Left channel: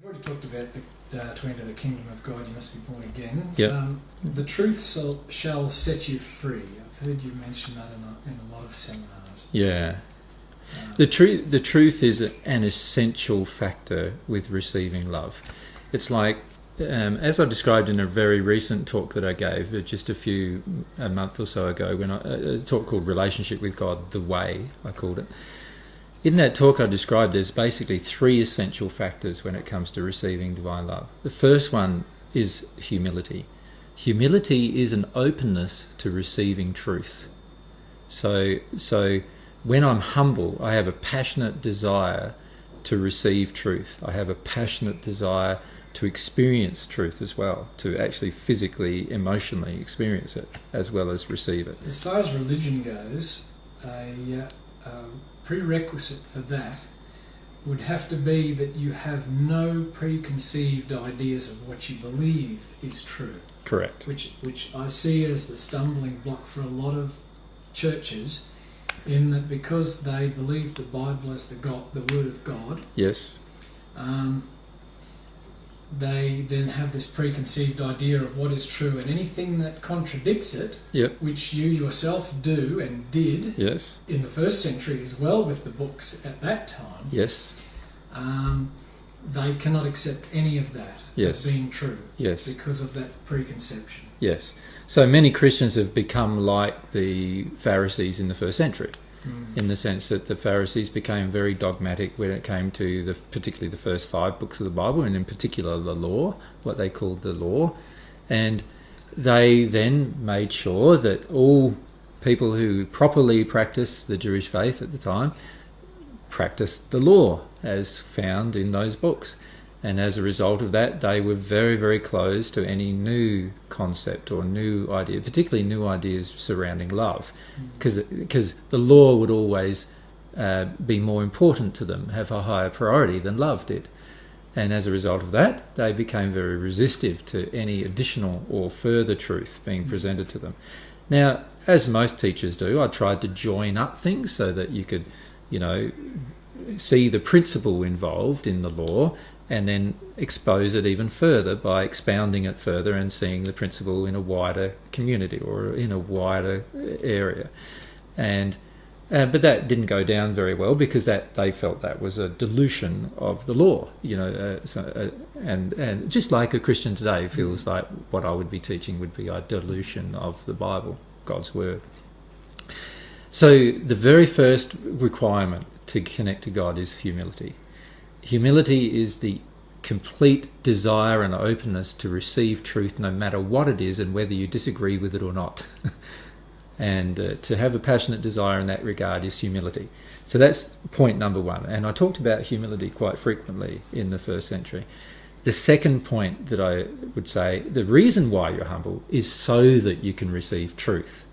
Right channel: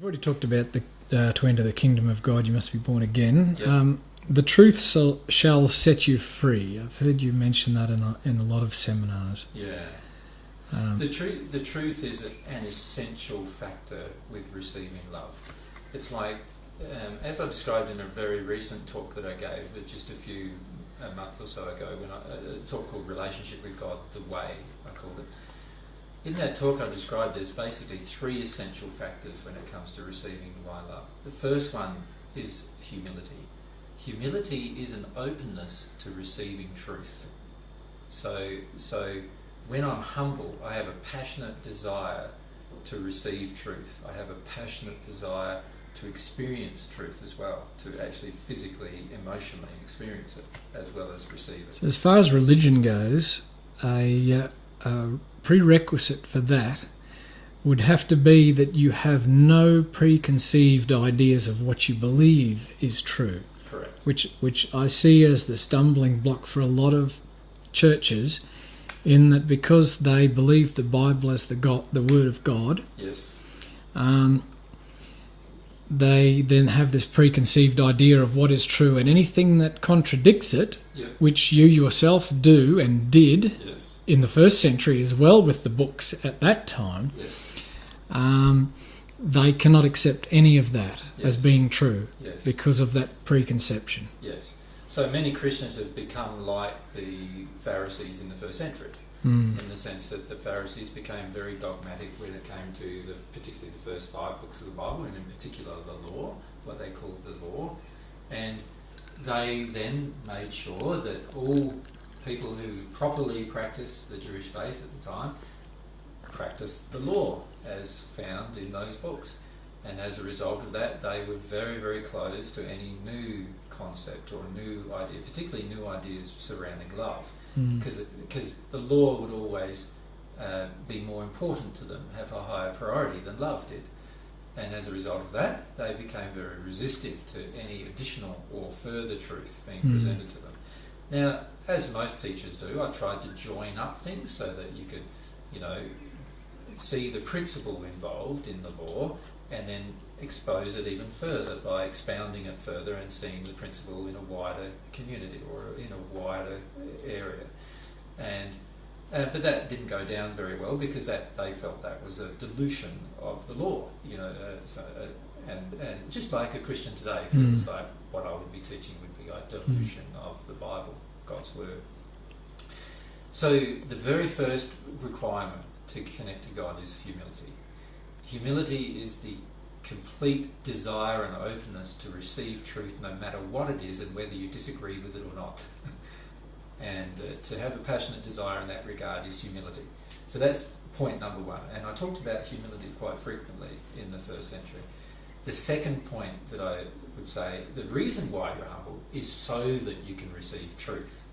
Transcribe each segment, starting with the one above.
We've already talked about to enter the kingdom of God, you must be born again. Yep. The truth shall set you free. I've heard you mention that in a lot of seminars. Yeah. The truth is an essential factor with receiving love. It's like, as I described in a very recent talk that I gave just a month or so ago, when a talk called Relationship with God, The Way, I called it. In that talk I described there's basically three essential factors when it comes to receiving divine love. The first one is humility. Humility is an openness to receiving truth. So when I'm humble, I have a passionate desire to receive truth. I have a passionate desire to experience truth as well, to actually physically, emotionally experience it as well as receive it. So as far as religion goes, a prerequisite for that would have to be that you have no preconceived ideas of what you believe is true. Correct. Which I see as the stumbling block for a lot of churches, in that because they believe the Bible as the Word of God. Yes. They then have this preconceived idea of what is true, and anything that contradicts it, Yep. which you yourself do and did Yes. in the first century as well with the books at that time, Yes. they cannot accept any of that Yes. as being true. Yes. Because of that preconception. Yes. So many Christians have become like the Pharisees in the first century, in the sense that the Pharisees became very dogmatic when it came to particularly the first 5 books of the Bible, and in particular the law, what they called the law. And they then made sure that all people who properly practiced the Jewish faith at the time practiced the law as found in those books. And as a result of that, they were very, very close to any new concept or new idea, particularly new ideas surrounding love, because the law would always be more important to them, have a higher priority than love did. And as a result of that, they became very resistive to any additional or further truth being presented to them. Now, as most teachers do, I tried to join up things so that you could, see the principle involved in the law, and then expose it even further by expounding it further and seeing the principle in a wider community or in a wider area. And but that didn't go down very well, because they felt that was a dilution of the law, and just like a Christian today feels like what I would be teaching would be a dilution of the Bible, God's Word. So the very first requirement to connect to God is humility. Humility is the complete desire and openness to receive truth no matter what it is and whether you disagree with it or not. And to have a passionate desire in that regard is humility. So that's point number one. And I talked about humility quite frequently in the first century. The second point that I would say, the reason why you're humble is so that you can receive truth.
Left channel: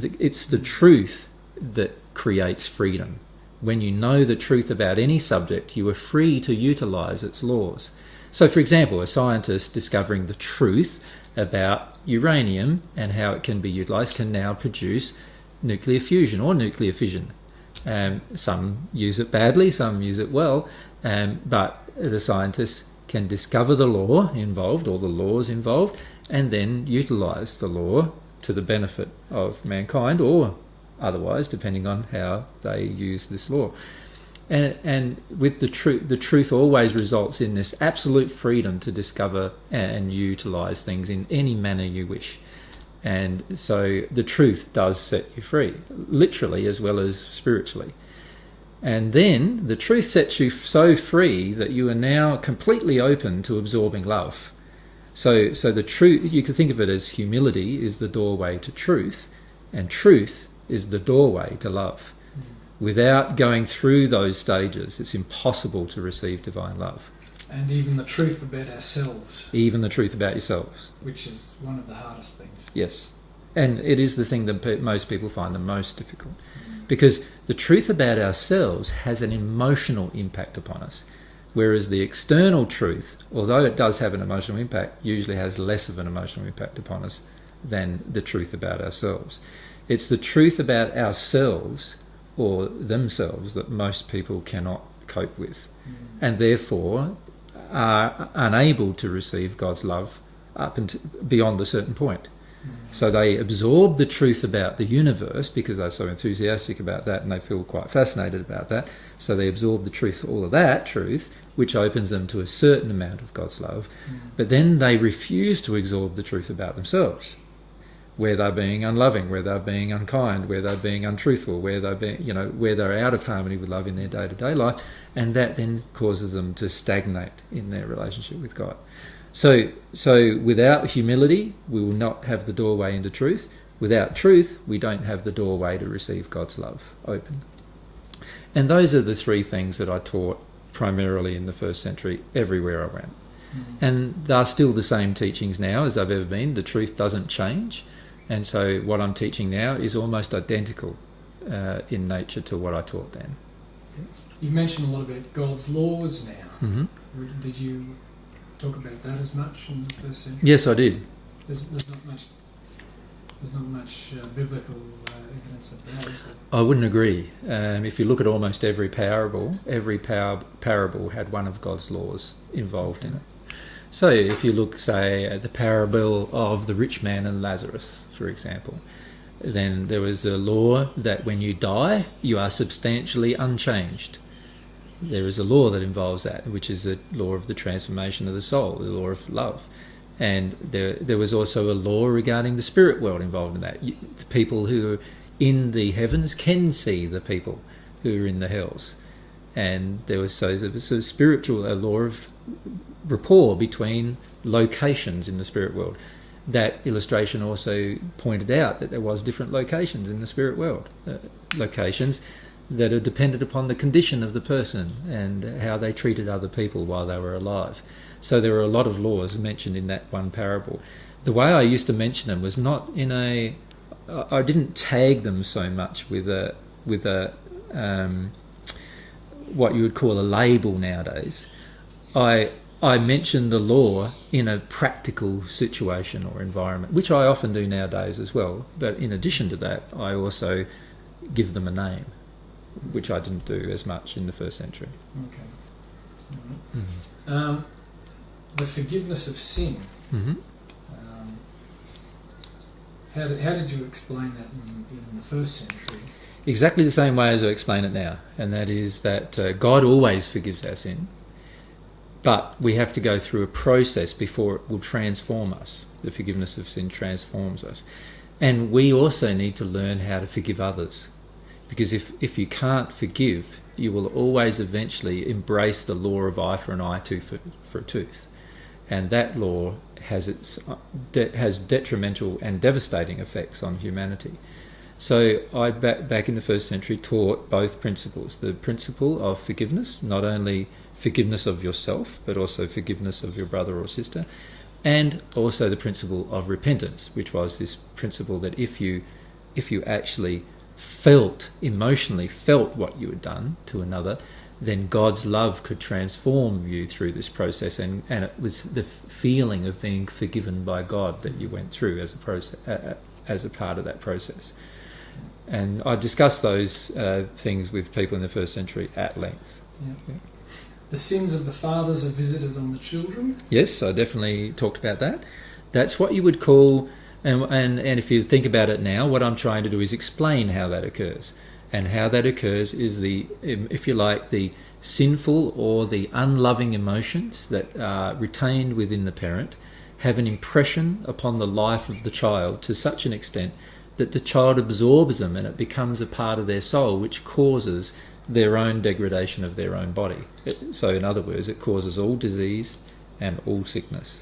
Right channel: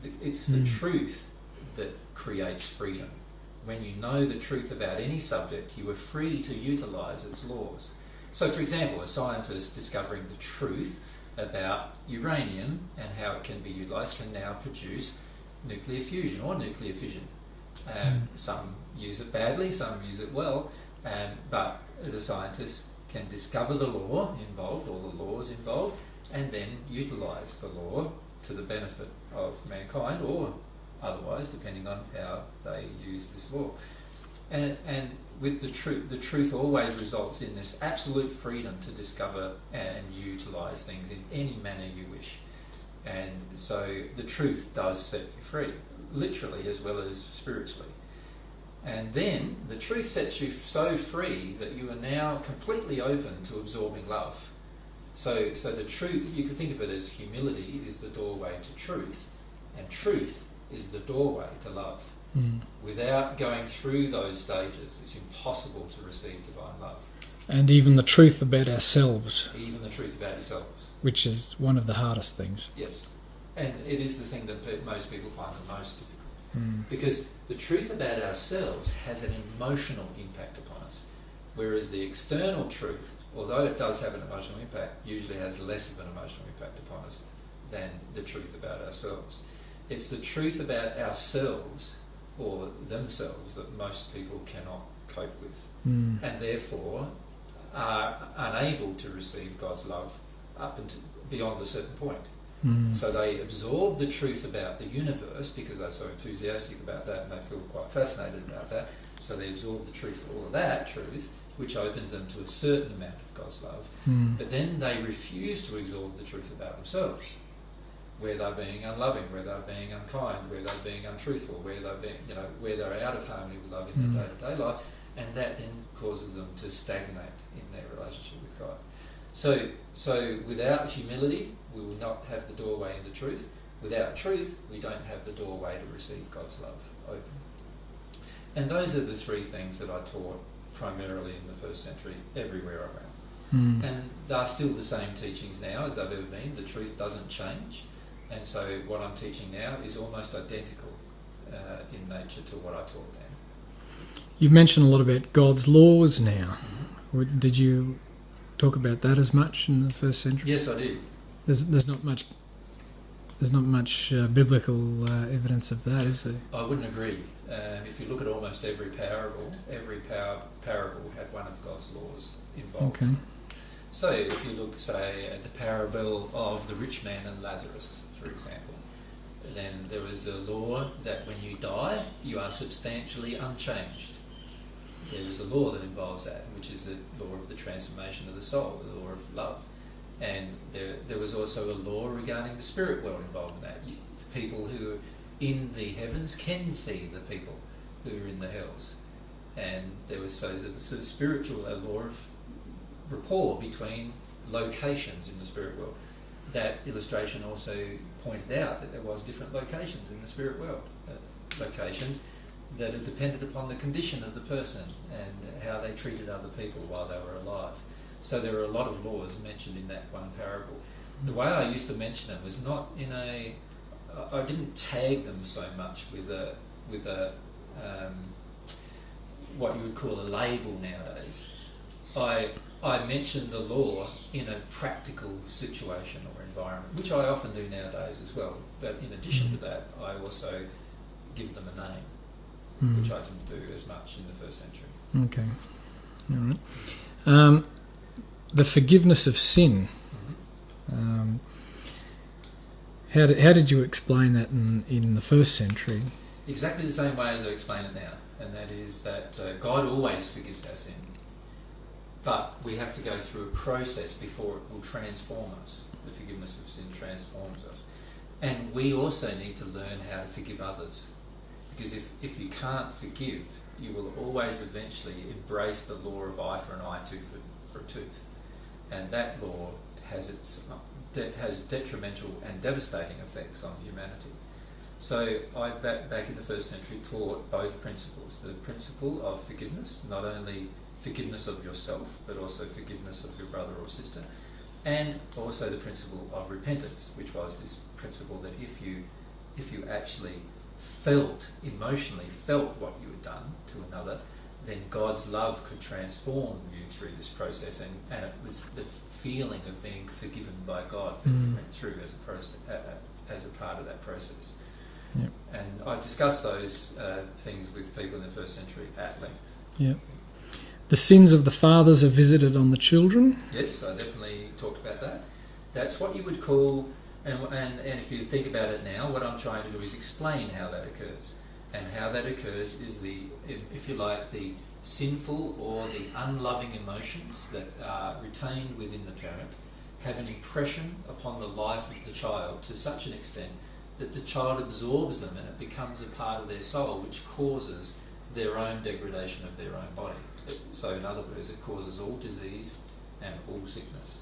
It's the truth that creates freedom. When you know the truth about any subject, you are free to utilize its laws. So, for example, a scientist discovering the truth about uranium and how it can be utilized can now produce nuclear fusion or nuclear fission. Some use it badly, some use it well, but the scientists can discover the law involved or the laws involved and then utilize the law to the benefit of mankind, or otherwise, depending on how they use this law. And with the truth always results in this absolute freedom to discover and utilize things in any manner you wish. And so the truth does set you free, literally as well as spiritually. And then the truth sets you so free that you are now completely open to absorbing love. So the truth, you could think of it as humility is the doorway to truth, and truth is the doorway to love. Without going through those stages, it's impossible to receive divine love. And even the truth about ourselves. Even the truth about yourselves. Which is one of the hardest things. Yes. And it is the thing that most people find the most difficult. Because the truth about ourselves has an emotional impact upon us. Whereas the external truth, although it does have an emotional impact, usually has less of an emotional impact upon us than the truth about ourselves. It's the truth about ourselves or themselves that most people cannot cope with. And therefore are unable to receive God's love up until beyond a certain point. So they absorb the truth about the universe because they're so enthusiastic about that and they feel quite fascinated about that. So they absorb the truth, all of that truth, which opens them to a certain amount of God's love. But then they refuse to absorb the truth about themselves, where they're being unloving, where they're being unkind, where they're being untruthful, where they're being, where they're out of harmony with love in their day-to-day life, and that then causes them to stagnate in their relationship with God. So without humility, we will not have the doorway into truth. Without truth, we don't have the doorway to receive God's love open. And those are the three things that I taught primarily in the first century, everywhere I went. And they're still the same teachings now as they've ever been. The truth doesn't change. And so what I'm teaching now is almost identical in nature to what I taught then. You've mentioned a lot about God's laws now. Did you talk about that as much in the first century? Yes, I did. There's not much biblical evidence of that, is there? I wouldn't agree. If you look at almost every parable had one of God's laws involved in it. So if you look, say, at the parable of the rich man and Lazarus, for example, then there was a law that when you die, you are substantially unchanged. There is a law that involves that, which is the law of the transformation of the soul, the law of love. And there was also a law regarding the spirit world involved in that. The people who are in the heavens can see the people who are in the hells. And there was a law of rapport between locations in the spirit world. That illustration also pointed out that there was different locations in the spirit world, locations that are dependent upon the condition of the person and how they treated other people while they were alive. So there were a lot of laws mentioned in that one parable. The way I used to mention them was not I didn't tag them so much with a what you would call a label nowadays. I mentioned the law in a practical situation or environment, which I often do nowadays as well. But in addition to that, I also give them a name, which I didn't do as much in the first century. Okay. All right. The forgiveness of sin. How did you explain that in the first century? Exactly the same way as I explain it now, and that is that God always forgives our sin, but we have to go through a process before it will transform us. The forgiveness of sin transforms us. And we also need to learn how to forgive others, because if you can't forgive, you will always eventually embrace the law of eye for an eye, tooth for a tooth. And that law has detrimental and devastating effects on humanity. So I, back in the first century, taught both principles. The principle of forgiveness, not only forgiveness of yourself, but also forgiveness of your brother or sister, and also the principle of repentance, which was this principle that if you actually emotionally felt what you had done to another, then God's love could transform you through this process, and it was the feeling of being forgiven by God that you went through as a process, as a part of that process. Yeah. And I discussed those things with people in the first century at length. Yeah. The sins of the fathers are visited on the children. Yes, I definitely talked about that. That's what you would call, and if you think about it now, what I'm trying to do is explain how that occurs. And how that occurs is if you like, the sinful or the unloving emotions that are retained within the parent have an impression upon the life of the child to such an extent that the child absorbs them and it becomes a part of their soul, which causes their own degradation of their own body. So in other words, it causes all disease and all sickness.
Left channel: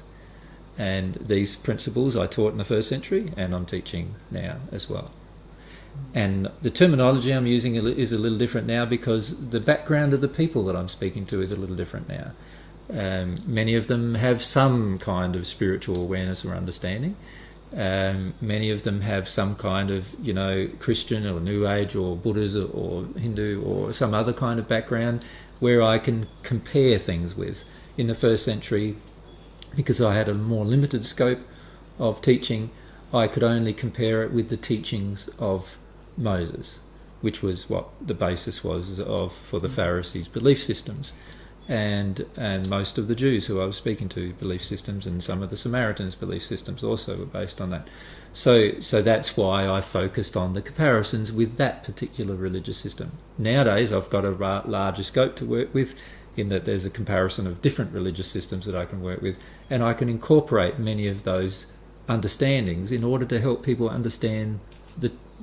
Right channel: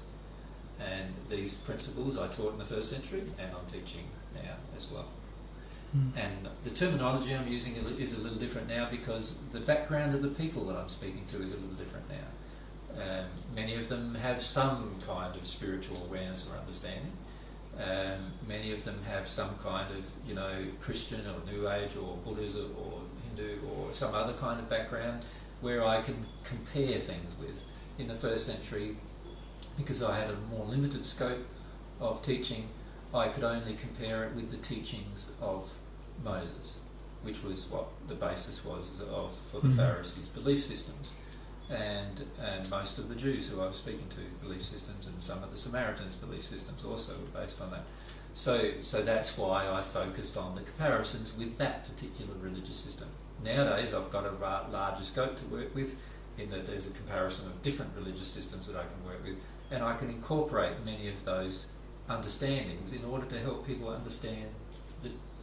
And these principles I taught in the first century, and I'm teaching now as well. And the terminology I'm using is a little different now because the background of the people that I'm speaking to is a little different now. Many of them have some kind of spiritual awareness or understanding. Many of them have some kind of, Christian or New Age or Buddhism or Hindu or some other kind of background where I can compare things with. In the first century, because I had a more limited scope of teaching, I could only compare it with the teachings of Moses, which was what the basis was for the Pharisees' belief systems. and most of the Jews who I was speaking to belief systems, and some of the Samaritans' belief systems also were based on that. So that's why I focused on the comparisons with that particular religious system. Nowadays I've got a larger scope to work with, in that there's a comparison of different religious systems that I can work with, and I can incorporate many of those understandings in order to help people understand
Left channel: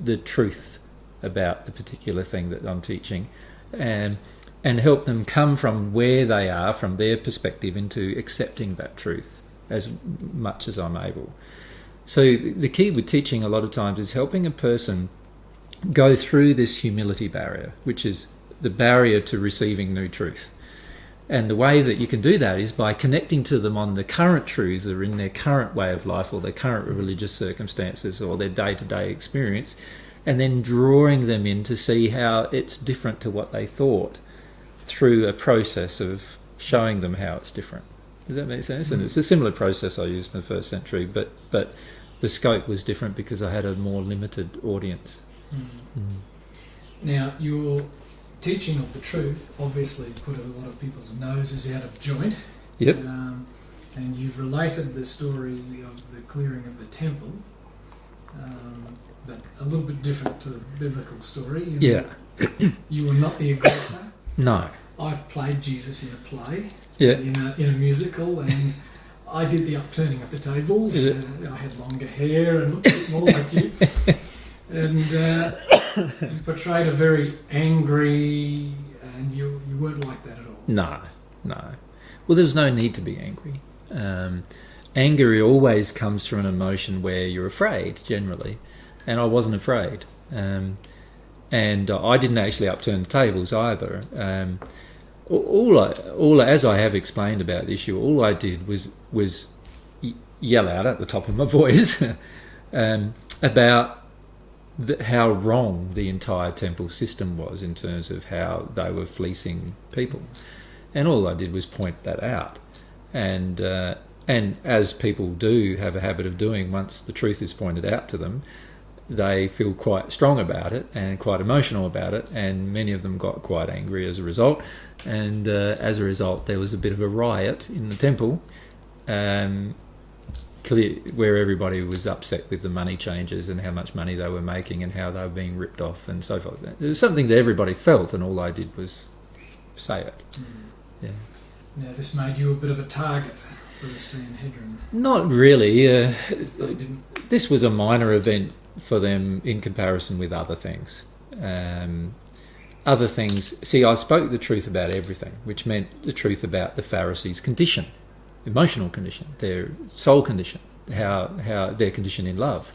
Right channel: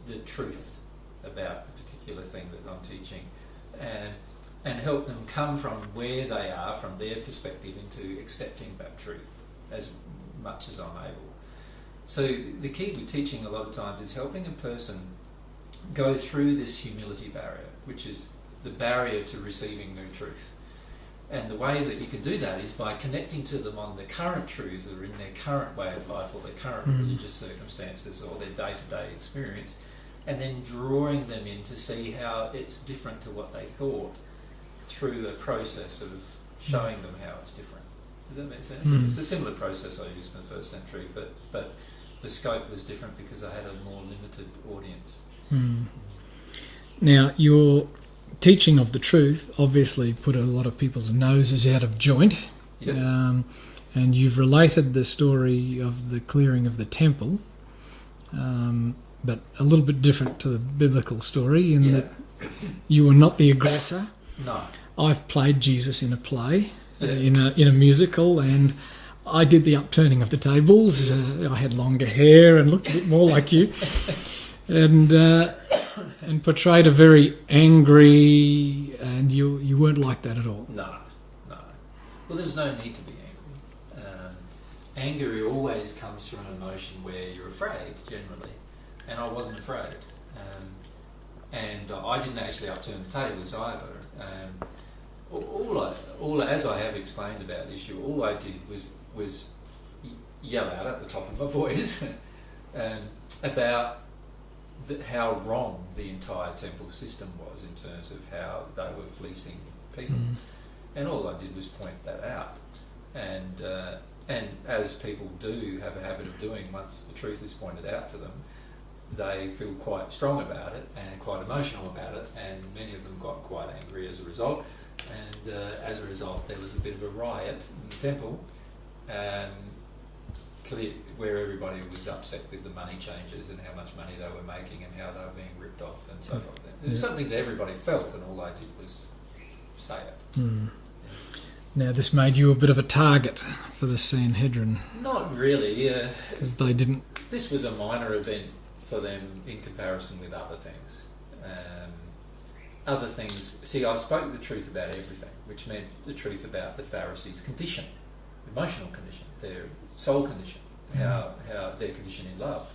the truth about the particular thing that I'm teaching, and help them come from where they are, from their perspective, into accepting that truth as much as I'm able. So the key with teaching a lot of times is helping a person go through this humility barrier, which is the barrier to receiving new truth. And the way that you can do that is by connecting to them on the current truths that are in their current way of life, or their current religious circumstances, or their day-to-day experience, and then drawing them in to see how it's different to what they thought, through a process of showing them how it's different. Does that make sense? And it's a similar process I used in the first century, but the scope was different because I had a more limited audience. Now, your teaching of the truth obviously put a lot of people's noses out of joint. Yep. And you've related the story of the clearing of the temple, but a little bit different to the biblical story, in that you were not the aggressor. No. I've played Jesus in a play, Yeah. in a musical, and I did the upturning of the tables. I had longer hair and looked a bit more like you, and portrayed a very angry, and you weren't like that at all. No. Well, there's no need to be angry. Anger always comes from an emotion where you're afraid, generally, and I wasn't afraid. And I didn't actually upturn the tables either. As I have explained about the issue, all I did was yell out at the top of my voice about how wrong the entire temple system was in terms of how they were fleecing people. And all I did was point that out. And as people do have a habit of doing, once the truth is pointed out to them, they feel quite strong about it and quite emotional about it, and many of them got quite angry as a result. And as a result, there was a bit of a riot in the temple, where everybody was upset with the money changes and how much money they were making and how they were being ripped off and so forth. It was something that everybody felt, and all I did was say it. Yeah. Now, this made you a bit of a target for the Sanhedrin. Not really. They didn't. This was a minor event for them in comparison with other things. Other things. See, I spoke the truth about everything, which meant the truth about the Pharisees' condition, emotional condition, their soul condition, how their condition in love.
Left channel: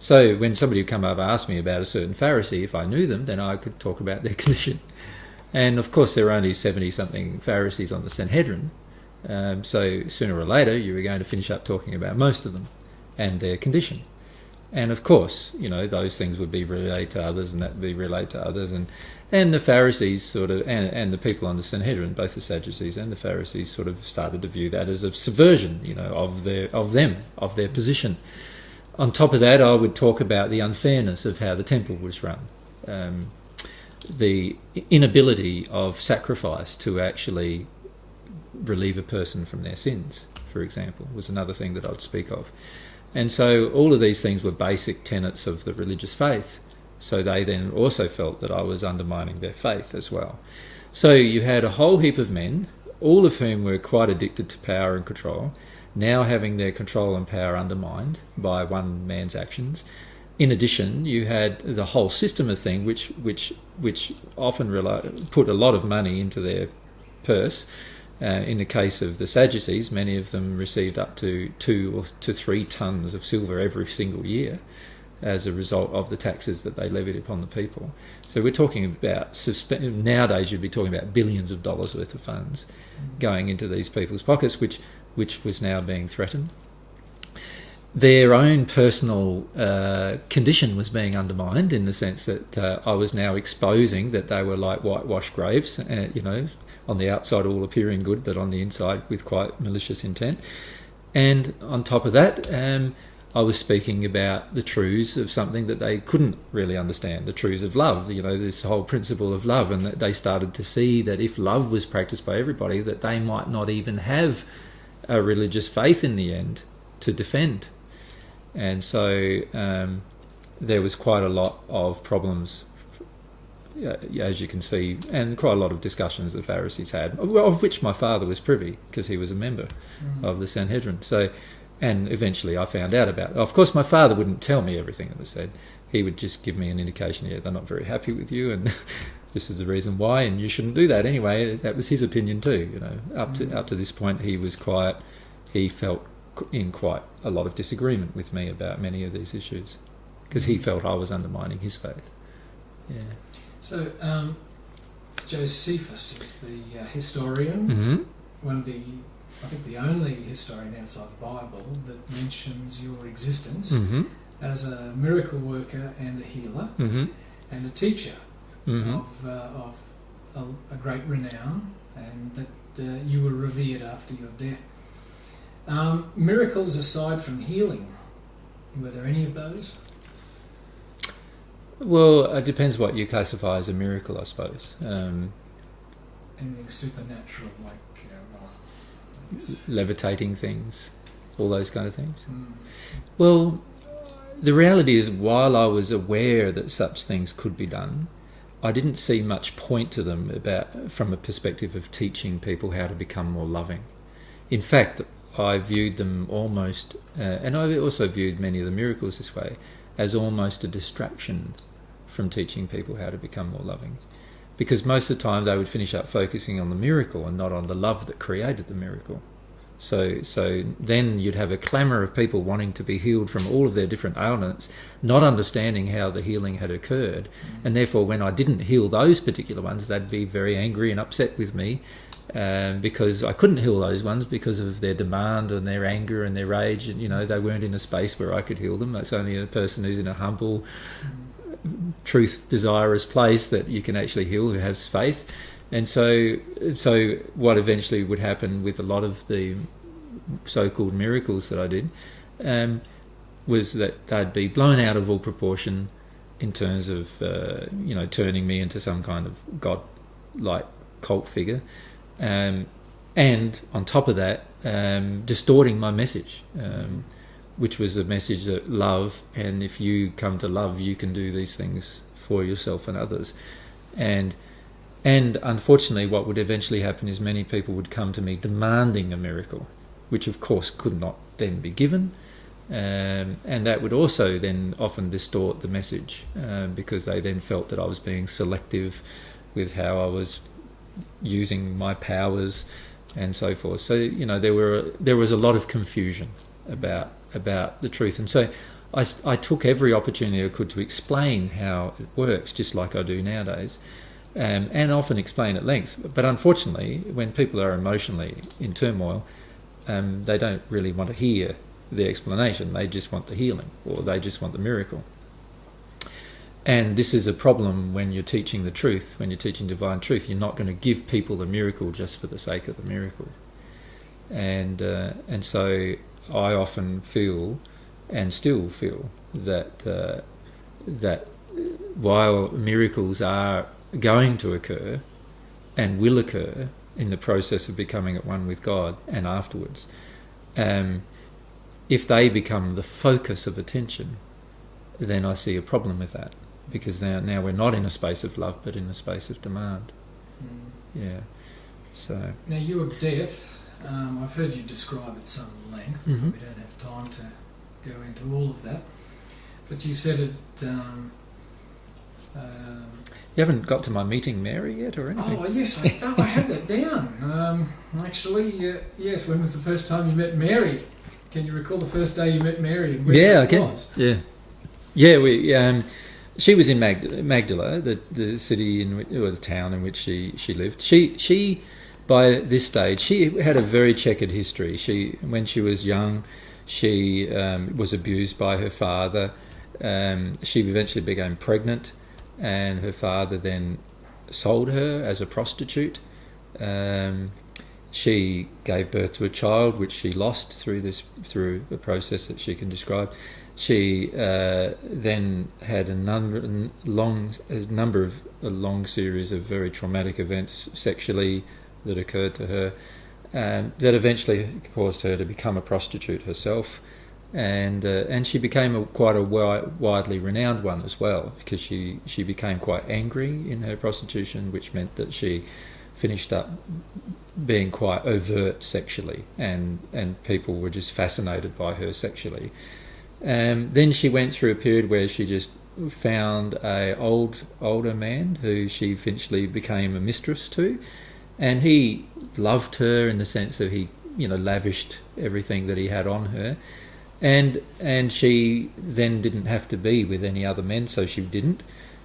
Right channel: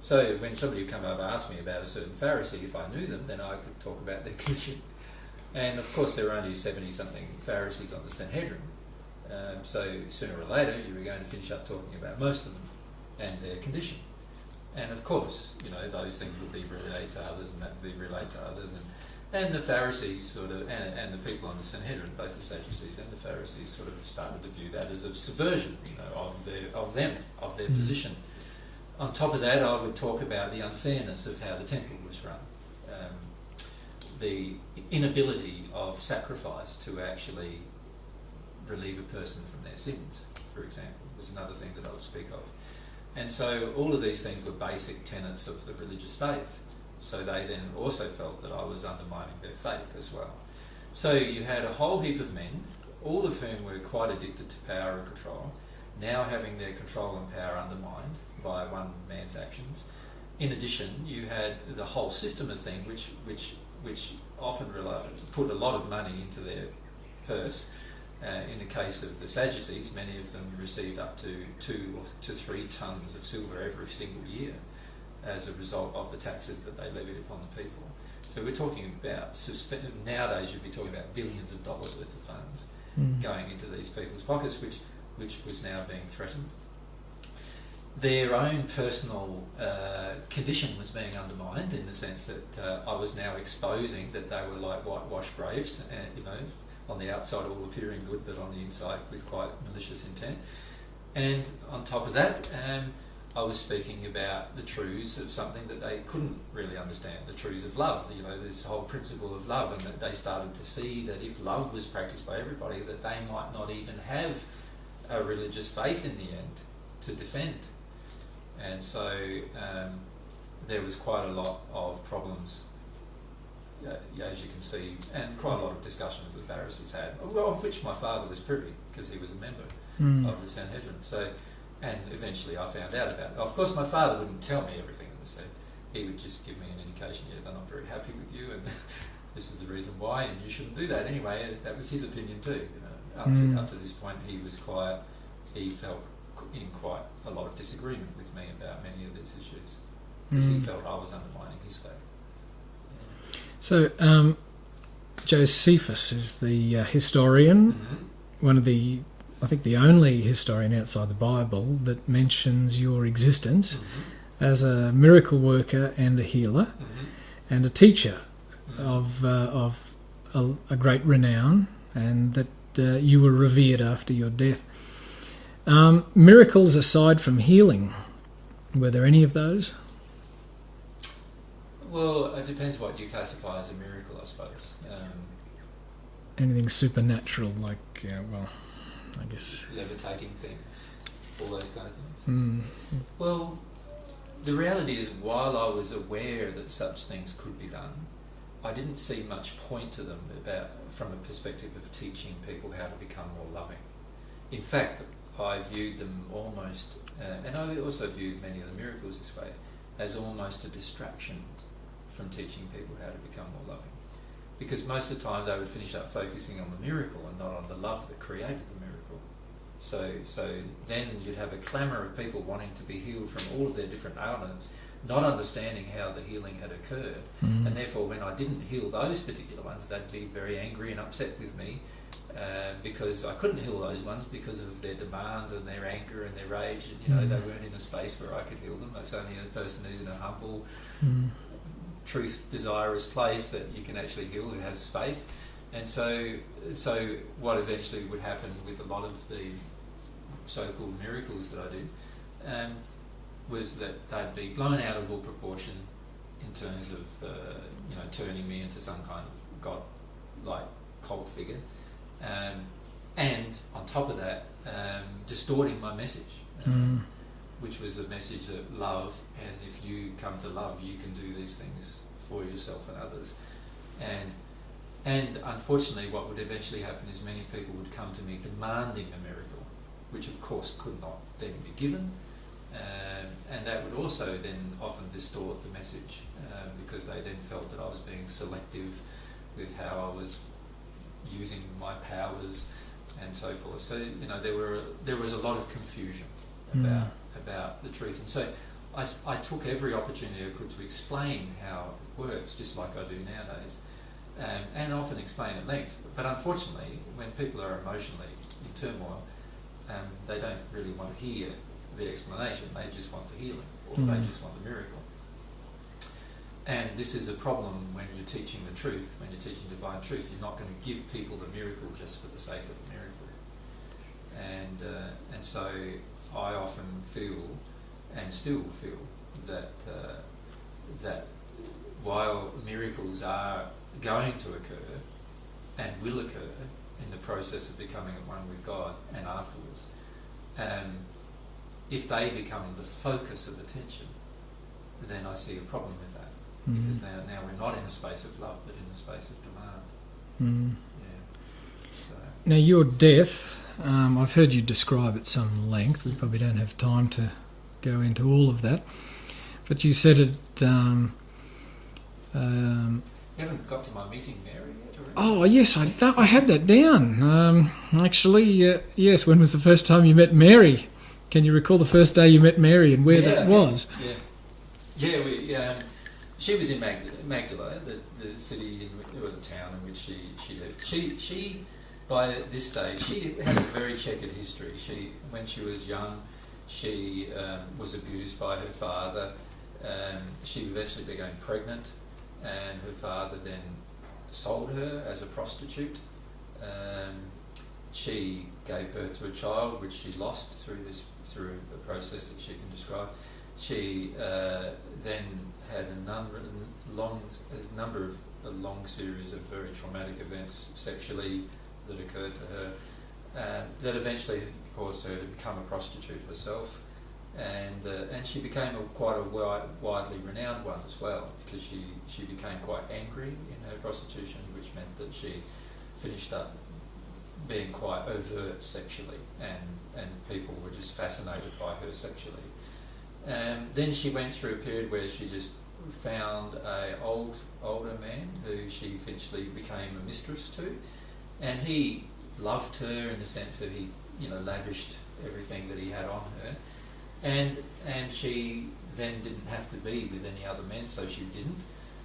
So when somebody would come up and ask me about a certain Pharisee, if I knew them, then I could talk about their condition. And of course, there were only 70-something Pharisees on the Sanhedrin. So sooner or later, you were going to finish up talking about most of them and their condition. And of course, those things would be related to others, and that would be related to others. And the Pharisees sort of, and the people on the Sanhedrin, both the Sadducees and the Pharisees, sort of started to view that as a subversion, of their position. On top of that, I would talk about the unfairness of how the temple was run. The inability of sacrifice to actually relieve a person from their sins, for example, was another thing that I'd speak of. And so all of these things were basic tenets of the religious faith. So they then also felt that I was undermining their faith as well. So you had a whole heap of men, all of whom were quite addicted to power and control, now having their control and power undermined by one man's actions. In addition, you had the whole system of things which often put a lot of money into their purse. In the case of the Sadducees, many of them received up to 2 to 3 tons of silver every single year as a result of the taxes that they levied upon the people. So we're talking about, nowadays you'd be talking about billions of dollars worth of funds going into these people's pockets, which was now being threatened. Their own personal condition was being undermined, in the sense that I was now exposing that they were like whitewashed graves, on the outside all appearing good, but on the inside with quite malicious intent. And on top of that, I was speaking about the truths of something that they couldn't really understand, the truths of love, this whole principle of love, and that they started to see that if love was practiced by everybody, that they might not even have a religious faith in the end to defend. And so there was quite a lot of problems, as you can see, and quite a lot of discussions the Pharisees had, of which my father was privy because he was a member of the Sanhedrin. So, and eventually I found out about it. Of course, my father wouldn't tell me everything that was said. He would just give me an indication, they're not very happy with you, and this is the reason why, and you shouldn't do that anyway. That was his opinion too. Up to this point, he felt in quite a lot of disagreement with me about many of these issues because he felt I was undermining his faith. Yeah. So Josephus is the historian, one of the, I think the only historian outside the Bible that mentions your existence as a miracle worker and a healer and a teacher of a great renown, and that you were revered after your death. Miracles aside from healing, were there any of those? Well, it depends what you classify as a miracle, I suppose. Anything supernatural, like, I guess... levitating things, all those kind of things. Well, the reality is, while I was aware that such things could be done, I didn't see much point to them from a perspective of teaching people how to become more loving. In fact, I viewed them almost, and I also viewed many of the miracles this way, as almost a distraction from teaching people how to become more loving. Because most of the time they would finish up focusing on the miracle and not on the love that created the miracle. So then you'd have a clamour of people wanting to be healed from all of their different ailments, not understanding how the healing had occurred. And therefore when I didn't heal those particular ones, they'd be very angry and upset with me, because I couldn't heal those ones because of their demand and their anger and their rage, and they weren't in a space where I could heal them. That's only a person who's in a humble, truth desirous place that you can actually heal, who has faith. And so what eventually would happen with a lot of the so-called miracles that I did was that they'd be blown out of all proportion in terms of turning me into some kind of god-like cult figure, and on top of that distorting my message, which was a message that love, and if you come to love, you can do these things for yourself and others. And unfortunately what would eventually happen is many people would come to me demanding a miracle, which of course could not then be given, and that would also then often distort the message, because they then felt that I was being selective with how I was using my powers and so forth. So there was a lot of confusion about the truth, and so I took every opportunity I could to explain how it works, just like I do nowadays, and often explain at length. But unfortunately, when people are emotionally in turmoil, they don't really want to hear the explanation. They just want the healing, or they just want the miracle. And this is a problem when you're teaching the truth, when you're teaching divine truth. You're not going to give people the miracle just for the sake of the miracle. And so I often feel, and still feel, that while miracles are going to occur and will occur in the process of becoming at one with God and afterwards, if they become the focus of attention, then I see a problem with that, because now we're not in a space of love but in a space of demand. So now your death, I've heard you describe at some length. We probably don't have time to go into all of that, but you said it you haven't got to my meeting Mary yet, or anything? Oh yes, I had that down. Actually, yes. When was the first time you met Mary? Can you recall the first day you met Mary and where that was? Yeah. She was in Magdala, the city or the town in which she lived. She by this stage she had a very checkered history. When she was young, she was abused by her father. She eventually became pregnant, and her father then sold her as a prostitute. she gave birth to a child which she lost through a process that she can describe. She then had a long series of very traumatic events sexually that occurred to her, that eventually caused her to become a prostitute herself, and she became quite a widely renowned one as well, because she became quite angry in her prostitution, which meant that she finished up being quite overt sexually, and people were just fascinated by her sexually. Then she went through a period where she just found a older man who she eventually became a mistress to, and he loved her in the sense that he, lavished everything that he had on her, and she then didn't have to be with any other men, so she didn't,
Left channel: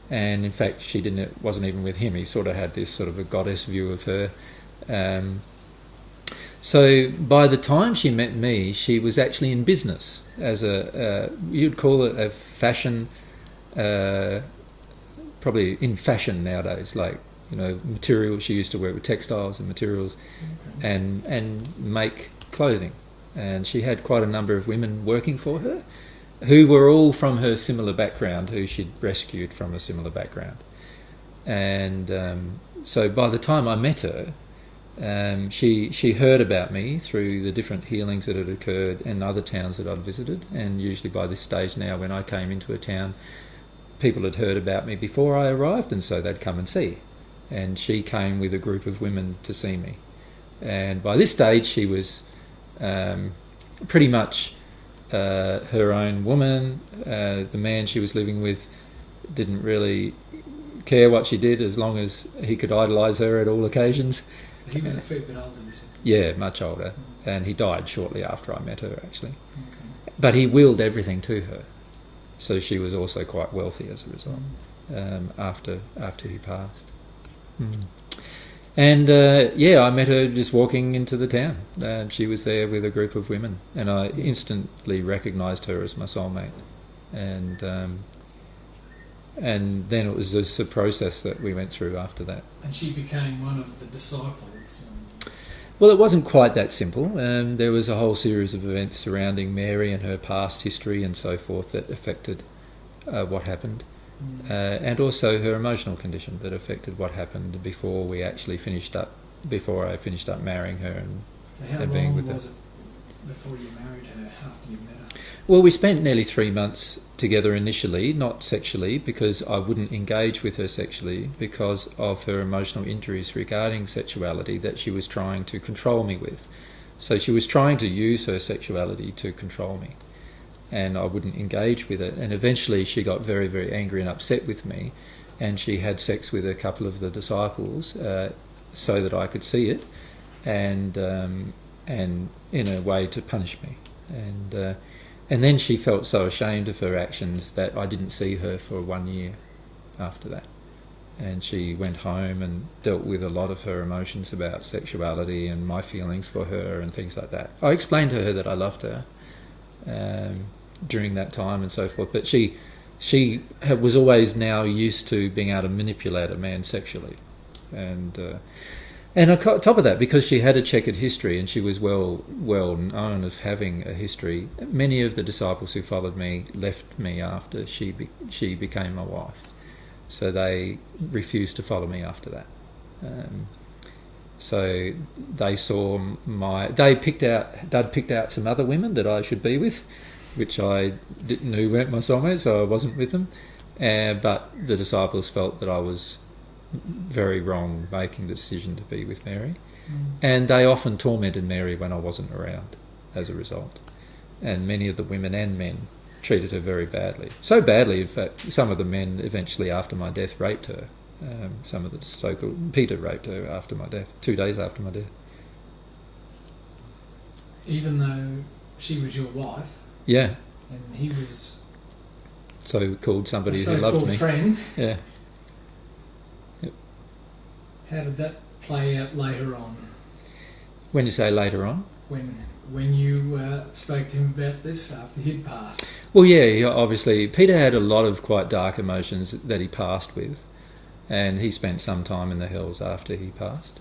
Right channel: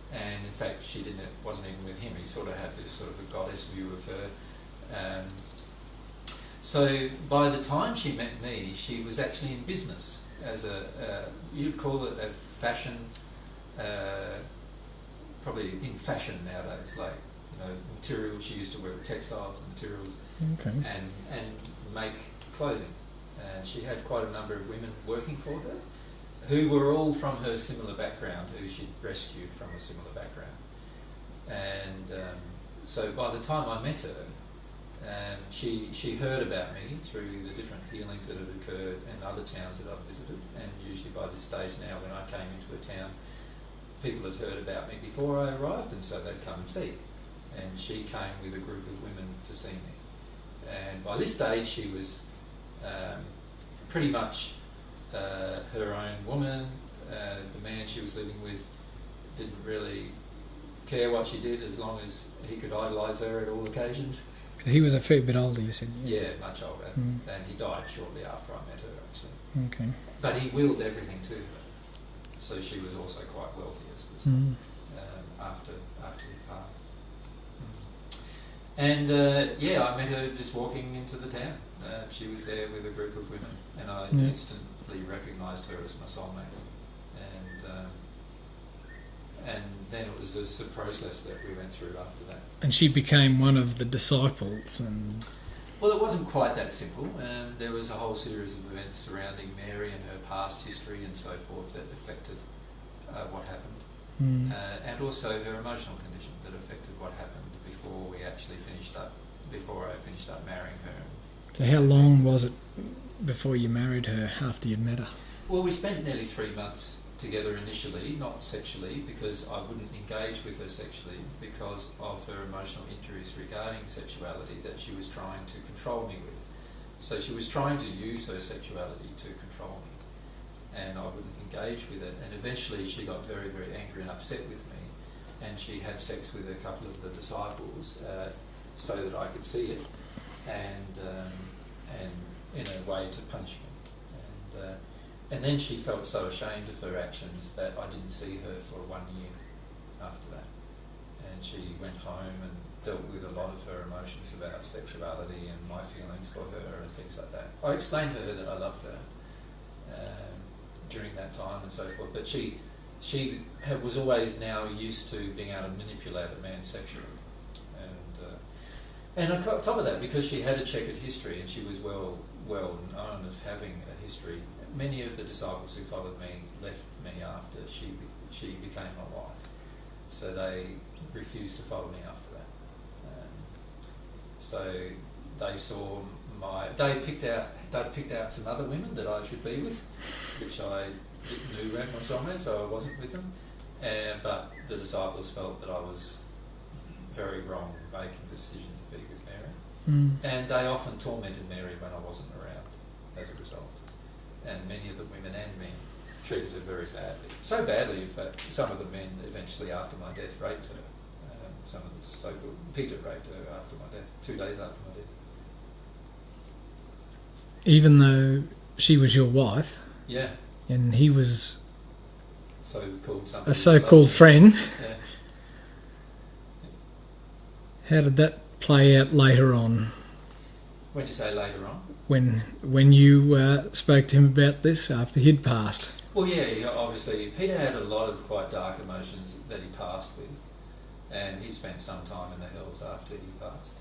and in fact she wasn't even with him. He sort of had this sort of a goddess view of her. So by the time she met me, she was actually in business as you'd call it a fashion, probably in fashion nowadays, like, materials. She used to work with textiles and materials, and make clothing. And she had quite a number of women working for her who were all from her similar background, who she'd rescued from a similar background. And so by the time I met her, she heard about me through the different healings that had occurred in other towns that I'd visited. And usually by this stage now, when I came into a town, people had heard about me before I arrived, and so they'd come and see. And she came with a group of women to see me. And by this stage, she was pretty much her own woman. The man she was living with didn't really care what she did, as long as he could idolise her at all occasions. He was a fair bit older, you said? Yeah, much older. And he died shortly after I met her, actually. Okay. But he willed everything to her. So she was also quite wealthy as a result, after he passed. And I met her just walking into the town. She was there with a group of women, and I instantly recognised her as my soulmate. And then it was just a process that we went through after that. And she became one of the disciples. Well, it wasn't quite that simple. There was a whole series of events surrounding Mary and her past history and so forth that affected what happened. And also her emotional condition that affected what happened before I finished up marrying her. So how long was it before you married her, after you'd met her? Well, we spent nearly 3 months together initially, not sexually, because I wouldn't engage with her sexually because of her emotional injuries regarding sexuality that she was trying to control me with. So she was trying to use her sexuality to control me, and I wouldn't engage with it. And eventually she got very, very angry and upset with me, and she had sex with a couple of the disciples so that I could see it, and in a way to punish me. And then she felt so ashamed of her actions that I didn't see her for 1 year after that. And she went home and dealt with a lot of her emotions about sexuality and my feelings for her and things like that. I explained to her that I loved her during that time and so forth, but she was always now used to being able to manipulate a man sexually. And on top of that, because she had a checkered history and she was well known of having a history, many of the disciples who followed me left me after she became my wife. So they refused to follow me after that. So they saw they'd picked out some other women that I should be with, which I knew weren't my soulmates, so I wasn't with them. But the disciples felt that I was very wrong making the decision to be with Mary, and they often tormented Mary when I wasn't around as a result. And many of the women and men treated her very badly, so badly in fact some of the men eventually after my death raped her. Some of the so-called Peter raped her after my death, 2 days after my death. Even though she was your wife, yeah, and he was so-called somebody, a so-called friend. Yeah. How did that play out later on? When you say later on? When you spoke to him about this after he'd passed? Well, yeah, obviously Peter had a lot of quite dark emotions that he passed with, and he spent some time in the hills after he passed.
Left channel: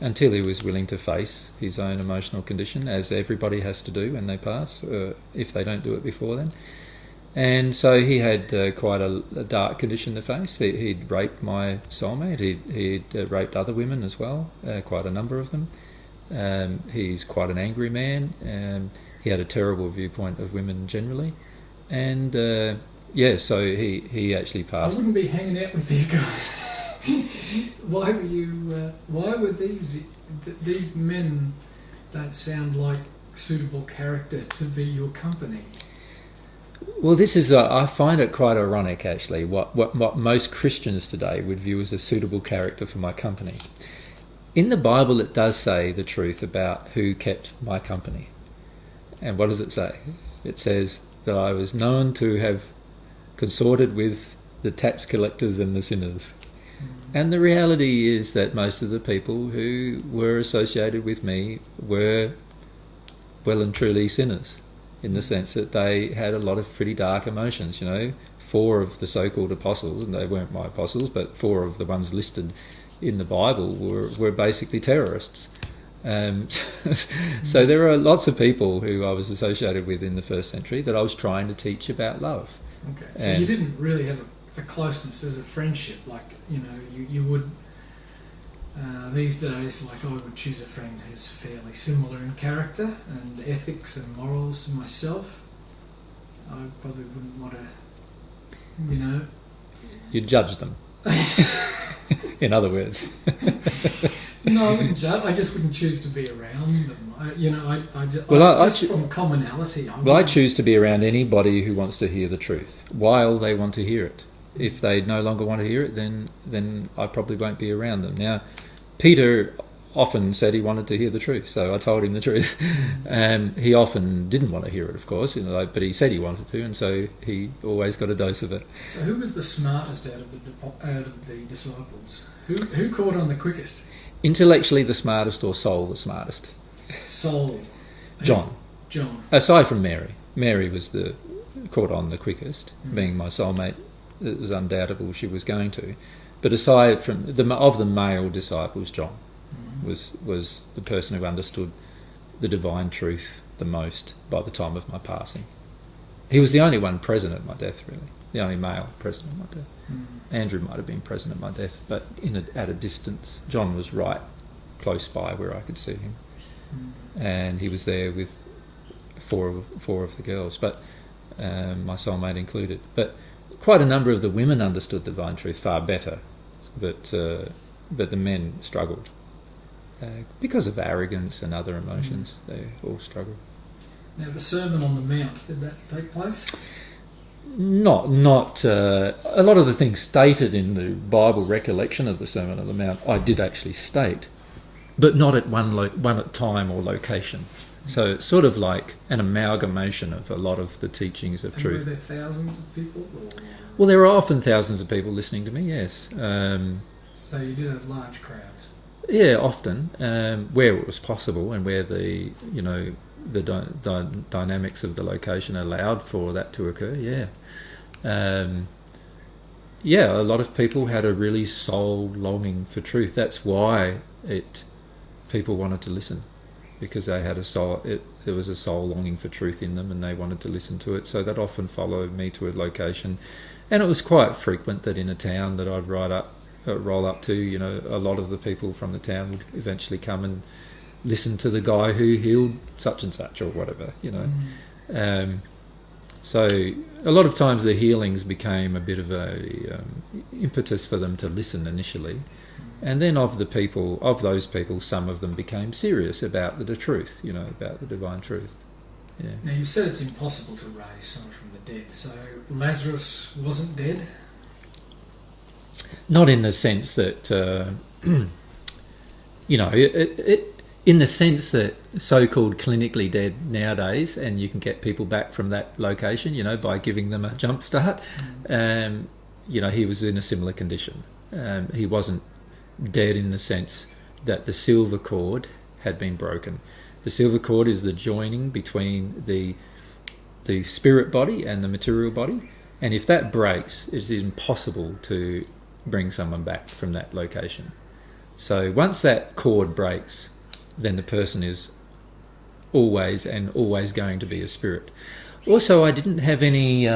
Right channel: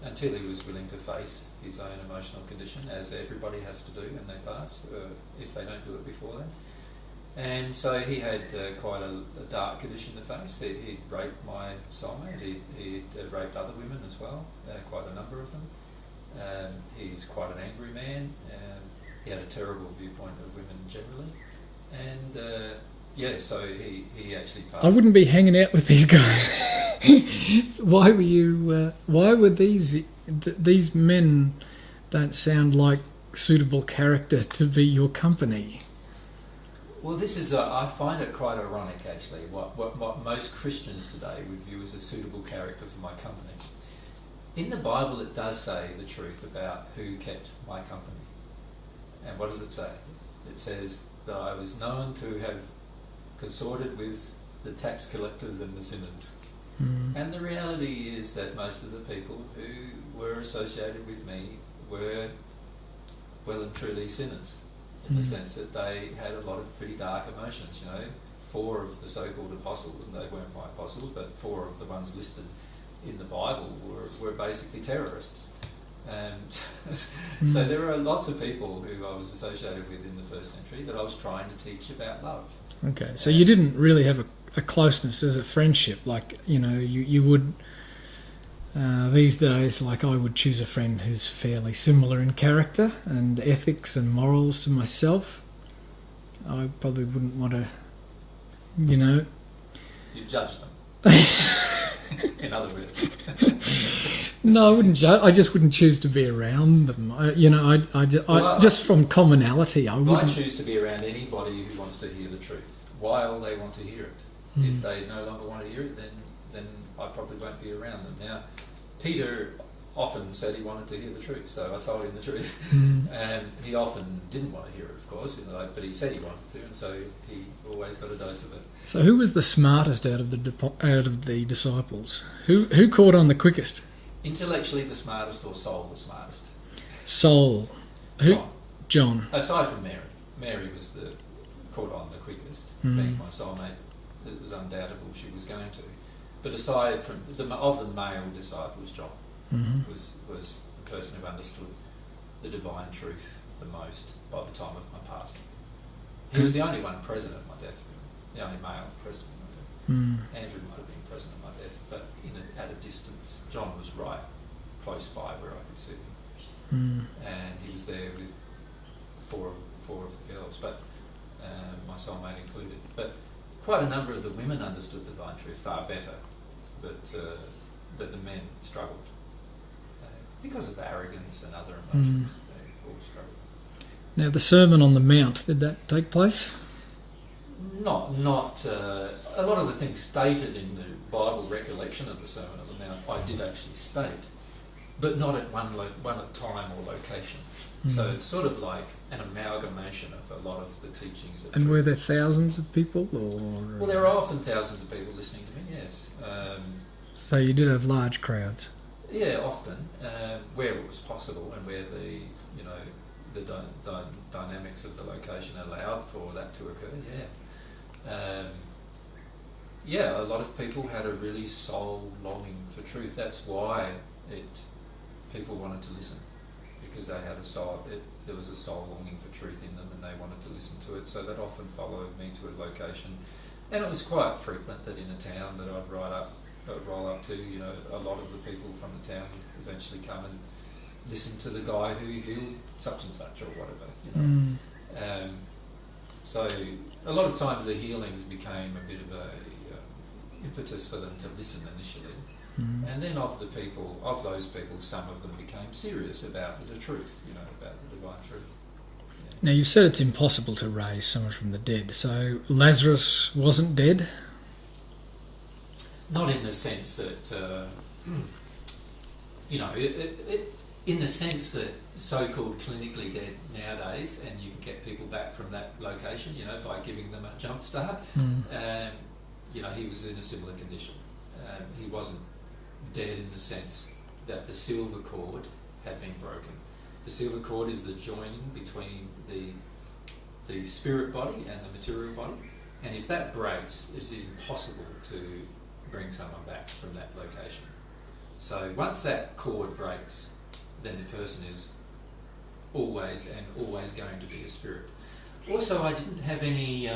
until he was willing to face his own emotional condition, as everybody has to do when they pass, if they don't do it before then. And so he had quite a dark condition to face. He'd raped my soulmate. He'd raped other women as well, quite a number of them. He's quite an angry man. He had a terrible viewpoint of women generally. And so he actually passed. I wouldn't be hanging out with these guys. Why were you? Why were these men? Don't sound like suitable character to be your company. Well, this is I find it quite ironic, actually. What most Christians today would view as a suitable character for my company. In the Bible, it does say the truth about who kept my company. And what does it say? It says that I was known to have consorted with the tax collectors and the sinners. And the reality is that most of the people who were associated with me were well and truly sinners, in the sense that they had a lot of pretty dark emotions. 4 of the so-called apostles, and they weren't my apostles, but 4 of the ones listed in the Bible were basically terrorists. So there are lots of people who I was associated with in the first century that I was trying to teach about love. Okay, so you didn't really have a closeness as a friendship, like you would these days. Like I would choose a friend who's fairly similar in character and ethics and morals to myself. I probably wouldn't want to, You'd judge them. In other words. No, I wouldn't judge. I just wouldn't choose to be around them. From commonality. I choose to be around anybody who wants to hear the truth while they want to hear it. If they no longer want to hear it, then I probably won't be around them. Now, Peter often said he wanted to hear the truth, so I told him the truth. And he often didn't want to hear it, of course, but he said he wanted to, and so he always got a dose of it. So who was the smartest out of the disciples? Who caught on the quickest? Intellectually the smartest, or soul the smartest? Soul. John. Aside from Mary. Mary was caught on the quickest, being my soulmate. It was undoubtable she was going to. But aside from the male disciples, John was the person who understood the divine truth the most by the time of my passing. He was the only one present at my death, really. The only male present at my death. Andrew might have been present at my death, but at a distance. John was right close by where I could see him. And he was there with four of the girls, but my soulmate included. But quite a number of the women understood divine truth far better, but the men struggled because of arrogance and other emotions. They all struggled. Now, the Sermon on the Mount, did that take place? Not. A lot of the things stated in the Bible recollection of the Sermon on the Mount, I did actually state, but not at one at time or location. So it's sort of like an amalgamation of a lot of the teachings of truth. And were there thousands of people? Well, there are often thousands of people listening to me, yes. So you did have large crowds? Yeah, often, where it was possible and where the dynamics of the location allowed for that to occur, a lot of people had a really soul longing for truth. That's why people wanted to listen. Because they had a soul, there was a soul longing for truth in them, and they wanted to listen to it. So that often followed me to a location, and it was quite frequent that in a town that I'd roll up to, a lot of the people from the town would eventually come and listen to the guy who healed such and such or whatever, So a lot of times the healings became a bit of a impetus for them to listen initially. And then of those people, some of them became serious about the truth, about the divine truth. Yeah. Now, you've said it's impossible to raise someone from the dead. So Lazarus wasn't dead? Not in the sense that, in the sense that so-called clinically dead nowadays, and you can get people back from that location, by giving them a jump start. He was in a similar condition. He wasn't dead in the sense that the silver cord had been broken. The silver cord is the joining between the spirit body and the material body, and if that breaks, it's impossible to bring someone back from that location. So once that cord breaks, then the person is always going to be a spirit. Also, I didn't have any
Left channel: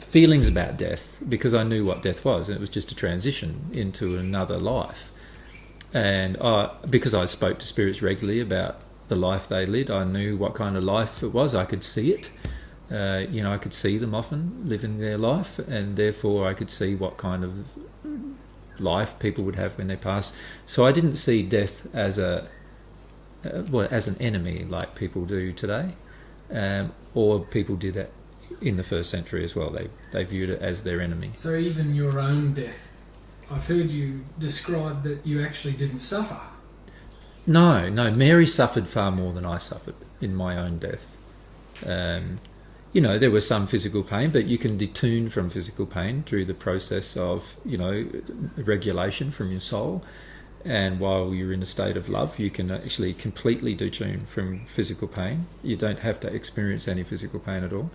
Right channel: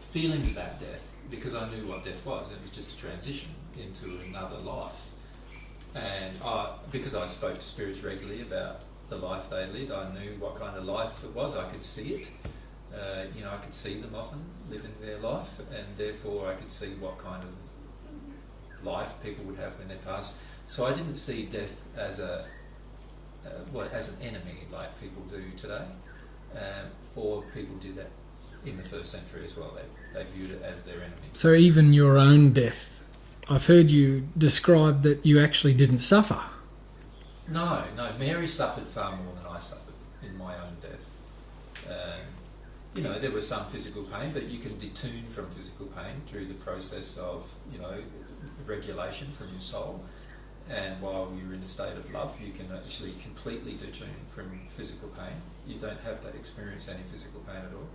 feelings about death because I knew what death was. It was just a transition into another life. And because I spoke to spirits regularly about the life they led, I knew what kind of life it was. I could see it. I could see them often living their life, and therefore I could see what kind of life people would have when they pass. So I didn't see death as as an enemy like people do today, or people did that in the first century as well. They viewed it as their enemy. So even your own death, I've heard you describe that you actually didn't suffer. No, Mary suffered far more than I suffered in my own death. There was some physical pain, but you can detune from physical pain through the process of, regulation from your soul. And while you're in a state of love, you can actually completely detune from physical pain. You don't have to experience any physical pain at all.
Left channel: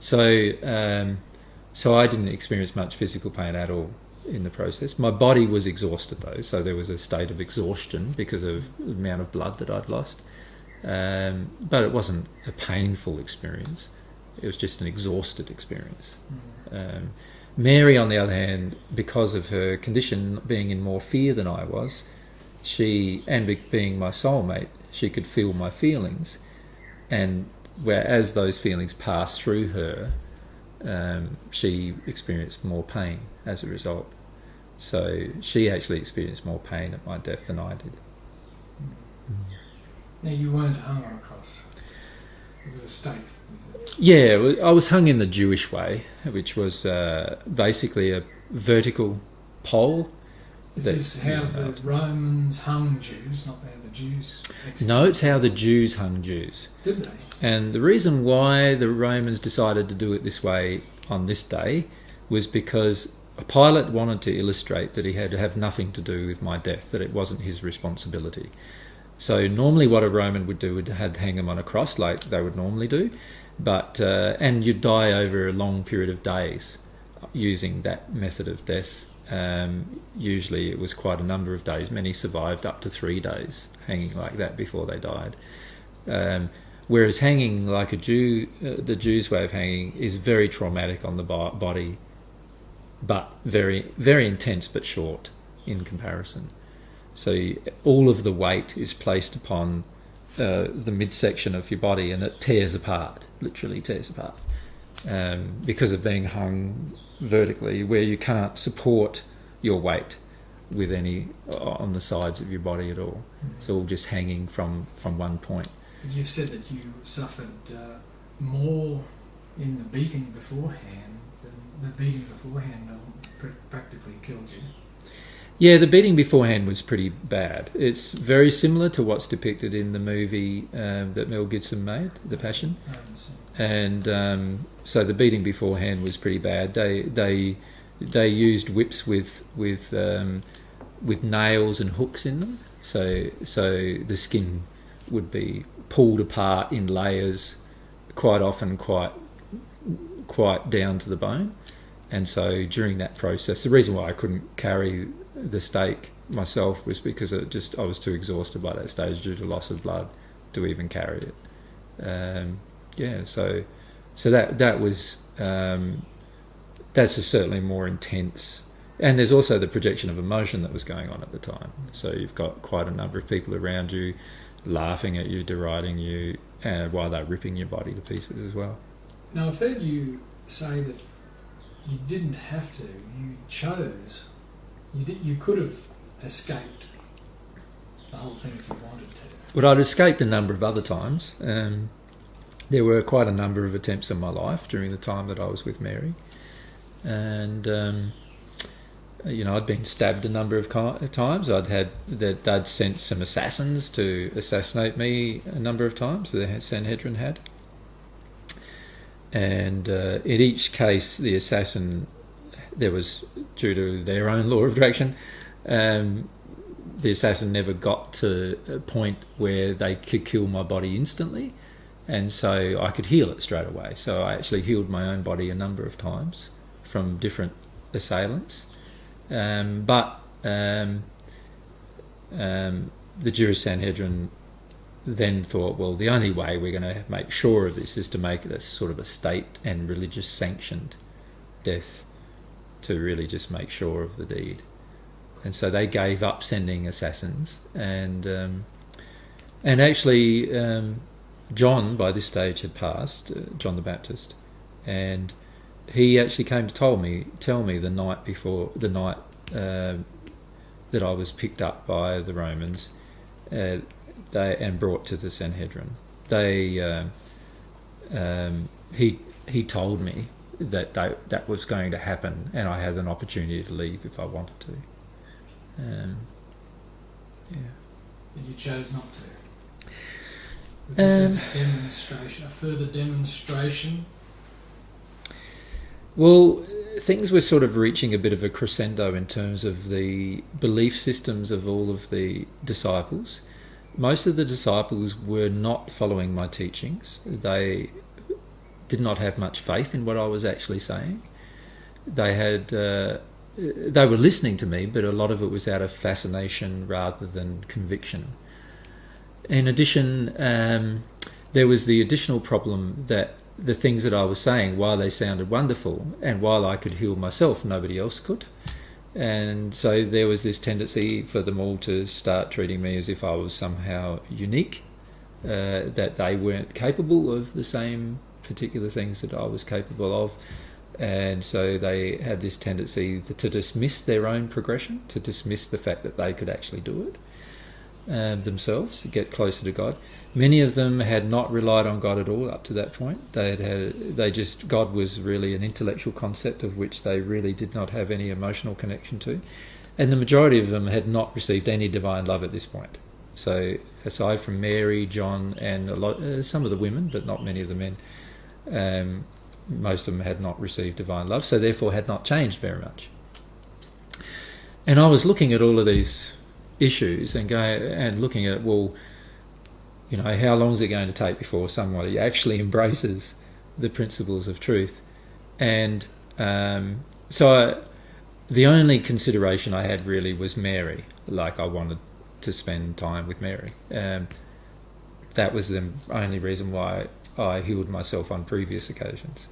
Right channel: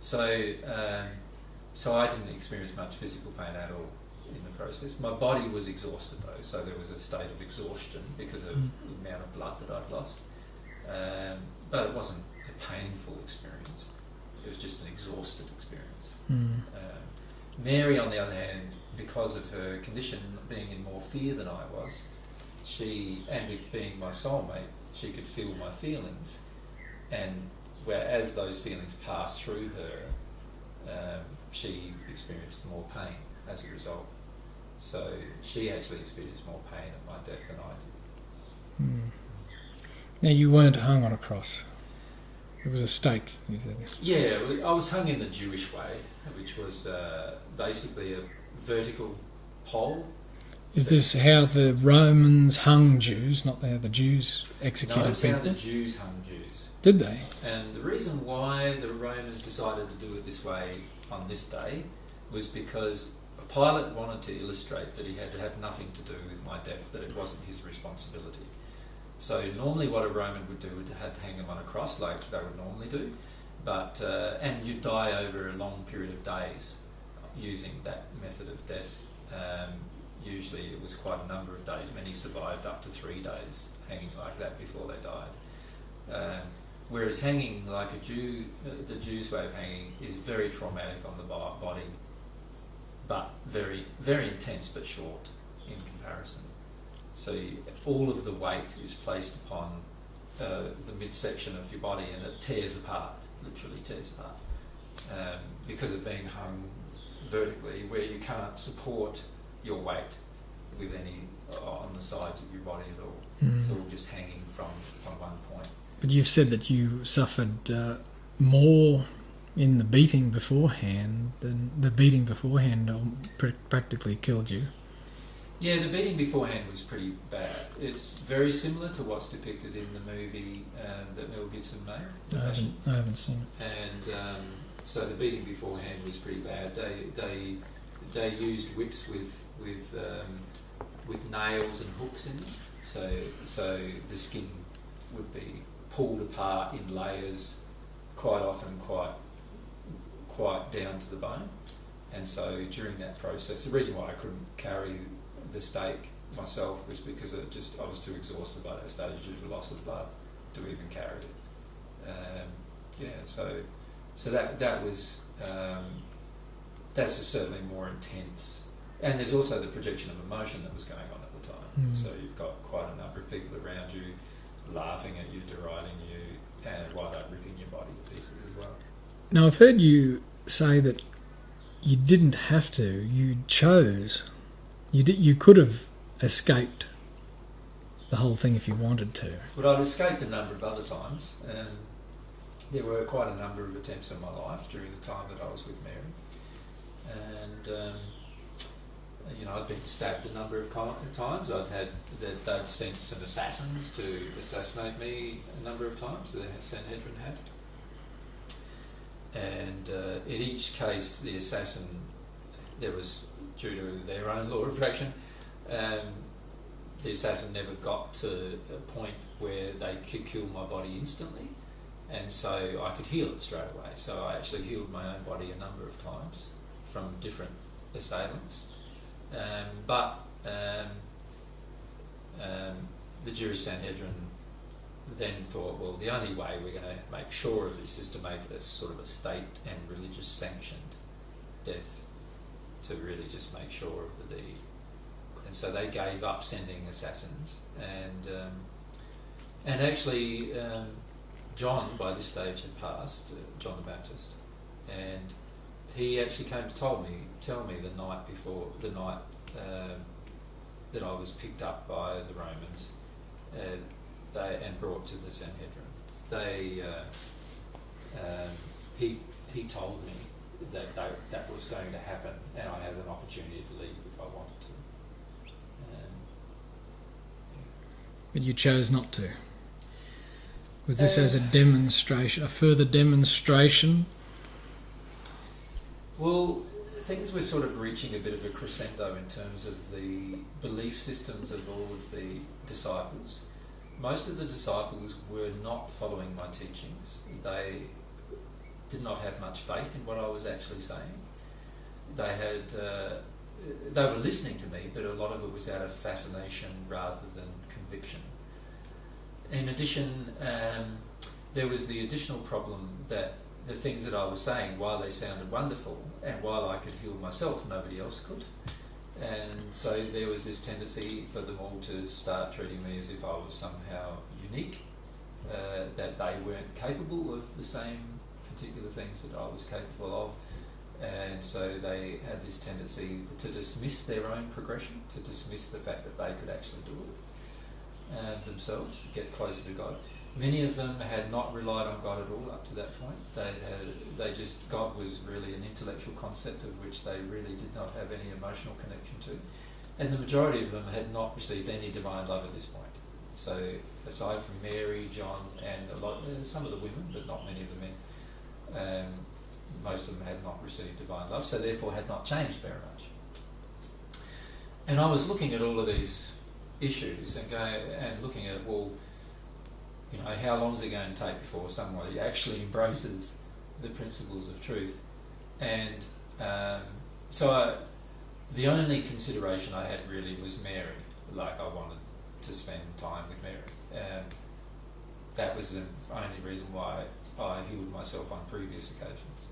So I didn't experience much physical pain at all in the process. My body was exhausted though, so there was a state of exhaustion because of the amount of blood that I'd lost. But it wasn't a painful experience. It was just an exhausted experience. Mary, on the other hand, because of her condition, being in more fear than I was, being my soulmate, she could feel my feelings, and whereas those feelings passed through her, she experienced more pain as a result. So she actually experienced more pain at my death than I did. Now, you weren't hung on a cross. It was a stake, you said. Yeah, I was hung in the Jewish way, which was basically a vertical pole. Is this how the Romans hung Jews, not how the Jews executed? No, it's how the Jews hung Jews. Did they? And the reason why the Romans decided to do it this way on this day was because Pilate wanted to illustrate that he had to have nothing to do with my death, that it wasn't his responsibility. So normally what a Roman would do would hang him on a cross like they would normally do, but and you'd die over a long period of days using that method of death. Usually it was quite a number of days. Many survived up to 3 days hanging like that before they died. Whereas hanging like a Jew, the Jews' way of hanging is very traumatic on the body, but very, very intense but short in comparison. So all of the weight is placed upon the midsection of your body, and it tears apart, literally tears apart, because of being hung vertically, where you can't support your weight with any on the sides of your body at all. It's all just hanging from one point. But you've said that you suffered more in the beating beforehand than the beating beforehand practically killed you. Yeah, the beating beforehand was pretty bad. It's very similar to what's depicted in the movie that Mel Gibson made, The Passion. I haven't seen it. And so the beating beforehand was pretty bad. They used whips with nails and hooks in them. So the skin would be pulled apart in layers, quite often quite down to the bone. And so during that process, the reason why I couldn't carry the stake myself was because I was too exhausted by that stage due to loss of blood to even carry it. So that was that's certainly more intense. And there's also the projection of emotion that was going on at the time. So you've got quite a number of people around you laughing at you, deriding you, and while they're ripping your body to pieces as well. Now, I've heard you say that you didn't have to, you chose. You could have escaped the whole thing if you wanted to. But I'd escaped a number of other times. There were quite a number of attempts in my life during the time that I was with Mary. And, I'd been stabbed a number of times. They'd sent some assassins to assassinate me a number of times, the Sanhedrin had. And in each case, the assassin, there was, due to their own law of attraction, the assassin never got to a point where they could kill my body instantly, and so I could heal it straight away. So I actually healed my own body a number of times from different assailants. But the Jewish Sanhedrin then thought, well, the only way we're going to make sure of this is to make it a sort of a state and religious sanctioned death, to really just make sure of the deed. And so they gave up sending assassins, and actually John by this stage had passed, John the Baptist, and he actually came to tell me the night before, the night that I was picked up by the Romans, and brought to the Sanhedrin. He told me that that was going to happen, and I had an opportunity to leave if I wanted to. But you chose not to. Was this as a demonstration, a further demonstration? Well, things were sort of reaching a bit of a crescendo in terms of the belief systems of all of the disciples. Most of the disciples were not following my teachings. They did not have much faith in what I was actually saying. They were listening to me, but a lot of it was out of fascination rather than conviction. In addition, there was the additional problem that the things that I was saying, while they sounded wonderful and while I could heal myself, nobody else could. And so there was this tendency for them all to start treating me as if I was somehow unique, that they weren't capable of the same particular things that I was capable of. And so they had this tendency to dismiss their own progression, to dismiss the fact that they could actually do it themselves, to get closer to God. Many of them had not relied on God at all up to that point. God was really an intellectual concept of which they really did not have any emotional connection to. And the majority of them had not received any divine love at this point. So aside from Mary, John, and some of the women, but not many of the men, most of them had not received divine love, so therefore had not changed very much. And I was looking at all of these issues and looking at, well, how long is it going to take before somebody actually embraces the principles of truth? And so the only consideration I had really was Mary. Like, I wanted to spend time with Mary. That was the only reason why I healed myself on previous occasions,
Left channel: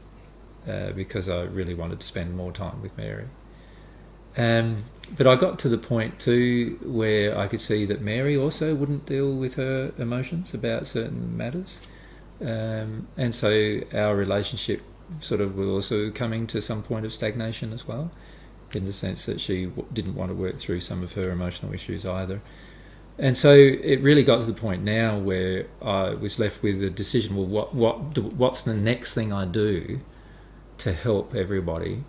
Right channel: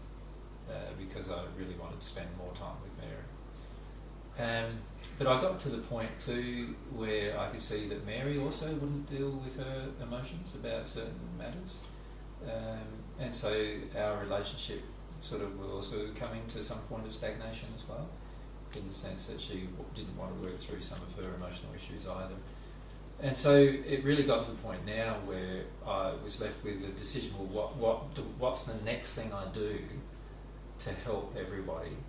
because I really wanted to spend more time with Mary. But I got to the point too where I could see that Mary also wouldn't deal with her emotions about certain matters, and so our relationship sort of was also coming to some point of stagnation as well, in the sense that she didn't want to work through some of her emotional issues either. And so it really got to the point now where I was left with the decision, well, what's the next thing I do to help everybody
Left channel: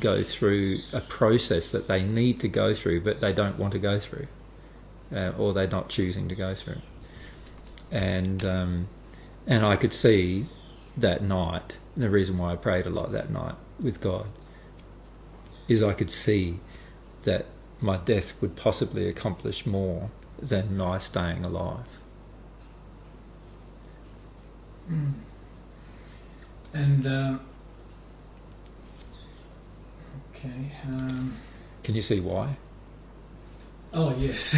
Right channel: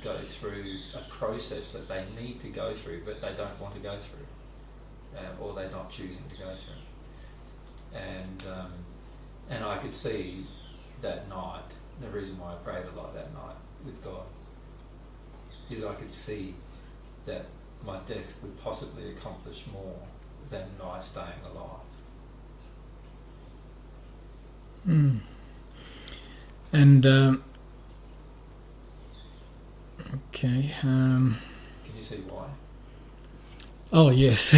go through a process that they need to go through but they don't want to go through, or they're not choosing to go through. And I could see that night, the reason why I prayed a lot that night with God, is I could see that my death would possibly accomplish more than my staying alive. And okay. Can you see why? Oh yes.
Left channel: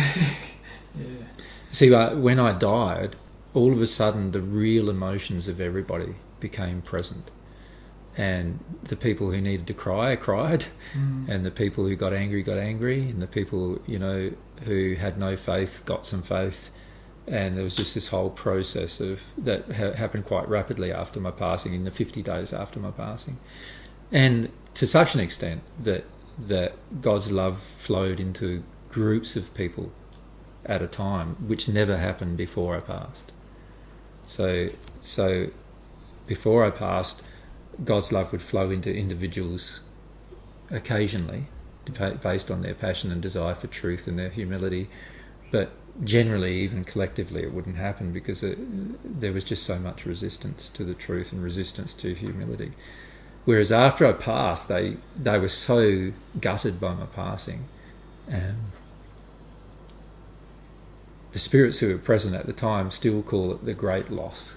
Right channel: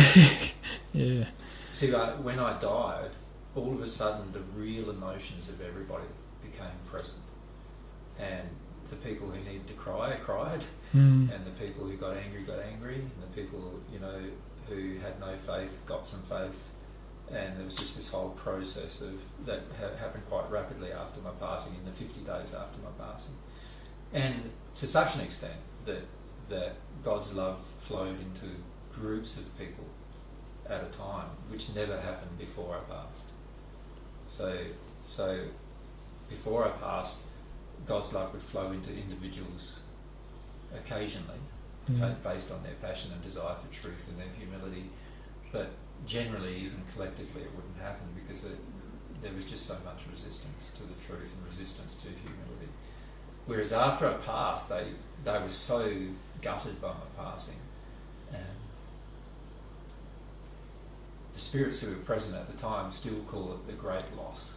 Yeah. See, when I died, all of a sudden the real emotions of everybody became present, and the people who needed to cry cried, and the people who got angry, and the people who had no faith got some faith. And there was just this whole process that happened quite rapidly after my passing, in the 50 days after my passing, and to such an extent that God's love flowed into groups of people at a time, which never happened before I passed. So before I passed, God's love would flow into individuals occasionally, based on their passion and desire for truth and their humility, but generally, even collectively, it wouldn't happen because there was just so much resistance to the truth and resistance to humility. Whereas after I passed, they were so gutted by my passing. The spirits who were present at the time still call it the great loss.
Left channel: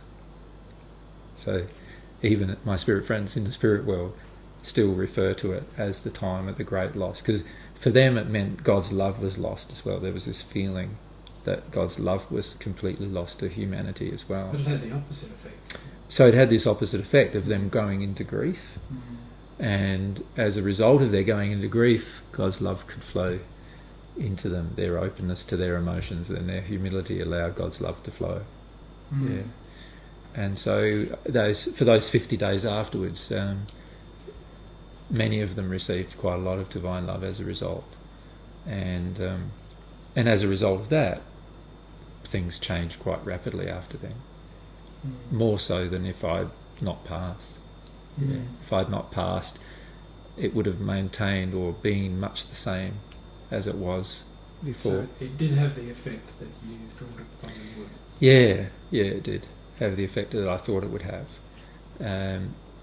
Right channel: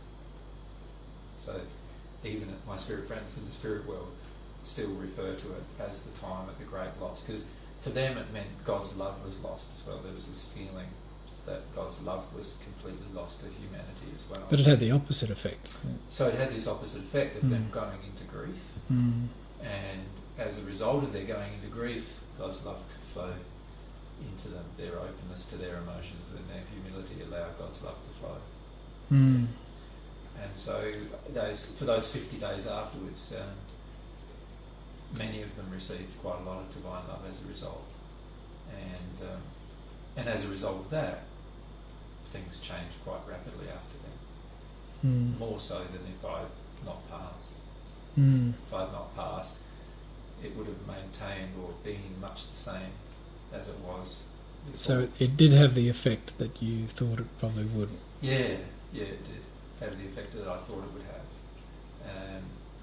So even my spirit friends in the spirit world still refer to it as the time of the great loss, because For them, it meant God's love was lost as well. There was this feeling that God's love was completely lost to humanity as well. But it had the opposite effect. So it had this opposite effect of them going into grief. And as a result of their going into grief, God's love could flow into them. Their openness to their emotions and their humility allowed God's love to flow. Yeah. And so for those 50 days afterwards, many of them received quite a lot of divine love as a result. And as a result of that, things changed quite rapidly after then. More so than if I'd not passed. If I'd not passed, it would have maintained or been much the same as it was before. So it did have the effect that you thought it probably would. Yeah, it did have the effect that I thought it would have.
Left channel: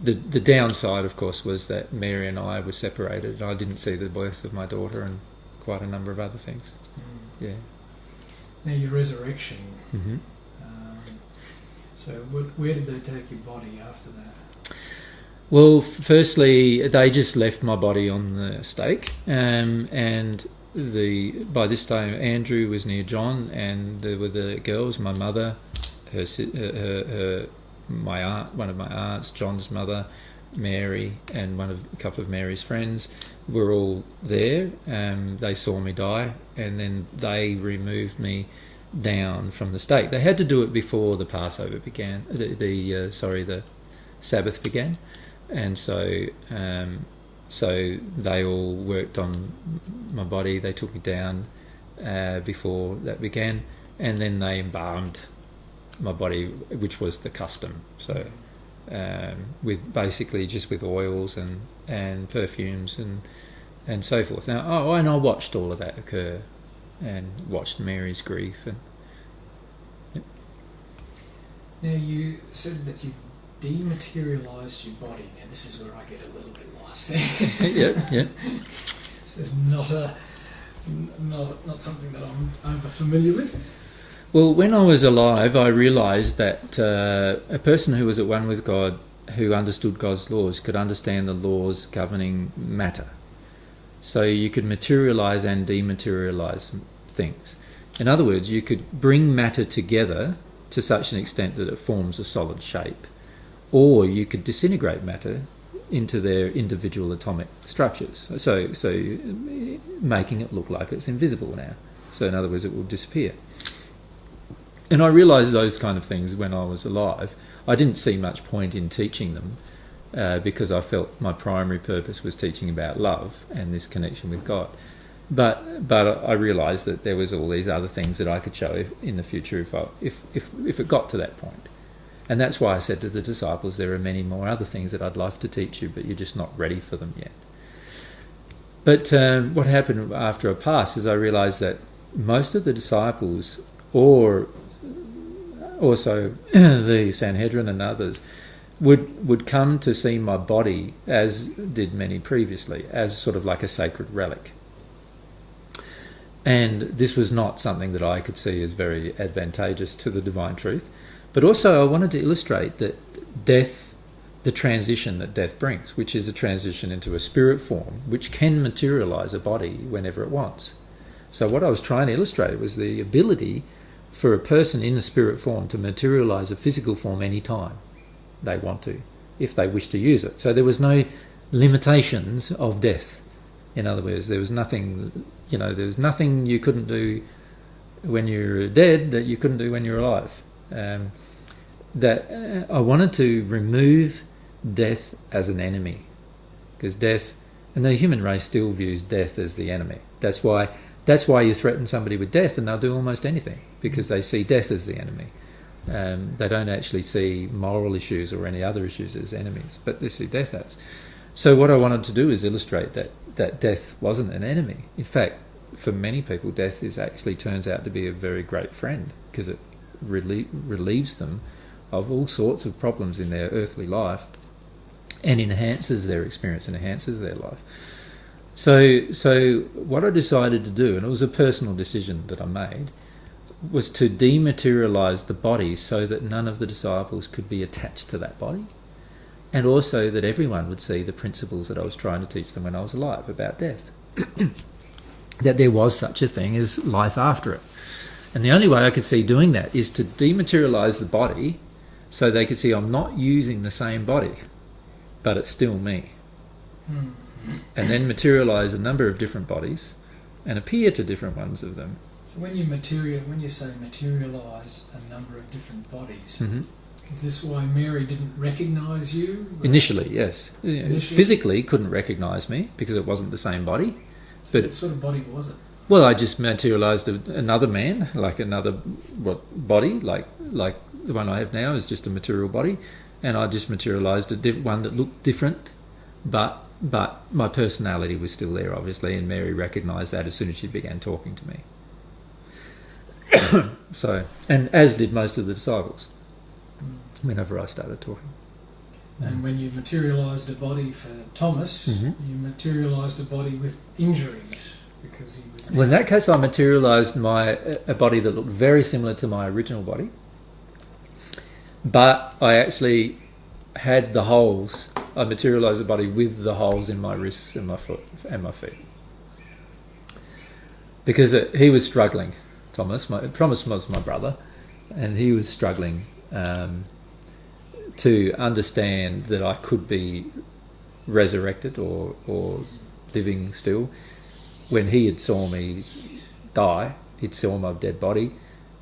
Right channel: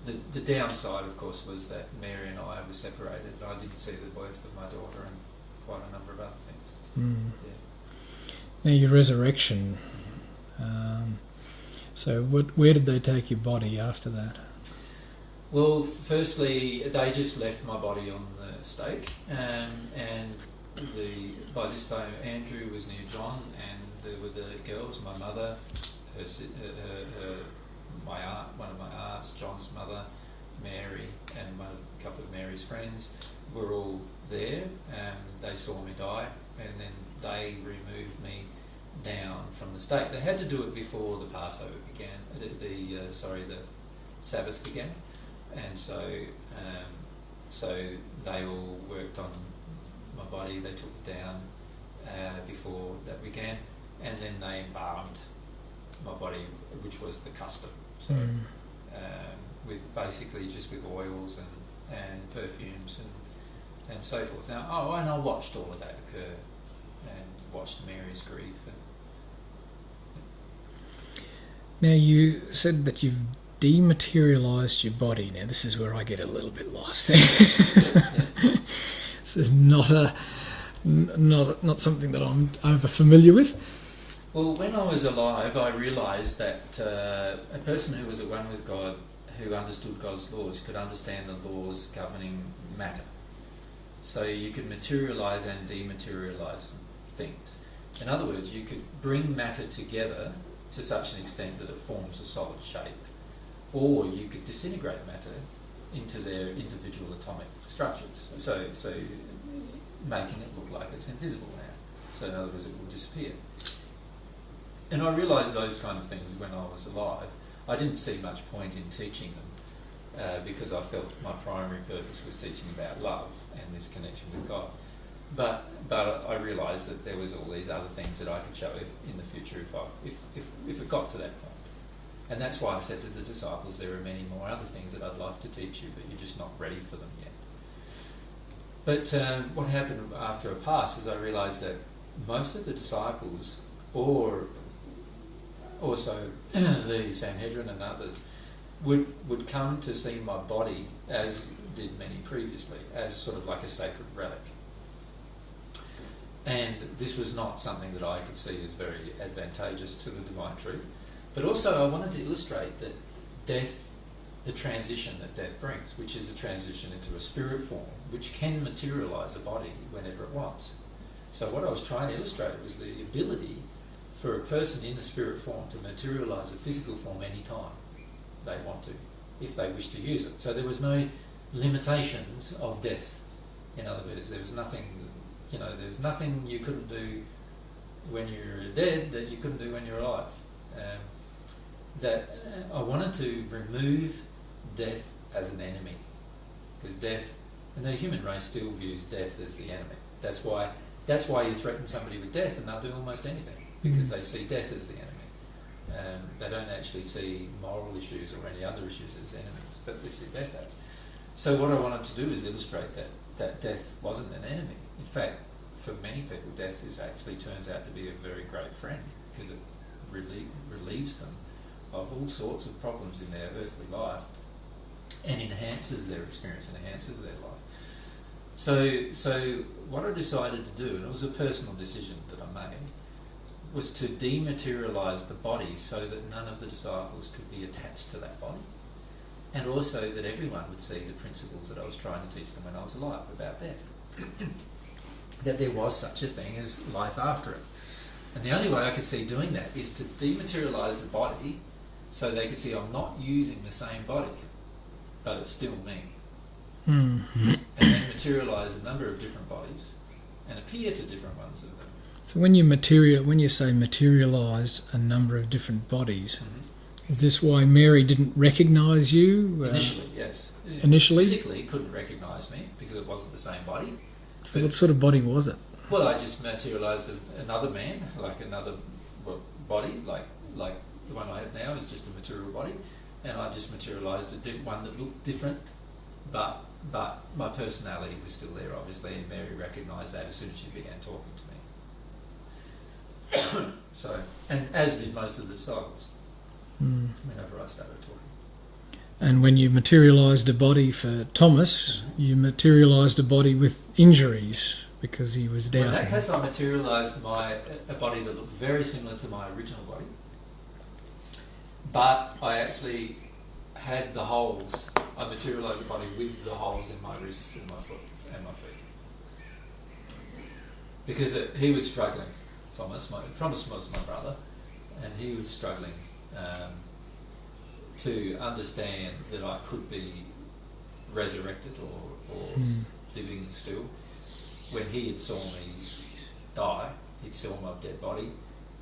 The downside, of course, was that Mary and I were separated. I didn't see the birth of my daughter and quite a number of other things. Yeah. Now your resurrection. So where did they take your body after that? Well, firstly, they just left my body on the stake, and by this time Andrew was near John, and there were the girls, my mother, my aunt, one of my aunts, John's mother, Mary, and a couple of Mary's friends were all there. They saw me die, and then they removed me down from the stake. They had to do it before the Passover began. The Sabbath began. And so they all worked on my body. They took me down before that began, and then they embalmed my body, which was the custom. So with basically just with oils and perfumes and so forth. Now, and I watched all of that occur, and watched Mary's grief. Now you said that you've dematerialized your body. Now this is where I get a little bit lost. Yeah. This is not something that I'm over familiar with. Well, when I was alive, I realised that a person who was at one with God, who understood God's laws, could understand the laws governing matter. So you could materialise and dematerialise things. In other words, you could bring matter together to such an extent that it forms a solid shape. Or you could disintegrate matter into their individual atomic structures, so making it look like it's invisible now. So in other words, it will disappear. And I realised those kind of things when I was alive. I didn't see much point in teaching them because I felt my primary purpose was teaching about love and this connection with God. But I realised that there was all these other things that I could show in the future if it got to that point. And that's why I said to the disciples, there are many more other things that I'd love to teach you, but you're just not ready for them yet. But what happened after I passed is I realised that most of the disciples, or also the Sanhedrin and others, would come to see my body, as did many previously, as sort of like a sacred relic. And this was not something that I could see as very advantageous to the divine truth. But also I wanted to illustrate that death, the transition that death brings, which is a transition into a spirit form, which can materialise a body whenever it wants. So what I was trying to illustrate was the ability for a person in a spirit form to materialise a physical form any time they want to, if they wish to use it. So there was no limitations of death. In other words, there was nothing you couldn't do when you're dead that you couldn't do when you're alive. I wanted to remove death as an enemy, because death, and the human race still views death as the enemy. That's why you threaten somebody with death and they'll do almost anything, because they see death as the enemy. They don't actually see moral issues or any other issues as enemies, but they see death as. So what I wanted to do is illustrate that death wasn't an enemy. In fact, for many people, death actually turns out to be a very great friend, because it relieves them of all sorts of problems in their earthly life and enhances their experience and enhances their life. So what I decided to do, and it was a personal decision that I made, was to dematerialise the body so that none of the disciples could be attached to that body, and also that everyone would see the principles that I was trying to teach them when I was alive about death. that there was such a thing as life after it. And the only way I could see doing that is to dematerialize the body so they could see I'm not using the same body, but it's still me. Mm-hmm. And then materialize a number of different bodies and appear to different ones of them. So when you say materialised a number of different bodies, Mm-hmm. is this why Mary didn't recognise you? Initially, yes. Initially? Physically couldn't recognise me because it wasn't the same body. So what sort of body was it? Well, I just materialised another man, like another body, like the one I have now is just a material body, and I just materialised one that looked different, but my personality was still there, obviously, and Mary recognised that as soon as she began talking to me. So, and as did most of the disciples, whenever I started talking. And when you materialised a body for Thomas, Mm-hmm. you materialised a body with injuries because he was down. Well, in that case, I materialised a body that looked very similar to my original body, but I actually had the holes. I materialised the body with the holes in my wrists and my foot and my feet, because he was struggling. Thomas was my brother, and he was struggling to understand that I could be resurrected or living still. When he had saw me die, he'd saw my dead body,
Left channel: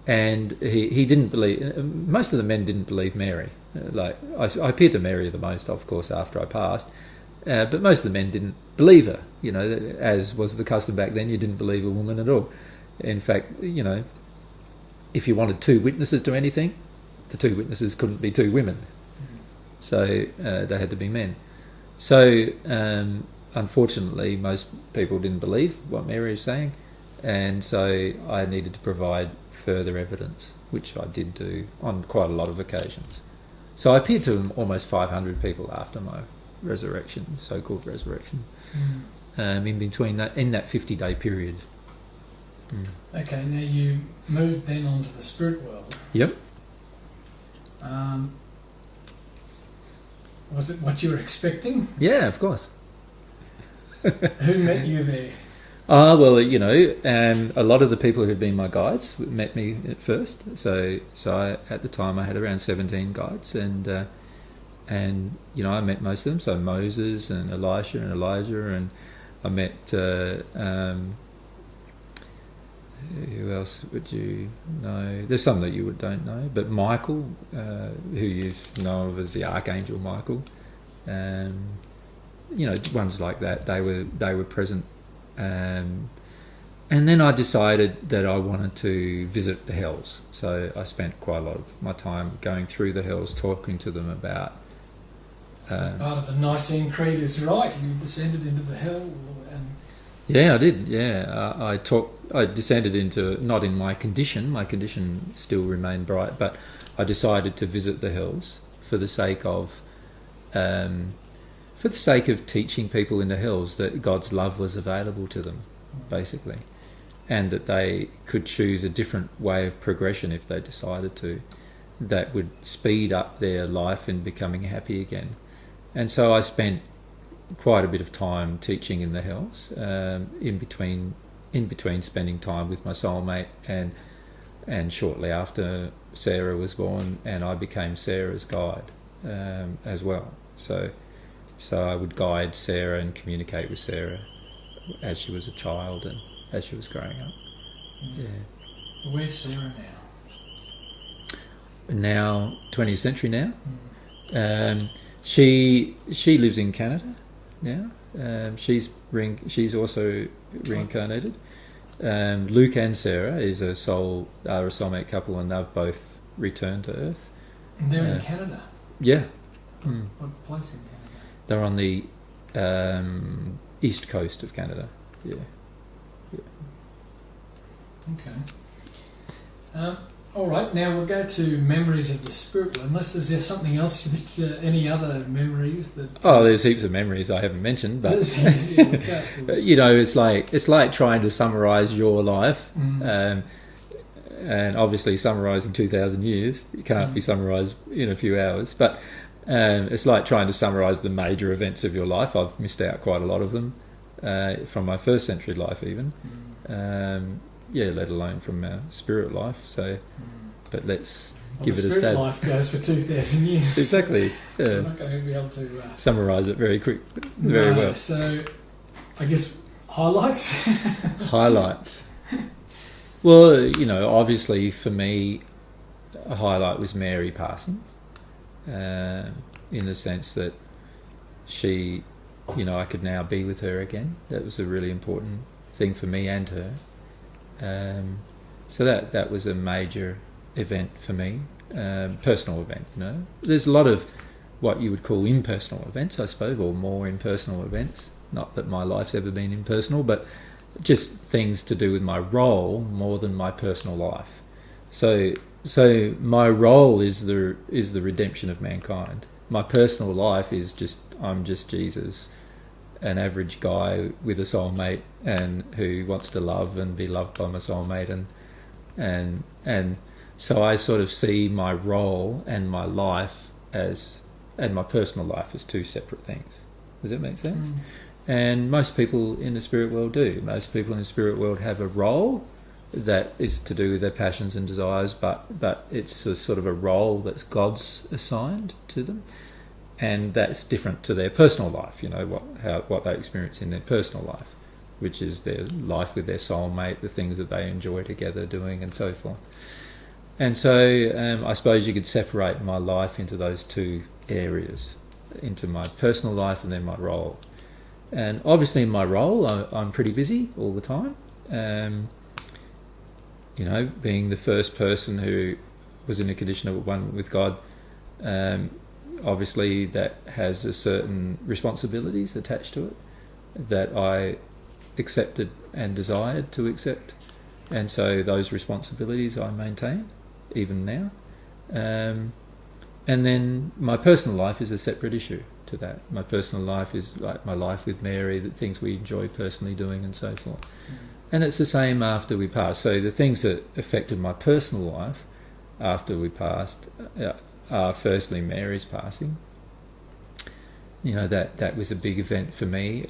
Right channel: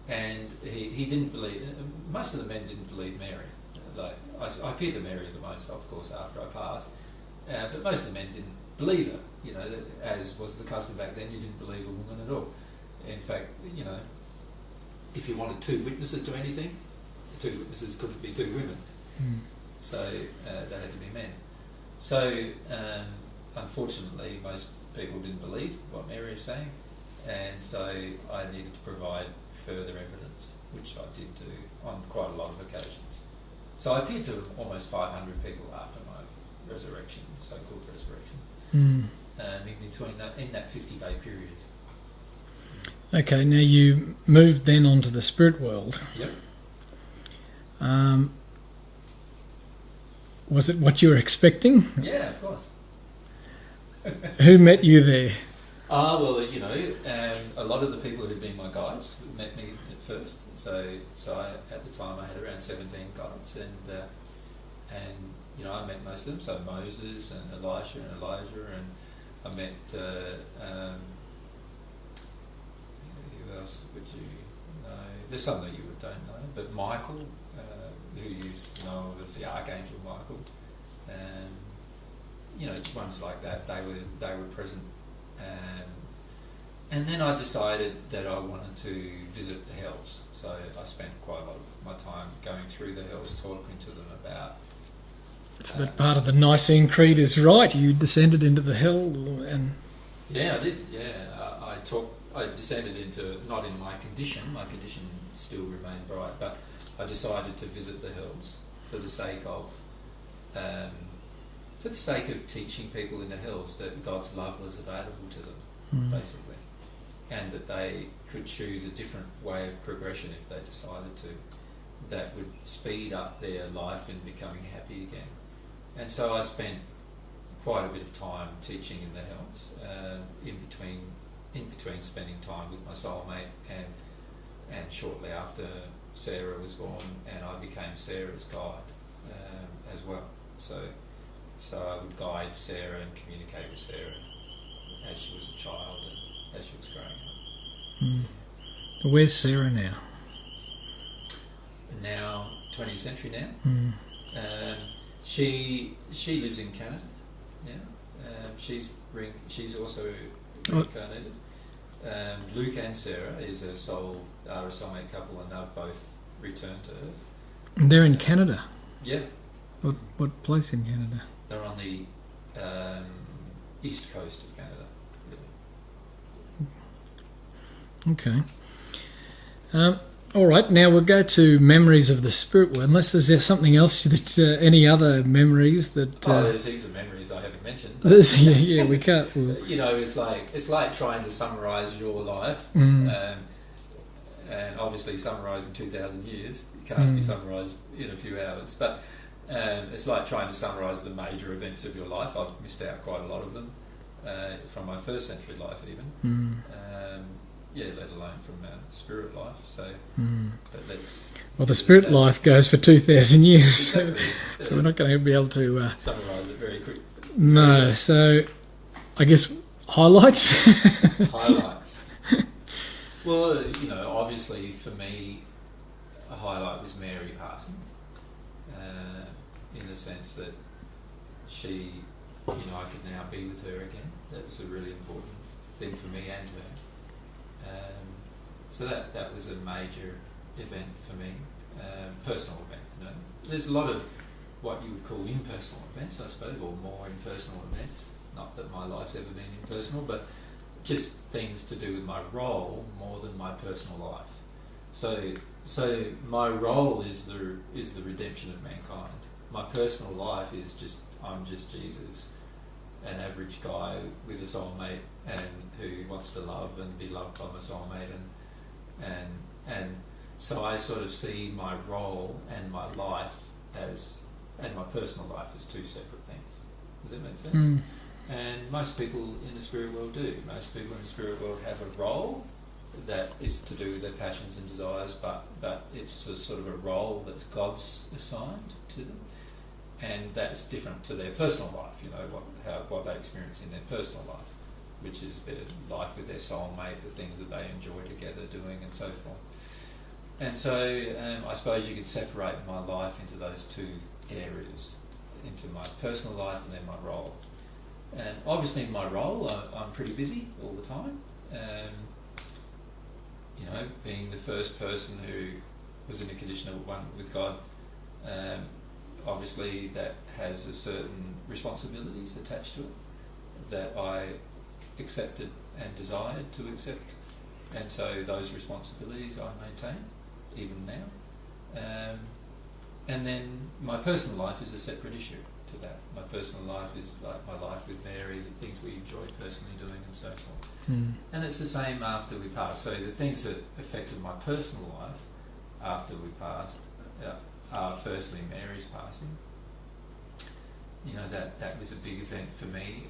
and he didn't believe. Most of the men didn't believe Mary. Like I appeared to Mary the most, of course, after I passed, but most of the men didn't believe her. You know, as was the custom back then, you didn't believe a woman at all. In fact, you know, if you wanted two witnesses to anything, the two witnesses couldn't be two women, so they had to be men. So unfortunately, most people didn't believe what Mary was saying, and so I needed to provide further evidence, which I did do on quite a lot of occasions. So I appeared to almost 500 people after my resurrection, so-called resurrection, in between that 50-day period. Okay, now you moved then onto the spirit world. Yep. Was it what you were expecting? Yeah, of course. Who met you there? Well, you know, a lot of the people who'd been my guides met me at first. So at the time I had around 17 guides, and you know, I met most of them. So Moses and Elisha and Elijah, and I met who else would you know? There's some that you don't know, but Michael, who you know of as the Archangel Michael, you know, ones like that. They were present. And then I decided that I wanted to visit the hells. So I spent quite a lot of my time going through the hells, talking to them about... So that part of the Nicene Creed is right. You descended into the hell and... Yeah, I did. Yeah, I descended into, not in my condition. My condition still remained bright, but I decided to visit the hells for the sake of teaching people in the hells that God's love was available to them, basically, and that they could choose a different way of progression if they decided to, that would speed up their life in becoming happy again. And so I spent quite a bit of time teaching in the hells, in between spending time with my soulmate, and shortly after Sarah was born, and I became Sarah's guide as well. So I would guide Sarah and communicate with Sarah as she was a child and as she was growing up. Yeah. Where's Sarah now? Now, 20th century now. She lives in Canada now. She's also reincarnated. Luke and Sarah are a soulmate couple, and they've both returned to Earth. And they're in Canada? Yeah. What place in Canada? They're on the east coast of Canada. Yeah. Okay. All right. Now we'll go to memories of the spirit world. Unless there's something else that any other memories that. There's heaps of memories I haven't mentioned. But yeah, we can't. You know, it's like trying to summarise your life, and obviously summarising 2,000 years. It can't be summarised in a few hours, but. It's like trying to summarise the major events of your life. I've missed out quite a lot of them. from my first century life even. Mm. Let alone from our spirit life. So, but let's Well, give the it a spirit stab. life goes for 2,000 years. Exactly. So we're not going to be able to... Summarise it very quick. no, Very well. so I guess highlights? Highlights. Well, obviously for me, a highlight was Mary passing, in the sense that she, I could now be with her again. That was a really important thing for me and her. So that was a major event for me, personal event. There's a lot of what you would call impersonal events, I suppose, or more impersonal events. Not that my life's ever been impersonal, but just things to do with my role more than my personal life. So my role is the redemption of mankind. My personal life is I'm just Jesus, an average guy with a soulmate and who wants to love and be loved by my soulmate, and so I sort of see my role and my life and my personal life as two separate things. Does that make sense? Mm. And most people in the spirit world do. Most people in the spirit world have a role that is to do with their passions and desires, but it's a sort of a role that's God's assigned to them, and that's different to their personal life. What they experience in their personal life, which is their life with their soulmate, the things that they enjoy together doing, and so forth. And so I suppose you could separate my life into those two areas, into my personal life and then my role. And obviously in my role, I'm pretty busy all the time. Being the first person who was in a condition of one with God, obviously that has a certain responsibilities attached to it that I accepted and desired to accept. And so those responsibilities I maintain, even now. And then my personal life is a separate issue to that. My personal life is like my life with Mary, the things we enjoy personally doing and so forth. And it's the same after we pass. So the things that affected my personal life after we passed are firstly Mary's passing. That was a big event for me,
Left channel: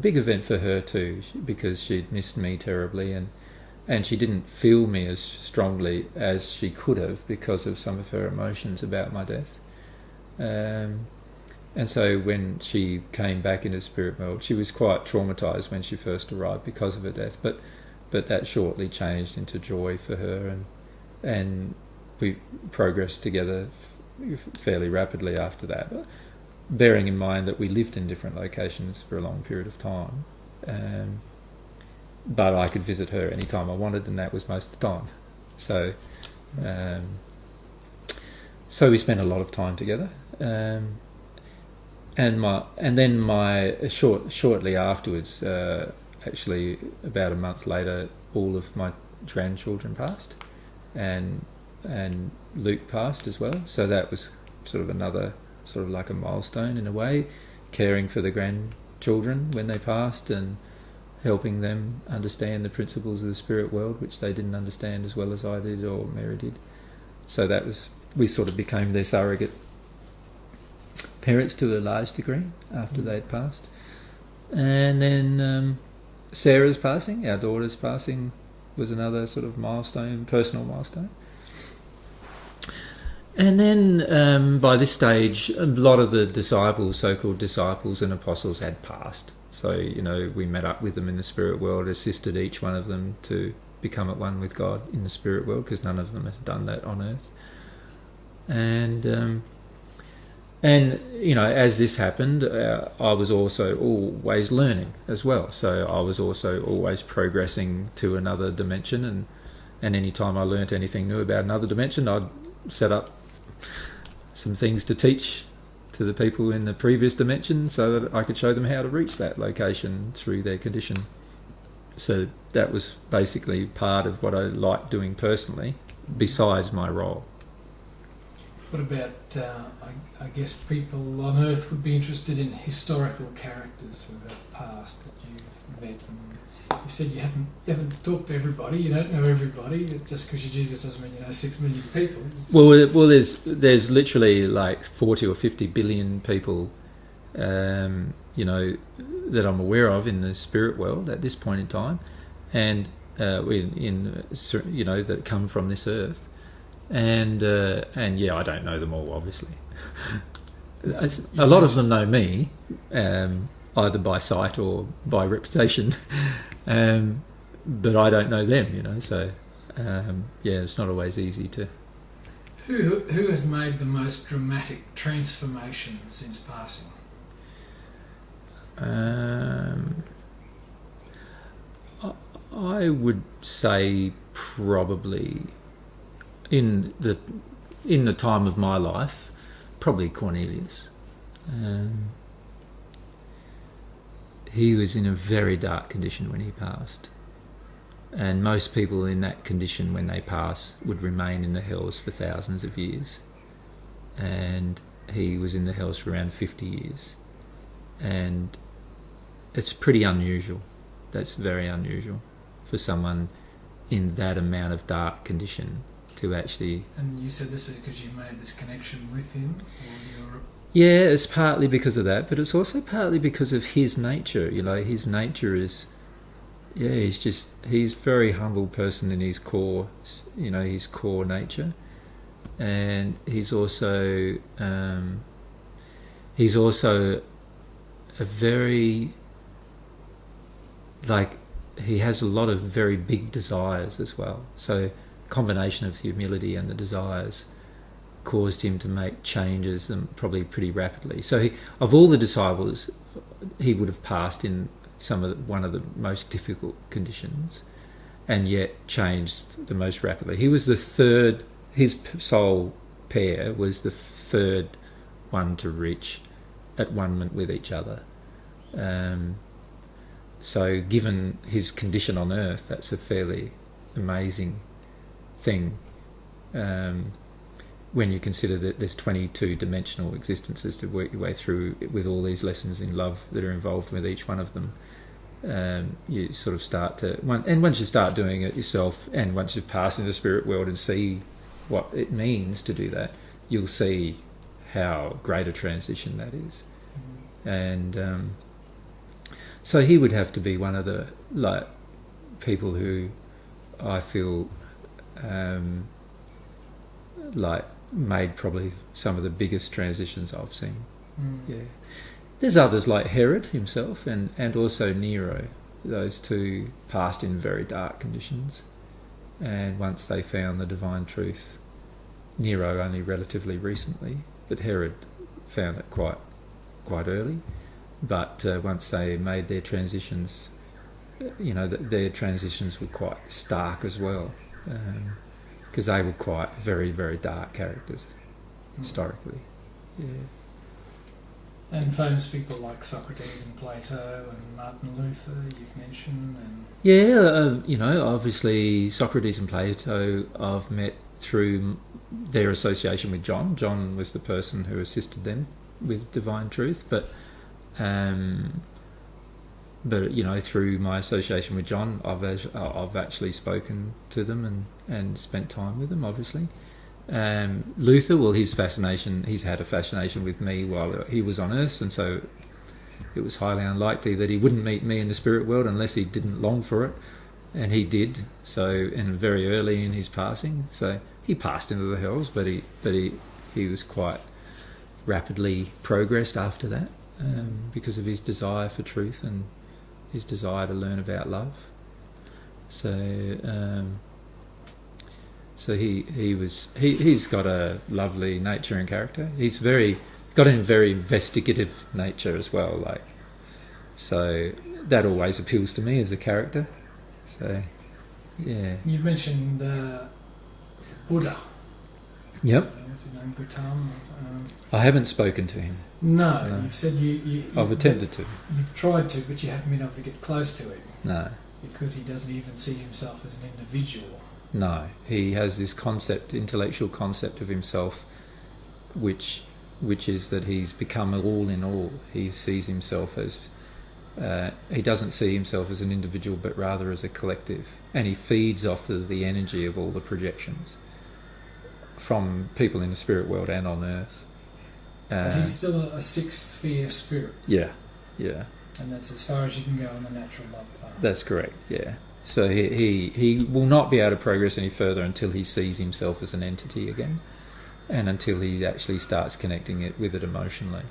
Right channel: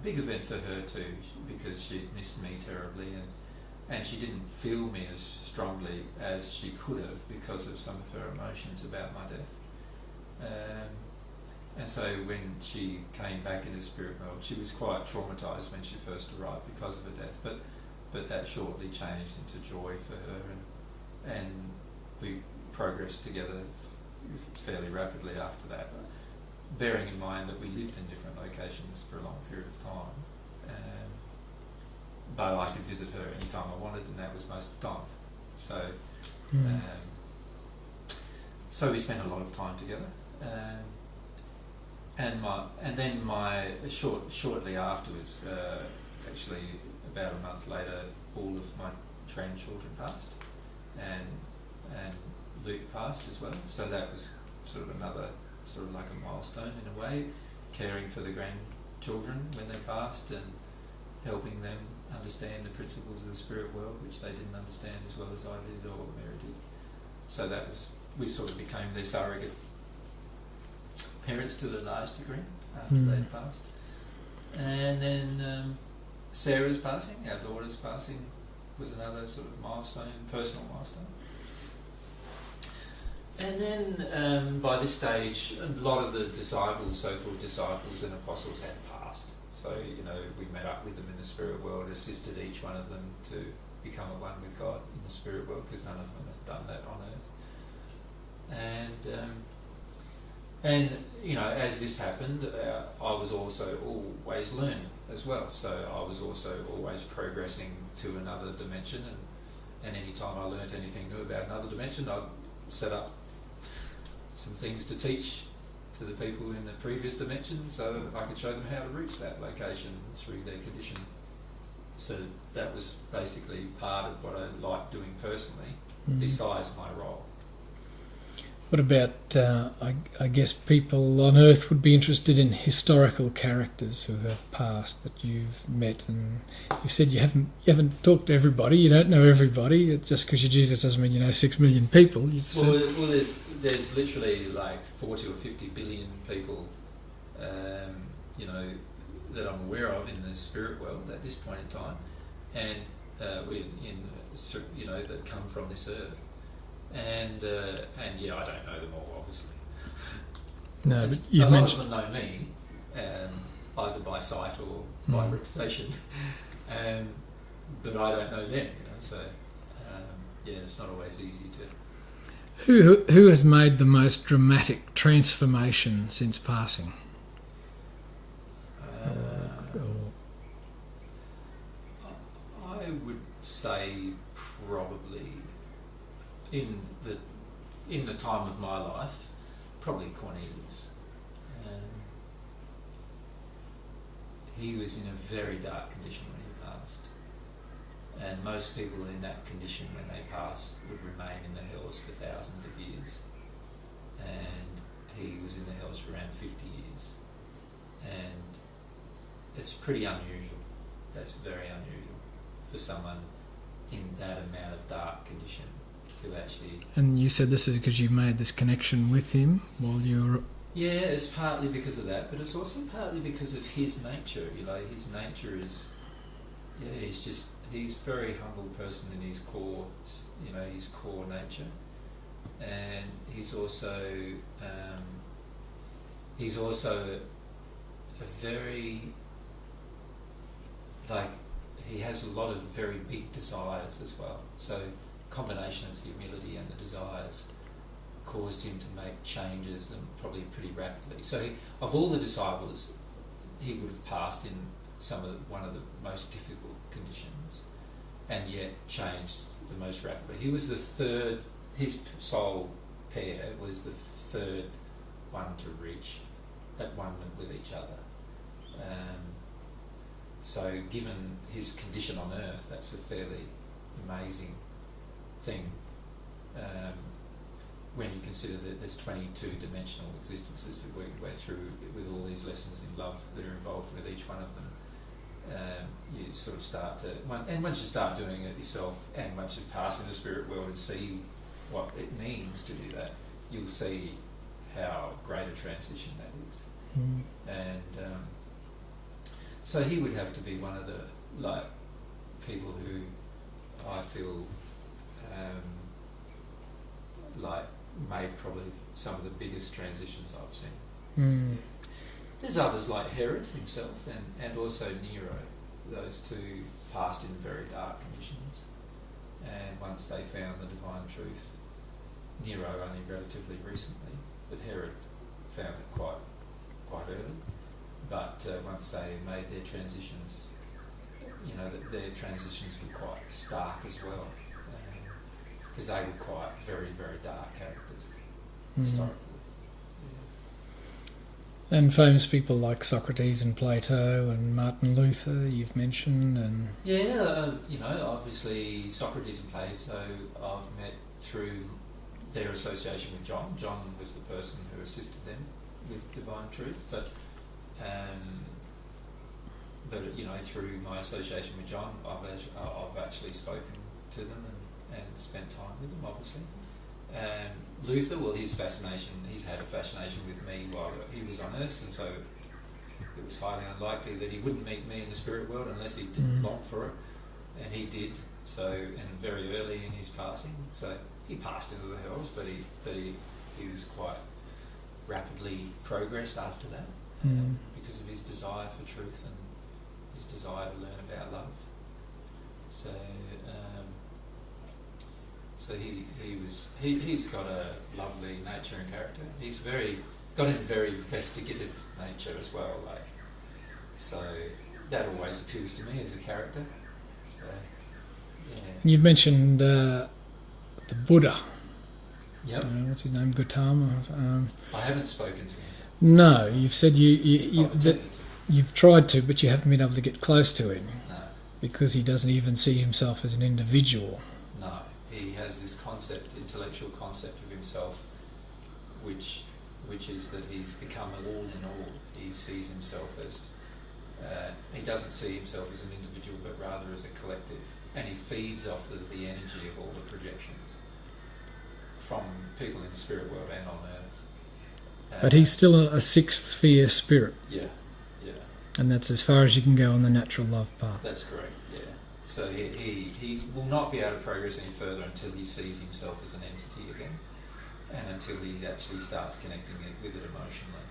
big event for her too, because she'd missed me terribly, and she didn't feel me as strongly as she could have because of some of her emotions about my death. And so when she came back into the spirit world, she was quite traumatised when she first arrived because of her death, but that shortly changed into joy for her, and we progressed together fairly rapidly after that, bearing in mind that we lived in different locations for a long period of time. But I could visit her any time I wanted, and that was most of the time. So, so we spent a lot of time together. Shortly afterwards, actually about a month later, all of my grandchildren passed, and Luke passed as well. So that was sort of another sort of like a milestone in a way, caring for the grandchildren when they passed and helping them understand the principles of the spirit world, which they didn't understand as well as I did or Mary did. So we sort of became their surrogate parents to a large degree after they'd passed. And then Sarah's passing, our daughter's passing, was another sort of milestone, personal milestone. And then by this stage, a lot of the disciples, so-called disciples and apostles, had passed. So, we met up with them in the spirit world, assisted each one of them to become at one with God in the spirit world, because none of them had done that on earth. And as this happened, I was also always learning as well. So I was also always progressing to another dimension, and any time I learnt anything new about another dimension, I'd set up some things to teach to the people in the previous dimension so that I could show them how to reach that location through their condition. So that was basically part of what I liked doing personally, besides my role. What about, I guess people on Earth would be interested in historical characters who have passed that you've met, and you said you haven't talked to everybody, you don't know everybody. Just because you're Jesus doesn't mean you know 6 million people. Well, there's literally like 40 or 50 billion people you know, that I'm aware of in the spirit world at this point in time, and you know, that come from this earth, and yeah, I don't know them all, obviously. No, a lot of them know me, either by sight or by reputation, but I don't know them, you know. So yeah, it's not always easy to. Who has made the most dramatic transformation since passing? I would say probably in the time of my life, probably Cornelius. He was in a very dark condition when he passed, and most people in that condition when they pass would remain in the hells for thousands of years, and he was in the hells for around 50 years, and it's pretty unusual. That's very unusual for someone in that amount of dark condition to actually. And you said this is because you made this connection with him while you were. Yeah, it's partly because of that, but it's also partly because of his nature. You know, his nature is, yeah, he's a very humble person in his core, you know, his core nature, and he's also a very, like, he has a lot of very big desires as well. So, combination of humility and the desires caused him to make changes, and probably pretty rapidly. So, of all the disciples, he would have passed in one of the most difficult conditions, and yet changed the most rapidly. He was the third. His soul pair was the third one to reach at one with each other. So, given his condition on Earth, that's a fairly amazing thing. When you consider that there's 22 dimensional existences to work your way through with all these lessons in love that are involved with each one of them, you sort of start to, and once you start doing it yourself, and once you pass into the spirit world and see what it means to do that, you'll see how great a transition that is. And so he would have to be one of the people who I feel like made probably some of the biggest transitions I've seen. Yeah. There's others like Herod himself and also Nero. Those two passed in very dark conditions, and once they found the divine truth, Nero only relatively recently, but Herod found it quite early. But once they made their transitions, you know, their transitions were quite stark as well, because they were quite very, very dark characters historically. Yeah. And famous people like Socrates and Plato and Martin Luther you've mentioned, and you know, obviously Socrates and Plato I've met through their association with John. John was the person who assisted them with divine truth, but you know, through my association with John, I've actually spoken to them and spent time with them, obviously. Luther, well, he's had a fascination with me while he was on Earth, and so it was highly unlikely that he wouldn't meet me in the spirit world unless he didn't long for it, and he did. So, and very early in his passing, so he passed into the hells, but he was quite rapidly progressed after that, because of his desire for truth and his desire to learn about love. So he's got a lovely nature and character. He's got a very investigative nature as well. So that always appeals to me as a character. So yeah. You mentioned the Buddha. Yep. What's his name? Gautama. I haven't spoken to him. No, you've said I've attempted to. You've tried to, but you haven't been able to get close to him. No. Because he doesn't even see himself as an individual. No, he has this intellectual concept of himself, which is that he's become all in all. He sees himself as, he doesn't see himself as an individual, but rather as a collective, and he feeds off of the energy of all the projections from people in the spirit world and on Earth. But he's still a sixth sphere spirit, yeah. and that's as far as you can go on the natural love path. That's correct, yeah. So he will not be able to progress any further until he sees himself as an entity again, and until he actually starts connecting it with it emotionally.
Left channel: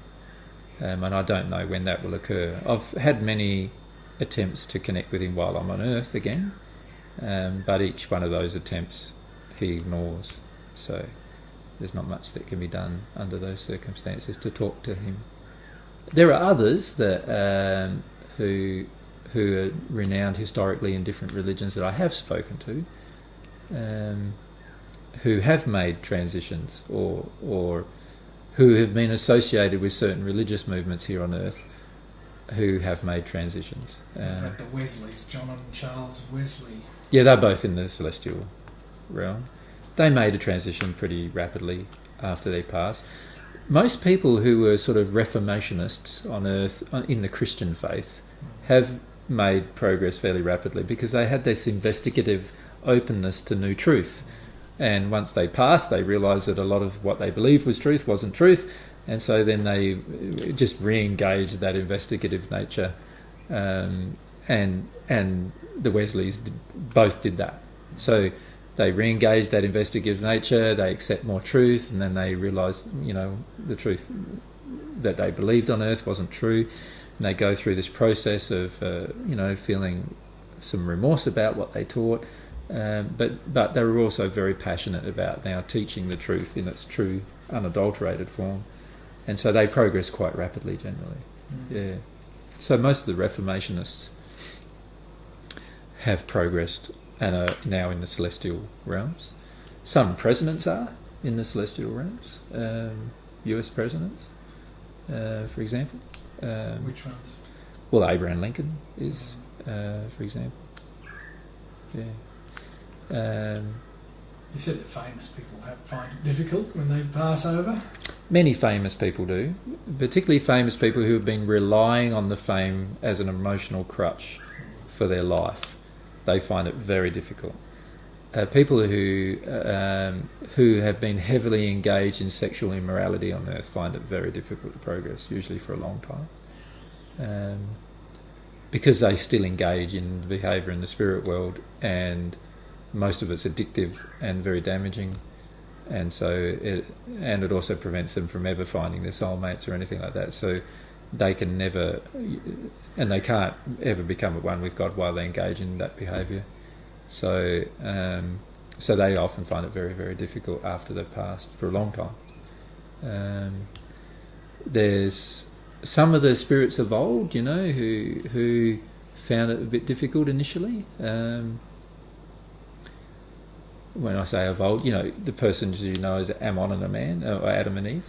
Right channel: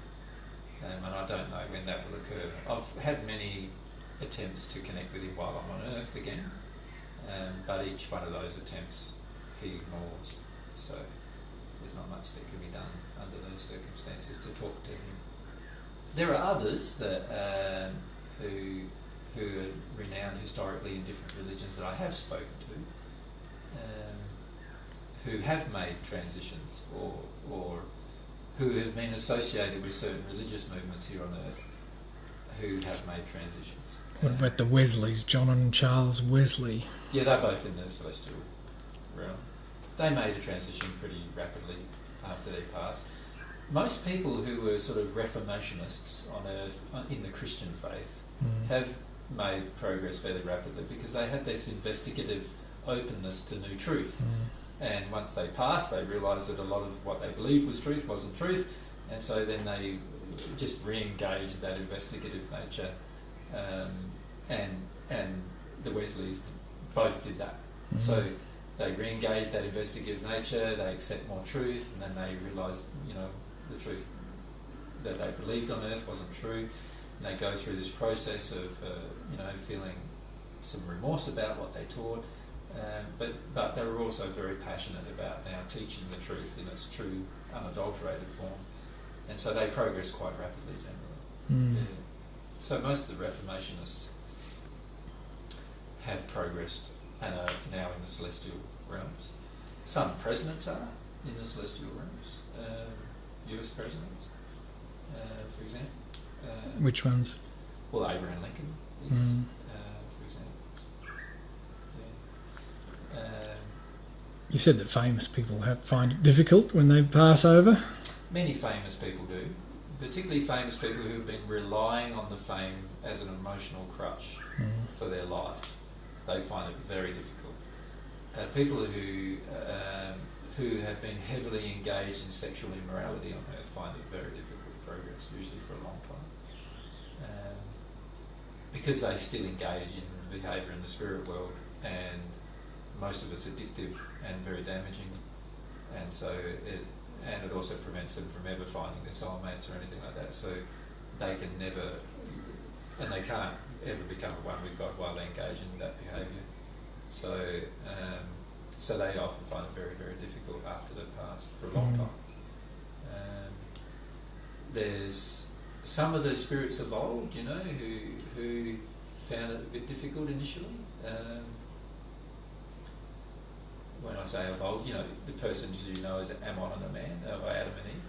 And I don't know when that will occur. I've had many attempts to connect with him while I'm on Earth again, but each one of those attempts he ignores. So there's not much that can be done under those circumstances to talk to him. There are others that who are renowned historically in different religions that I have spoken to, who have made transitions or who have been associated with certain religious movements here on Earth, who have made transitions. But the Wesleys, John and Charles Wesley. Yeah, they're both in the celestial realm. They made a transition pretty rapidly after they passed. Most people who were sort of Reformationists on Earth in the Christian faith have made progress fairly rapidly because they had this investigative openness to new truth. And once they passed, they realised that a lot of what they believed was truth wasn't truth, and so then they just re-engaged that investigative nature, and the Wesleys both did that. So they re-engage that investigative nature, they accept more truth, and then they realise, the truth that they believed on Earth wasn't true, and they go through this process of, feeling some remorse about what they taught, but they were also very passionate about now teaching the truth in its true, unadulterated form, and so they progress quite rapidly generally. Yeah. So most of the Reformationists have progressed and are now in the celestial realms. Some presidents are in the celestial realms, US presidents, for example. Which ones? Well, Abraham Lincoln is, for example. Yeah. You said that famous people find it difficult when they pass over. Many famous people do, particularly famous people who have been relying on the fame as an emotional crutch for their life. They find it very difficult. People who have been heavily engaged in sexual immorality on Earth find it very difficult to progress, usually for a long time, because they still engage in behaviour in the spirit world, and most of it's addictive and very damaging, and so it also prevents them from ever finding their soulmates or anything like that. So they can never, and they can't ever become at one with God while they engage in that behaviour. So they often find it very, very difficult after they've passed for a long time. There's some of the spirits of old, who found it a bit difficult initially. When I say of old, the persons as Ammon and Aman, or Adam and Eve,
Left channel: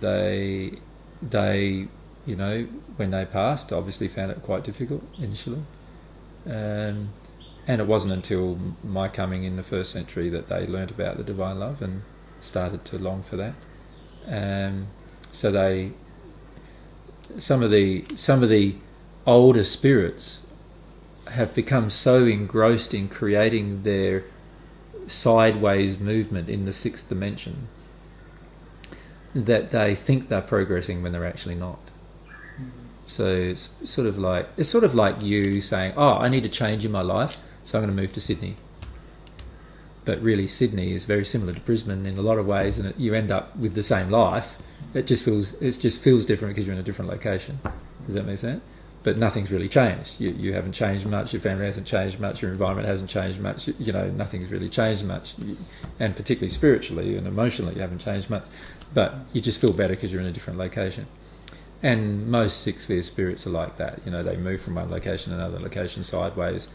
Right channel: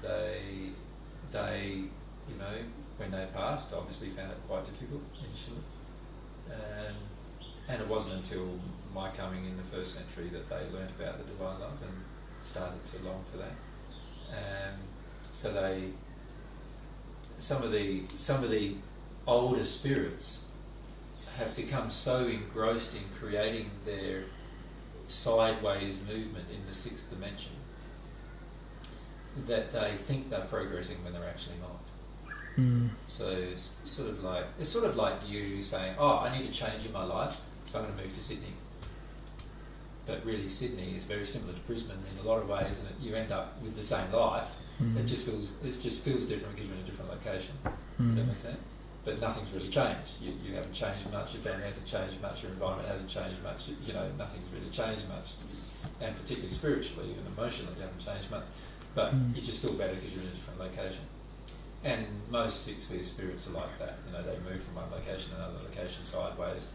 they when they passed, obviously found it quite difficult initially. And it wasn't until my coming in the first century that they learnt about the divine love and started to long for that. So some of the older spirits have become so engrossed in creating their sideways movement in the sixth dimension that they think they're progressing when they're actually not. So it's sort of like you saying, I need a change in my life, so I'm going to move to Sydney. But really, Sydney is very similar to Brisbane in a lot of ways, and you end up with the same life. It just feels different because you're in a different location. Does that make sense? But nothing's really changed. You haven't changed much. Your family hasn't changed much. Your environment hasn't changed much. Nothing's really changed much, and particularly spiritually and emotionally, you haven't changed much. But you just feel better because you're in a different location. And most six-sphere spirits are like that. They move from one location to another location sideways.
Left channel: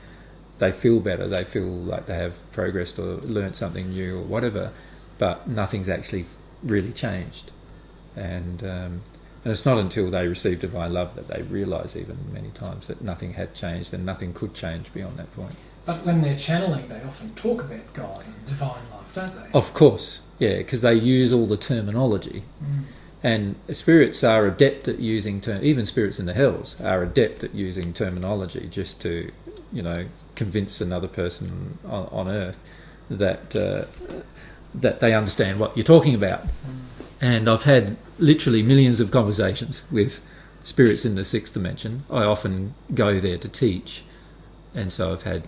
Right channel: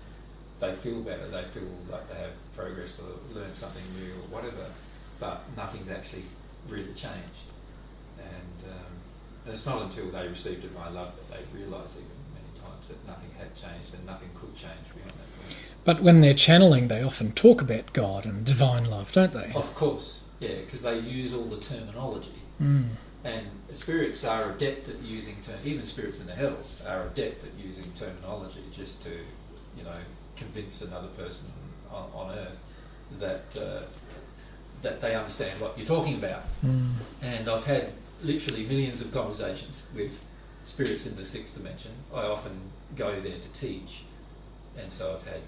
They feel better. They feel like they have progressed or learnt something new or whatever, but nothing's actually really changed. And it's not until they receive divine love that they realise even many times that nothing had changed and nothing could change beyond that point. But when they're channeling, they often talk about God and divine love, don't they? Of course, yeah, because they use all the terminology. And spirits are adept at using even spirits in the hells are adept at using terminology just to, convince another person on Earth that that they understand what you're talking about. And I've had literally millions of conversations with spirits in the sixth dimension. I often go there to teach, and so I've had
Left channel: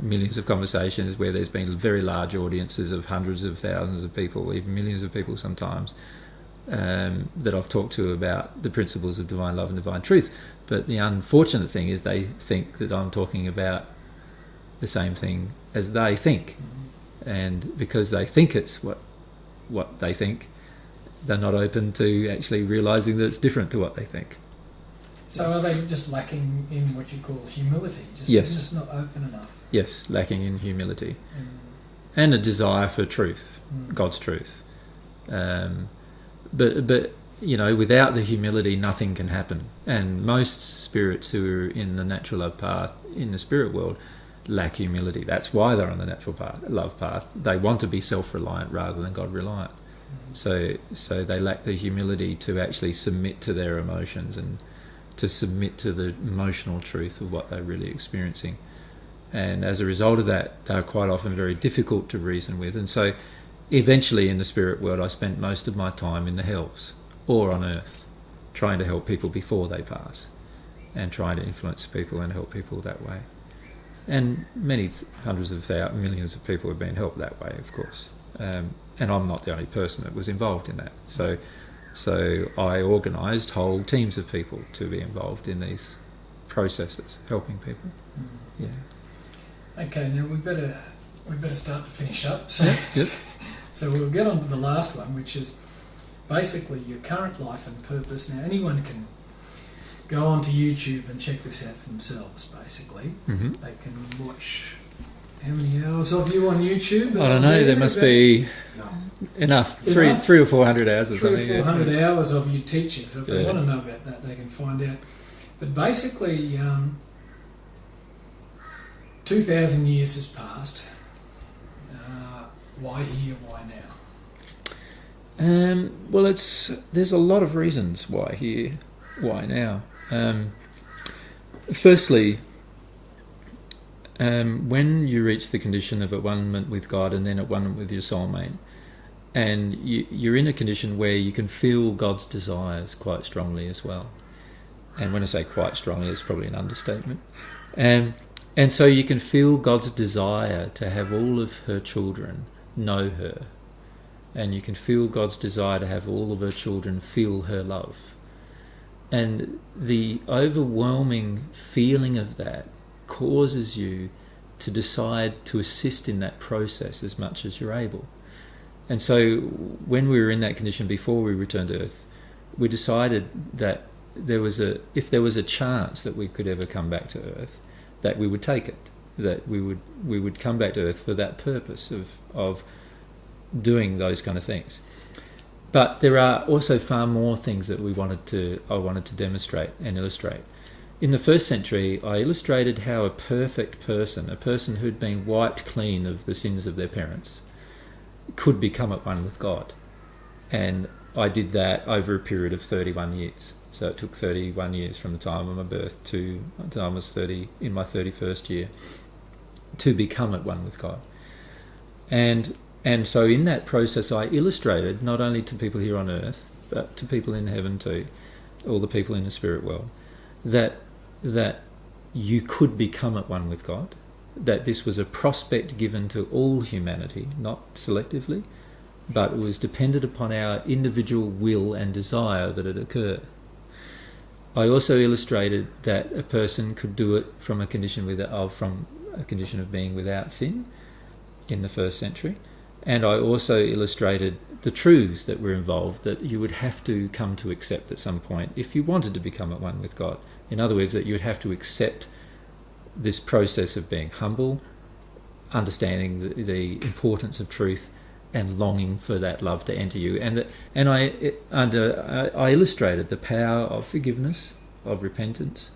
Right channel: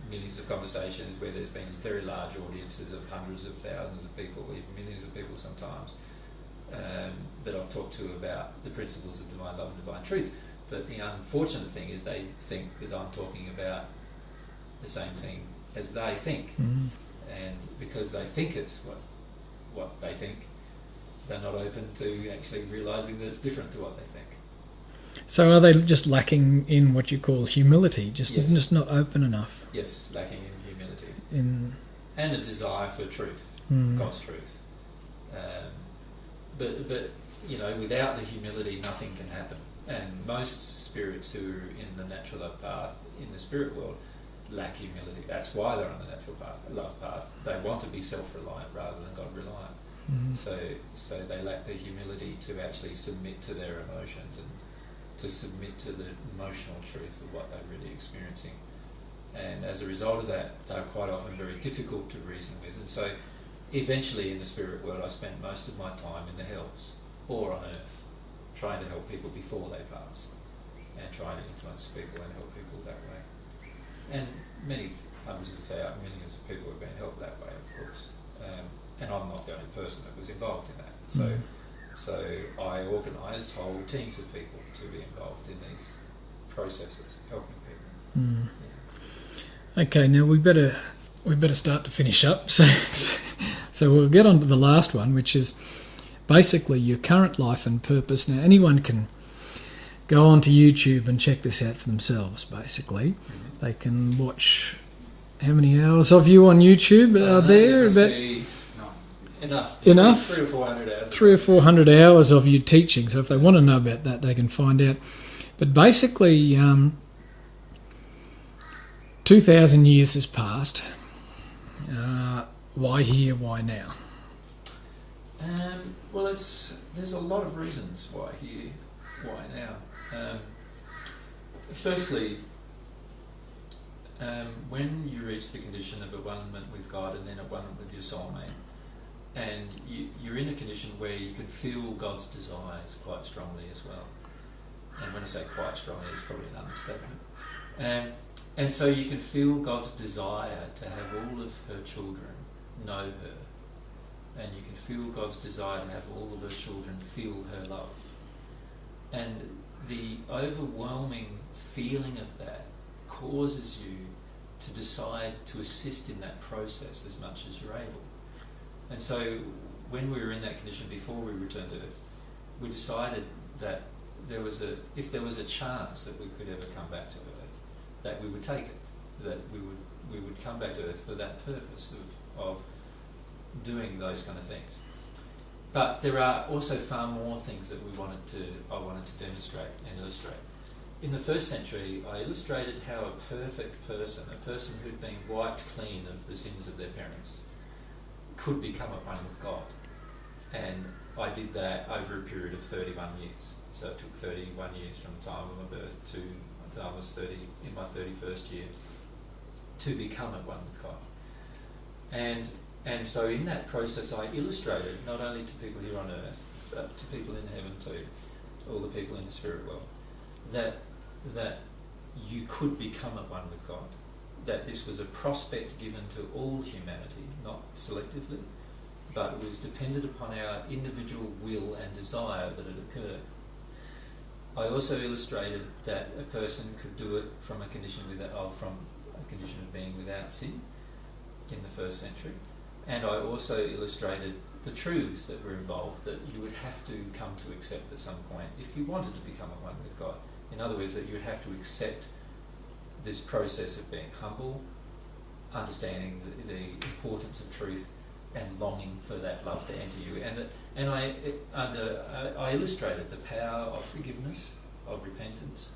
millions of conversations where there's been very large audiences of hundreds of thousands of people, even millions of people sometimes, that I've talked to about the principles of divine love and divine truth. But the unfortunate thing is they think that I'm talking about the same thing as they think. And because they think it's what they think, they're not open to actually realising that it's different to what they think. So are they just lacking in what you call humility? Just not open enough? Yes, lacking in humility. And a desire for truth, God's truth. But you know, without the humility, nothing can happen. And most spirits who are in the natural love path, in the spirit world, lack humility. That's why they're on the natural love path. They want to be self-reliant rather than God-reliant. So they lack the humility to actually submit to their emotions and to submit to the emotional truth of what they're really experiencing. And as a result of that, they're quite often very difficult to reason with. And so eventually in the spirit world, I spent most of my time in the hells or on earth, trying to help people before they pass and trying to influence people and help people that way. And many hundreds of millions of people have been helped that way, of course. And I'm not the only person that was involved in that. So I organised whole teams of people to be involved in these processes, helping people. Yeah. Okay, now we better start to finish up. So we'll get on to the last one, which is basically your current life and purpose. Now, anyone can go onto YouTube and check this out for themselves, basically. They can watch how many hours of you on YouTube? I don't know, there must be enough. 300 or 400 hours or 300 or something. 400 hours of you teaching. So if they want to know about that, they can find out. But basically, 2,000 years has passed. Why here, why now? Well, there's a lot of reasons why here, why now. Firstly, when you reach the condition of at one-ment with God and then at one with your soulmate, and you're in a condition where you can feel God's desires quite strongly as well. And when I say quite strongly, it's probably an understatement. And so you can feel God's desire to have all of her children know her. And you can feel God's desire to have all of her children feel her love. And the overwhelming feeling of that causes you to decide to assist in that process as much as you're able. And so when we were in that condition before we returned to Earth, we decided that if there was a chance that we could ever come back to Earth, that we would take it, that we would come back to Earth for that purpose of doing those kind of things. But there are also far more things that I wanted to demonstrate and illustrate. In the first century, I illustrated how a perfect person, a person who'd been wiped clean of the sins of their parents, could become at one with God. And I did that over a period of 31 years. So it took 31 years from the time of my birth to the time I was 30, in my 31st year, to become at one with God. And so in that process, I illustrated, not only to people here on earth, but to people in heaven too, all the people in the spirit world, that you could become at one with God, that this was a prospect given to all humanity, not selectively, but it was dependent upon our individual will and desire that it occur. I also illustrated that a person could do it from a condition of being without sin in the first century. And I also illustrated the truths that were involved that you would have to come to accept at some point if you wanted to become at one with God. In other words, that you would have to accept this process of being humble, understanding the importance of truth, and longing for that love to enter you. And I illustrated the power of forgiveness, of repentance,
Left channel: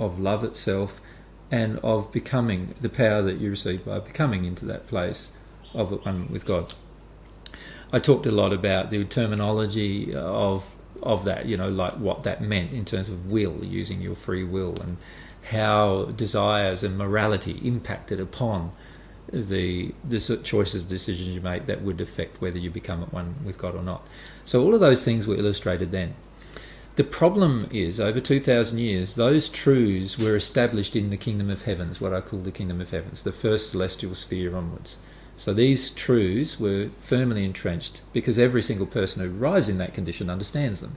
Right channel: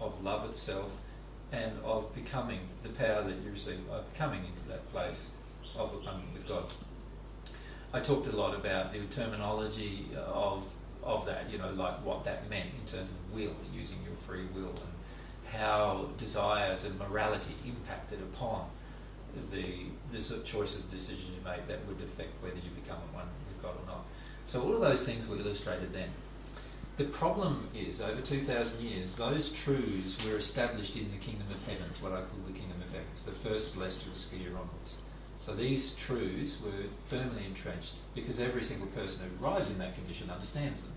of love itself, and of becoming, the power that you receive by becoming into that place of at one with God. I talked a lot about the terminology of that, like what that meant in terms of will, using your free will, and how desires and morality impacted upon the sort of choices, decisions you make that would affect whether you become at one with God or not. So all of those things were illustrated then. The problem is, over 2,000 years, those truths were established in the kingdom of heavens, what I call the kingdom of heavens, the first celestial sphere onwards. So these truths were firmly entrenched because every single person who arrives in that condition understands them,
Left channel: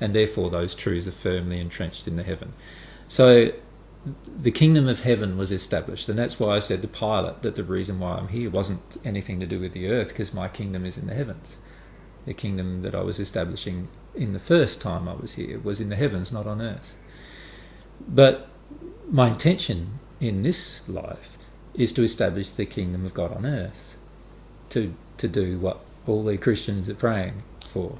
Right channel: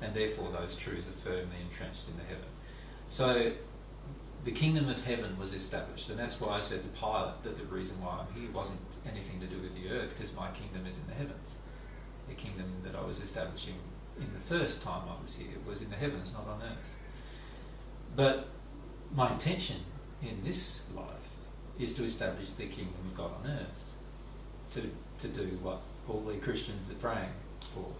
and therefore those truths are firmly entrenched in the heaven. So the kingdom of heaven was established, and that's why I said to Pilate that the reason why I'm here wasn't anything to do with the earth, because my kingdom is in the heavens. The kingdom that I was establishing in the first time I was here was in the heavens, not on earth. But my intention in this life is to establish the kingdom of God on earth, to do what all the Christians are praying for,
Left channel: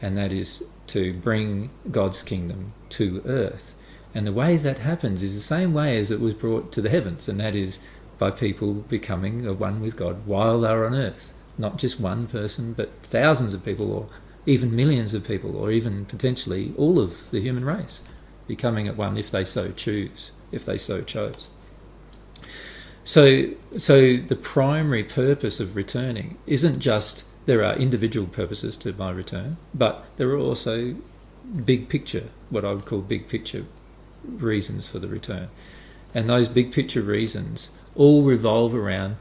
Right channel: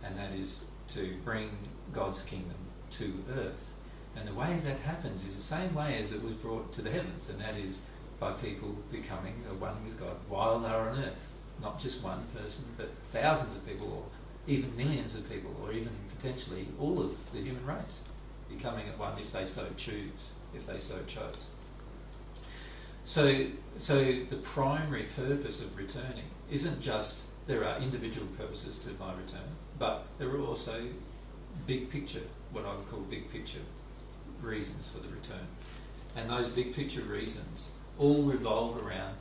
and that is to bring God's kingdom to earth. And the way that happens is the same way as it was brought to the heavens, and that is by people becoming one with God while they're on earth. Not just one person, but thousands of people, or even millions of people, or even potentially all of the human race becoming at one if they so choose, if they so chose. So the primary purpose of returning isn't just, there are individual purposes to my return, but there are also big picture, what I would call big picture reasons for the return. And those big picture reasons all revolve around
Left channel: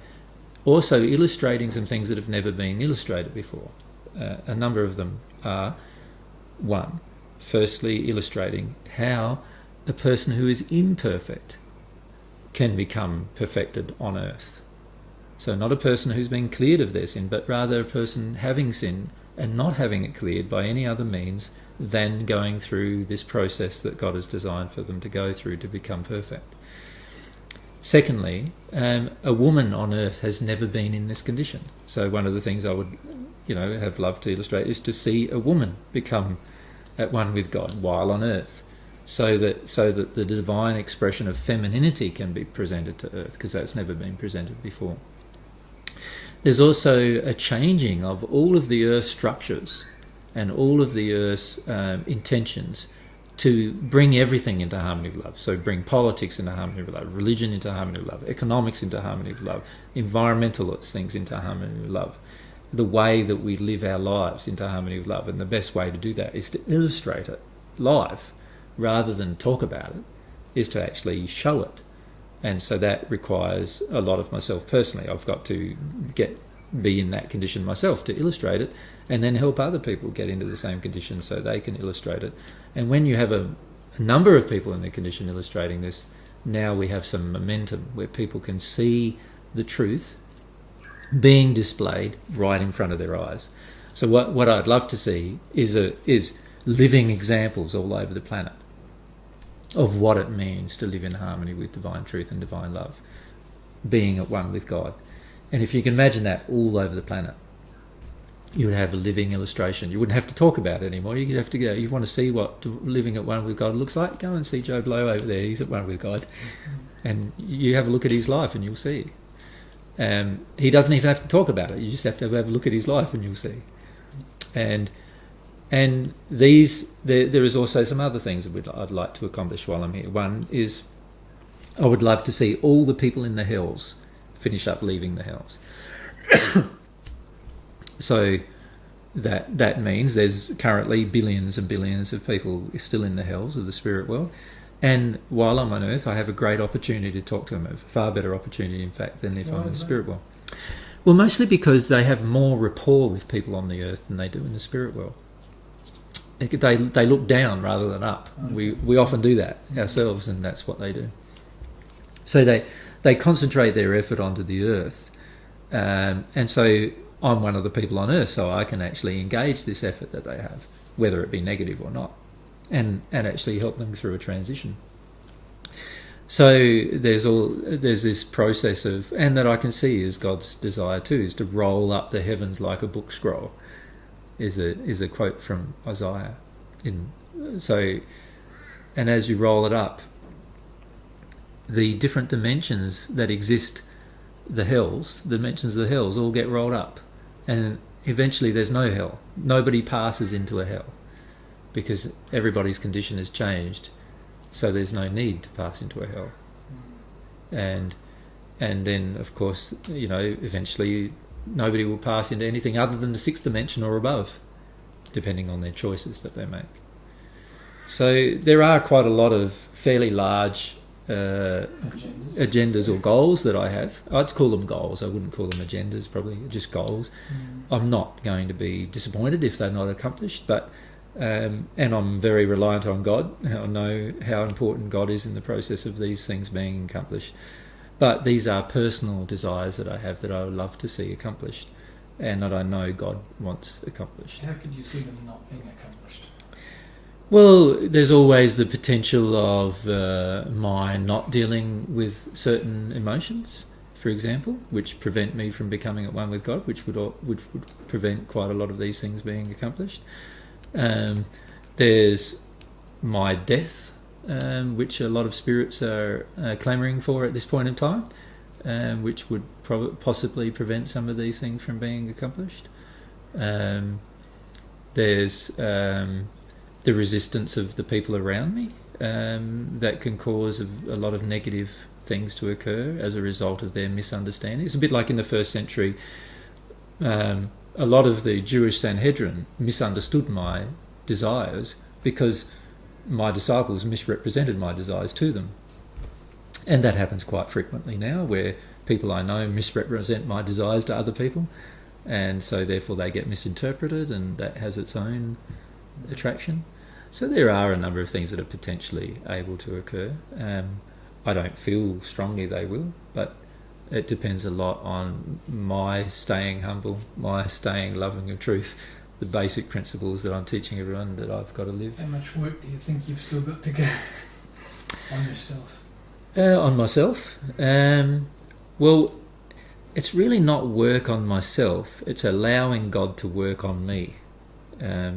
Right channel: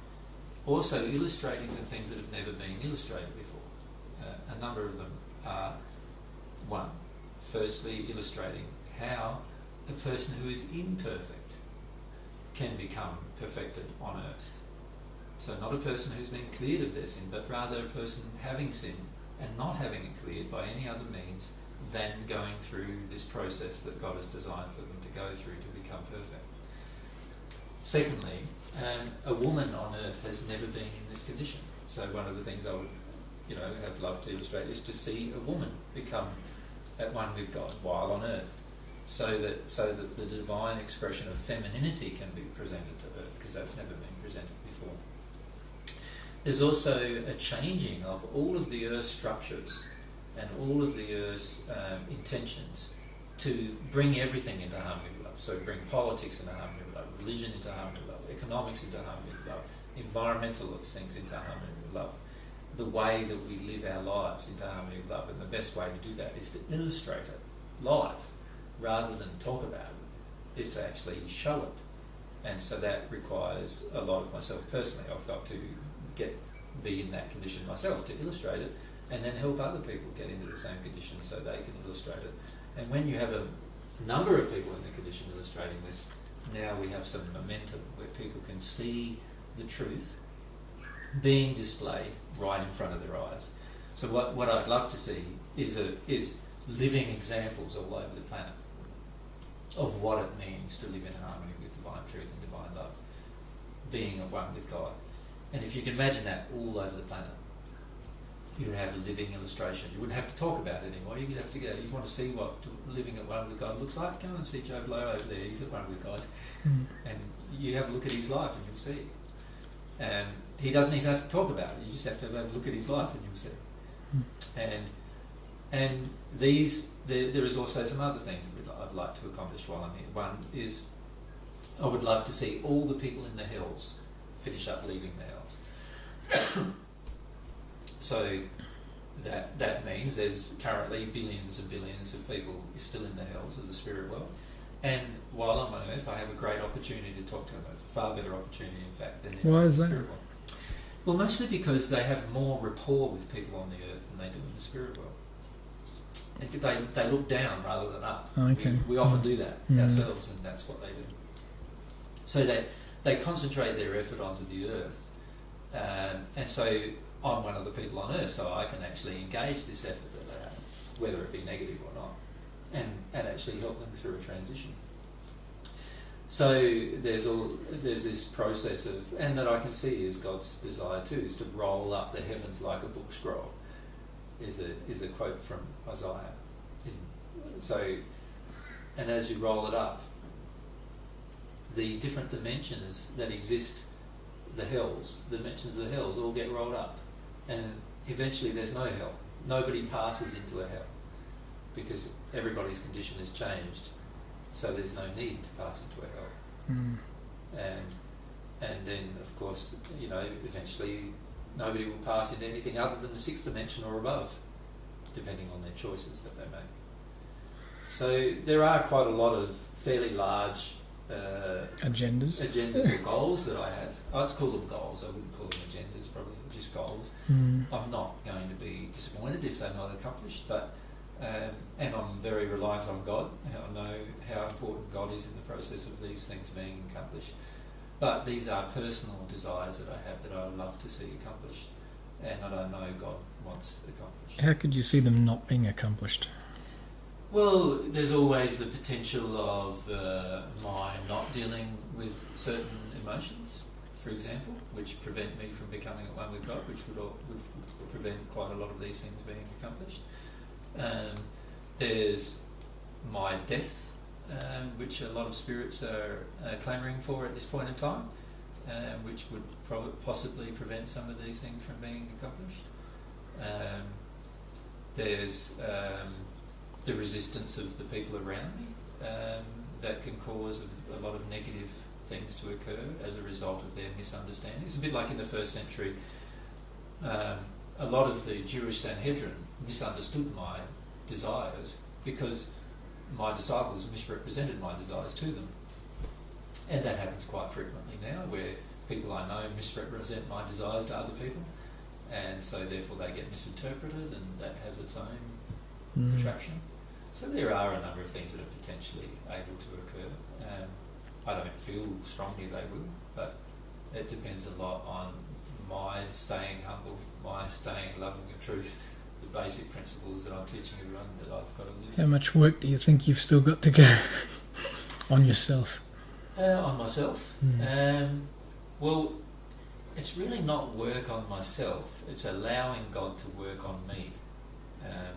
also illustrating some things that have never been illustrated before. A number of them are, one, firstly illustrating how a person who is imperfect can become perfected on earth. So not a person who's been cleared of their sin, but rather a person having sin and not having it cleared by any other means than going through this process that God has designed for them to go through to become perfect. Secondly, a woman on earth has never been in this condition. So one of the things I would, have loved to illustrate is to see a woman become at one with God while on earth, so that the divine expression of femininity can be presented to earth, because that's never been presented before. There's also a changing of all of the earth's structures and all of the earth's intentions to bring everything into harmony with love. So bring politics into harmony with love, religion into harmony with love, economics into harmony with love, environmental things into harmony with love, the way that we live our lives into harmony with love. And the best way to do that is to illustrate it live, rather than talk about it, is to actually show it. And so that requires a lot of myself personally. I've got to be in that condition myself to illustrate it, and then help other people get into the same condition so they can illustrate it. And when you have a number of people in their condition illustrating this, now we have some momentum where people can see the truth being displayed right in front of their eyes. So what I'd love to see is living examples all over the planet of what it means to live in harmony with divine truth and divine love, being at one with God. And if you can imagine that all over the planet, you would have a living illustration. You wouldn't have to talk about it anymore. You could have to go, you want to see what living at one with God looks like? Go and see Joe Blow over there. He's at one with God. And you have a look at his life and you'll see. He doesn't even have to talk about it. You just have to have a look at his life and you'll see. And there is also some other things that I'd like to accomplish while I'm here. One is, I would love to see all the people in the hells finish up leaving the hells. So that means there's currently billions and billions of people still in the hells of the spirit world. And while I'm on earth, I have a great opportunity to talk to them, a far better opportunity, in fact, than if I'm in the spirit world. Well, mostly because they have more rapport with people on the earth than they do in the spirit world. They look down rather than up. Okay. We often do that ourselves, and that's what they do. So they concentrate their effort onto the earth, and so I'm one of the people on earth, so I can actually engage this effort that they have, whether it be negative or not, and actually help them through a transition. So there's this process of, and that I can see is God's desire too, is to roll up the heavens like a book scroll, is a quote from Isaiah. And as you roll it up, the different dimensions that exist, the dimensions of the hells all get rolled up, and eventually there's no hell. Nobody passes into a hell because everybody's condition has changed, so there's no need to pass into a hell. And then, of course, eventually nobody will pass into anything other than the sixth dimension or above, depending on their choices that they make. So there are quite a lot of fairly large agendas or goals that I have. I'd call them goals. I wouldn't call them agendas, probably just goals. I'm not going to be disappointed if they're not accomplished, but and I'm very reliant on God. I know how important God is in the process of these things being accomplished. But these are personal desires that I have that I would love to see accomplished, and that I know God wants accomplished. How could you see them not being accomplished? Well, there's always the potential of my not dealing with certain emotions, for example, which prevent me from becoming at one with God, which would prevent quite a lot of these things being accomplished. There's my death, which a lot of spirits are clamouring for at this point in time, which would possibly prevent some of these things from being accomplished. There's the resistance of the people around me that can cause a lot of negative things to occur as a result of their misunderstanding. It's a bit like in the first century, a lot of the Jewish Sanhedrin misunderstood my desires because my disciples misrepresented my desires to them. And that happens quite frequently now, where people I know misrepresent my desires to other people, and so therefore they get misinterpreted, and that has its own attraction. So there are a number of things that are potentially able to occur. I don't feel strongly they will, but it depends a lot on my staying humble, my staying loving of truth, the basic principles that I'm teaching everyone that I've got to live. How much work do you think you've still got to go on yourself? On myself? Well, it's really not work on myself, it's allowing God to work on me.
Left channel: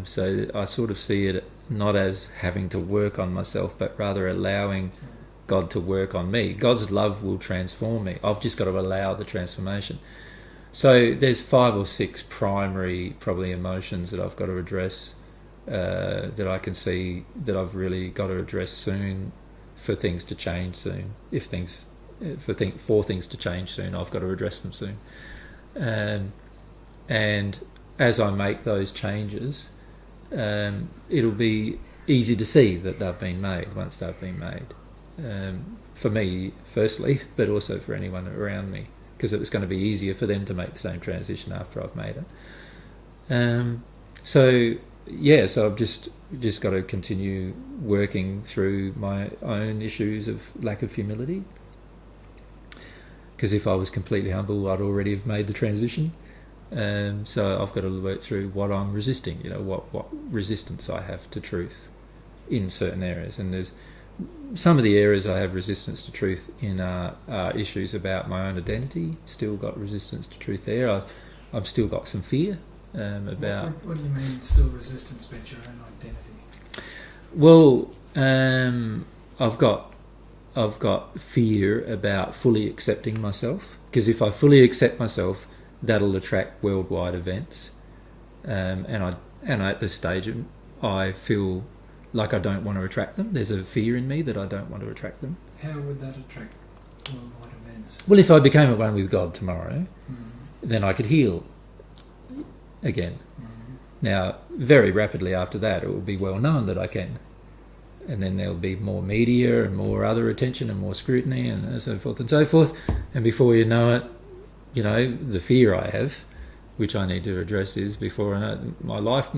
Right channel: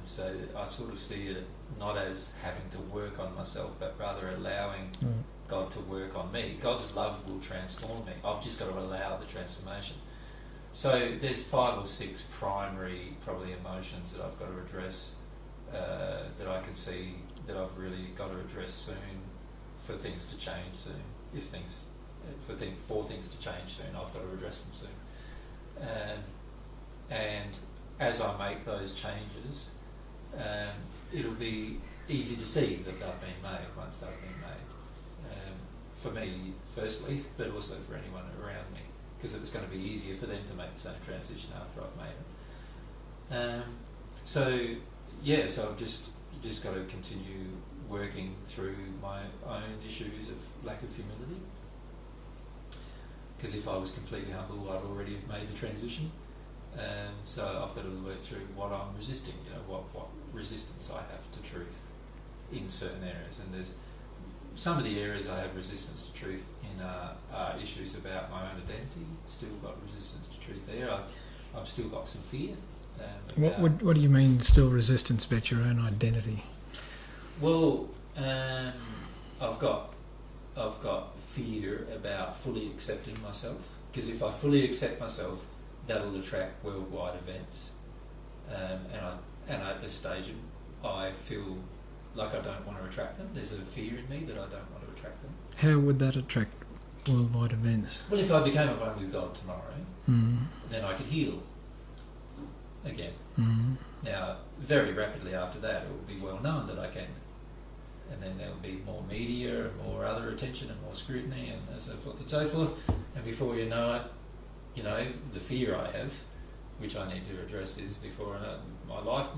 So I sort of see it not as having to work on myself, but rather allowing God to work on me. God's love will transform me. I've just got to allow the transformation. So there's 5 or 6 primary probably emotions that I've got to address, that I can see that I've really got to address soon for things to change soon. For things to change soon, I've got to address them soon. And as I make those changes, it'll be easy to see that they've been made once they've been made. For me, firstly, but also for anyone around me, because it was going to be easier for them to make the same transition after I've made it. So I've just got to continue working through my own issues of lack of humility. Because if I was completely humble, I'd already have made the transition. So I've got to work through what I'm resisting, what resistance I have to truth in certain areas. And there's some of the areas I have resistance to truth in are issues about my own identity. Still got resistance to truth there. I've still got some fear about... What do you mean still resistance about your own identity? Well, I've got fear about fully accepting myself, because if I fully accept myself, that'll attract worldwide events, and at this stage I feel like I don't want to attract them. There's a fear in me that I don't want to attract them. How would that attract worldwide events? Well, if I became at one with God tomorrow, then I could heal again. Now, very rapidly after that, it will be well known that I can. And then there'll be more media and more other attention and more scrutiny and so forth and so forth. And before you know it, the fear I have, which I need to address, is before I know it, my life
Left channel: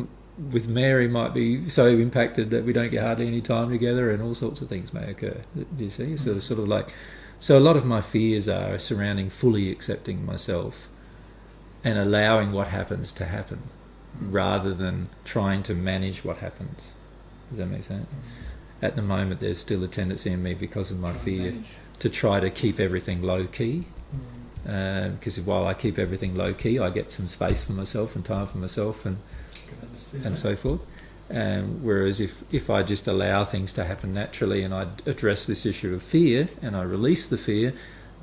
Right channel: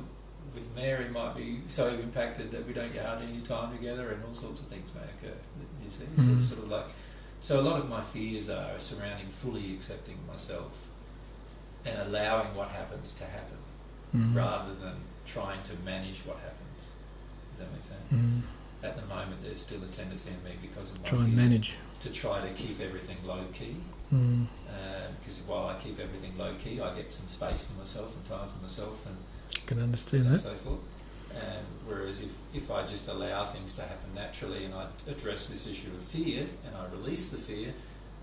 with Mary might be so impacted that we don't get hardly any time together, and all sorts of things may occur. Do you see? So a lot of my fears are surrounding fully accepting myself and allowing what happens to happen, rather than trying to manage what happens. Does that make sense? At the moment, there's still a tendency in me, because of my fear, to try to keep everything low key. Because while I keep everything low key, I get some space for myself and time for myself, and can understand and that. so forth. Whereas if I just allow things to happen naturally, and I address this issue of fear and I release the fear,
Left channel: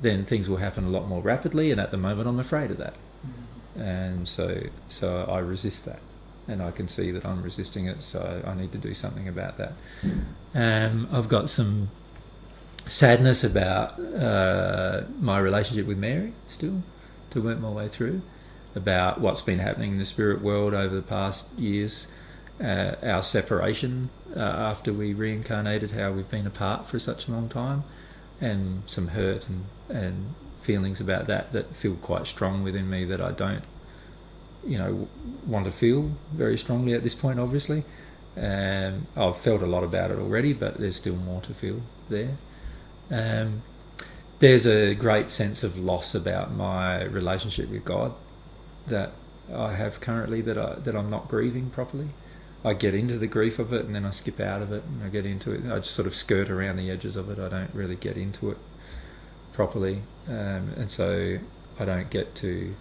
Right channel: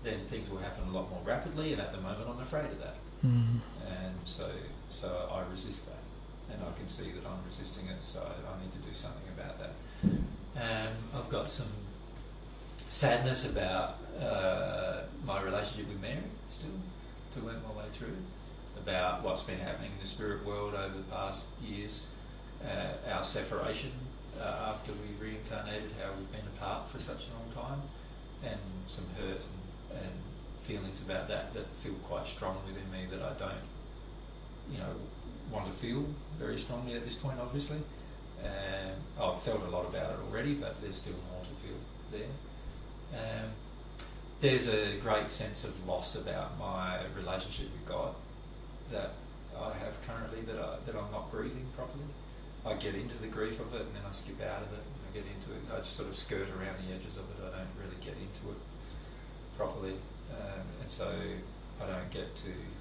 then things will happen a lot more rapidly. And at the moment, I'm afraid of that, and so I resist that. And I can see that I'm resisting it, so I need to do something about that. I've got some sadness about my relationship with Mary still to work my way through, about what's been happening in the spirit world over the past years, our separation after we reincarnated, how we've been apart for such a long time, and some hurt and feelings about that feel quite strong within me that I don't, want to feel very strongly at this point, obviously. I've felt a lot about it already, but there's still more to feel there. There's a great sense of loss about my relationship with God that I have currently that I'm not grieving properly. I get into the grief of it and then I skip out of it, and I get into it. I just sort of skirt around the edges of it. I don't really get into it properly, and so I don't get to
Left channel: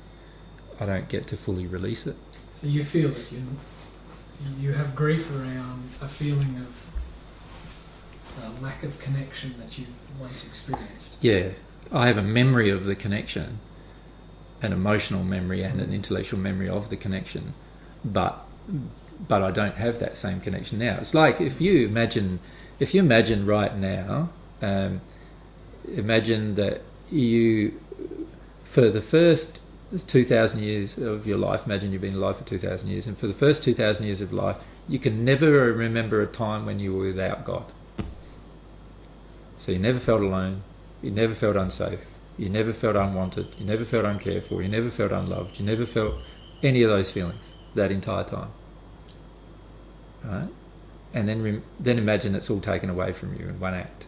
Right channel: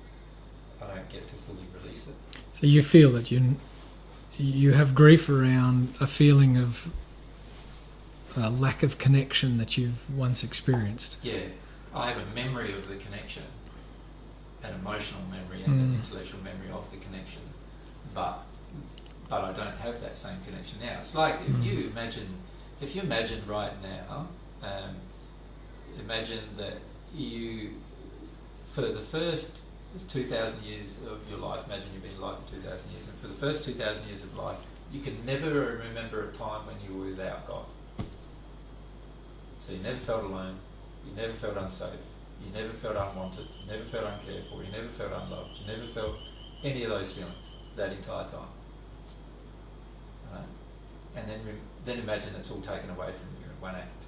fully release it. So you feel that you have grief around a feeling of a lack of connection that you've once experienced. Yeah, I have a memory of the connection, an emotional memory and an intellectual memory of the connection, but I don't have that same connection now. It's like if you imagine right now, imagine that you, for the first 2,000 years of your life, imagine you've been alive for 2,000 years, and for the first 2,000 years of life, you can never remember a time when you were without God. So you never felt alone, you never felt unsafe, you never felt unwanted, you never felt uncared for, you never felt unloved, you never felt any of those feelings that entire time. Right? And then imagine it's all taken away from you in one act.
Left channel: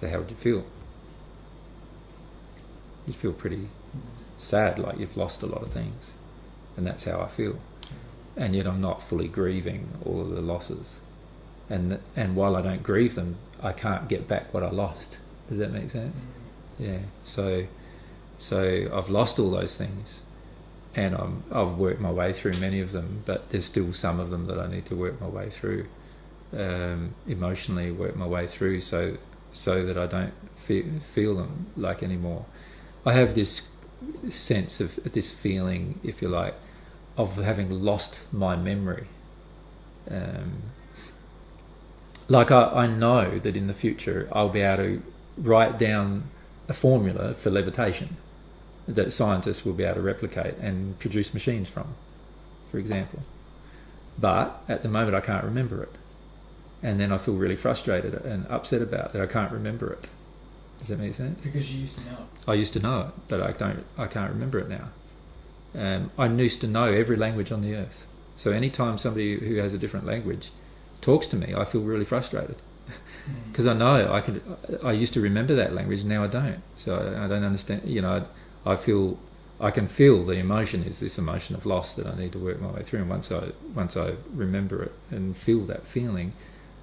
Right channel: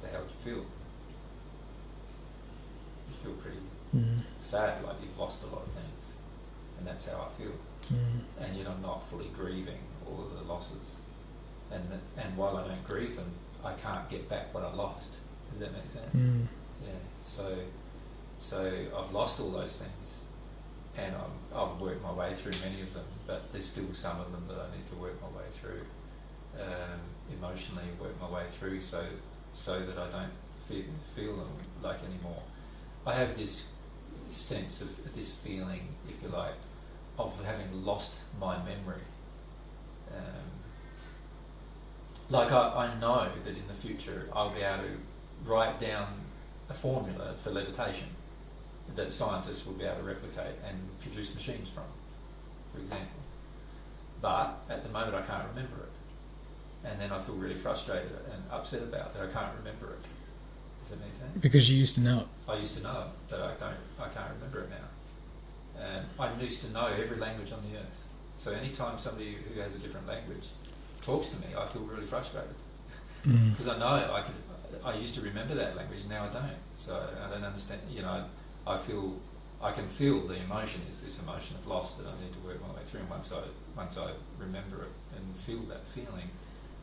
So how would you feel? You'd feel pretty sad, like you've lost a lot of things. And that's how I feel. And yet I'm not fully grieving all of the losses. And while I don't grieve them, I can't get back what I lost. Does that make sense? Yeah. So I've lost all those things, and I've worked my way through many of them, but there's still some of them that I need to work my way through, emotionally work my way through, so that I don't feel them like anymore. I have this sense of this feeling, if you like, of having lost my memory. Like I know that in the future I'll be able to write down a formula for levitation that scientists will be able to replicate and produce machines from, for example. But at the moment I can't remember it. And then I feel really frustrated and upset about that I can't remember it. Does that make sense? Because you used to know it. I used to know it, but I can't remember it now. I used to know every language on the earth. So anytime somebody who has a different language talks to me, I feel really frustrated. Because I know I used to remember that language, now I don't. So I don't understand. I can feel the emotion is this emotion of loss that I need to work my way through. And once I remember it and feel that feeling,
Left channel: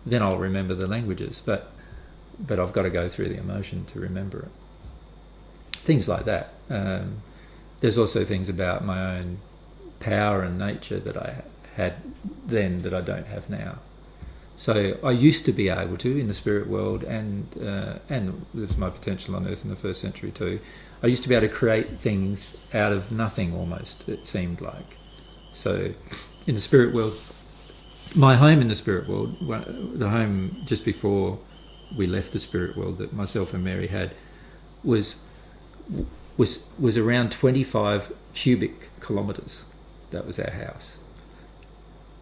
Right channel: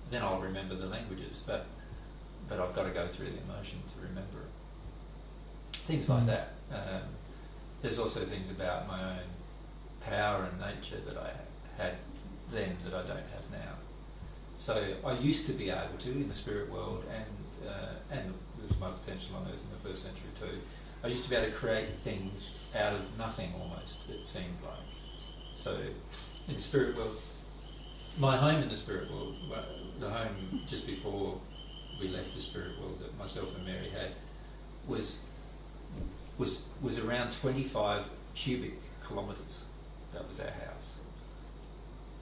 then I'll remember the languages. But I've got to go through the emotion to remember it. Things like that. There's also things about my own power and nature that I had then that I don't have now. So I used to be able to, in the spirit world, and there's my potential on earth in the first century too, I used to be able to create things out of nothing almost, it seemed like. So in the spirit world, my home in the spirit world, the home just before we left the spirit world that myself and Mary had, was around 25 cubic kilometres. That was our house.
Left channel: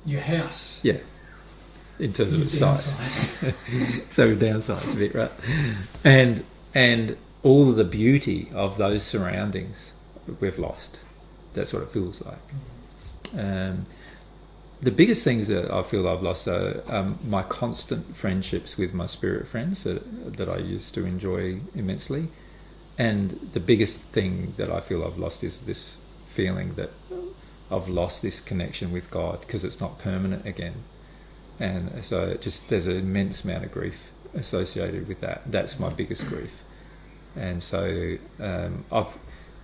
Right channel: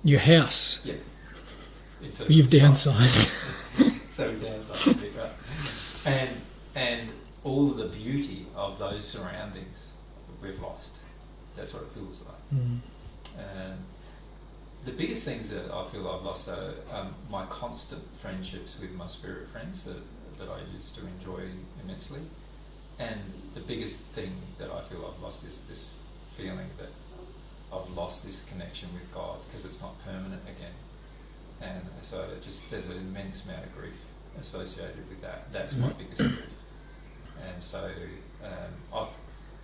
Your house? Yeah. You've downsized. So we've downsized a bit, right? And all of the beauty of those surroundings we've lost. That's what it feels like. The biggest things that I feel I've lost are my constant friendships with my spirit friends that I used to enjoy immensely. And the biggest thing that I feel I've lost is this feeling that I've lost this connection with God because it's not permanent again. And so there's an immense amount of grief associated with that. That's my biggest grief. And so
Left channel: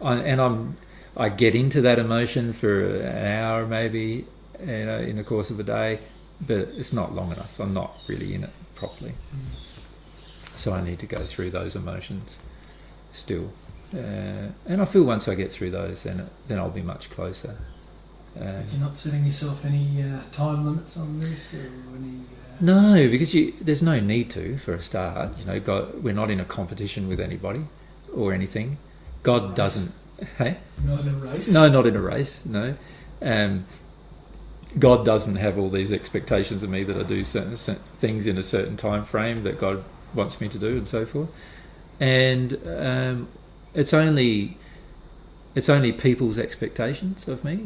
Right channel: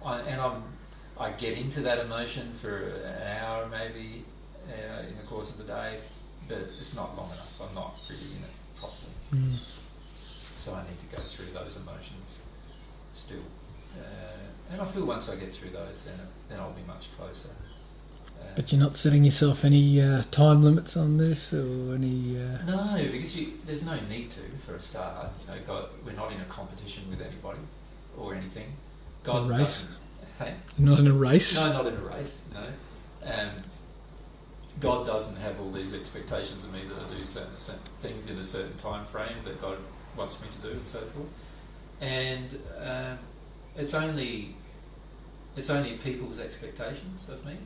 I get into that emotion for an hour maybe in the course of a day, but it's not long enough. I'm not really in it properly. So I need to go through those emotions still. And I feel once I get through those, then I'll be much closer. But you're not setting yourself any time limits on this, or any? No, because there's no need to for a start. We're not in a competition with anybody or anything. God doesn't. Hey? Not in a race. No, not in a race. No, God doesn't have all these expectations of me that I do certain things in a certain time frame that God wants me to do, and so forth. And it's only people's expectations of me.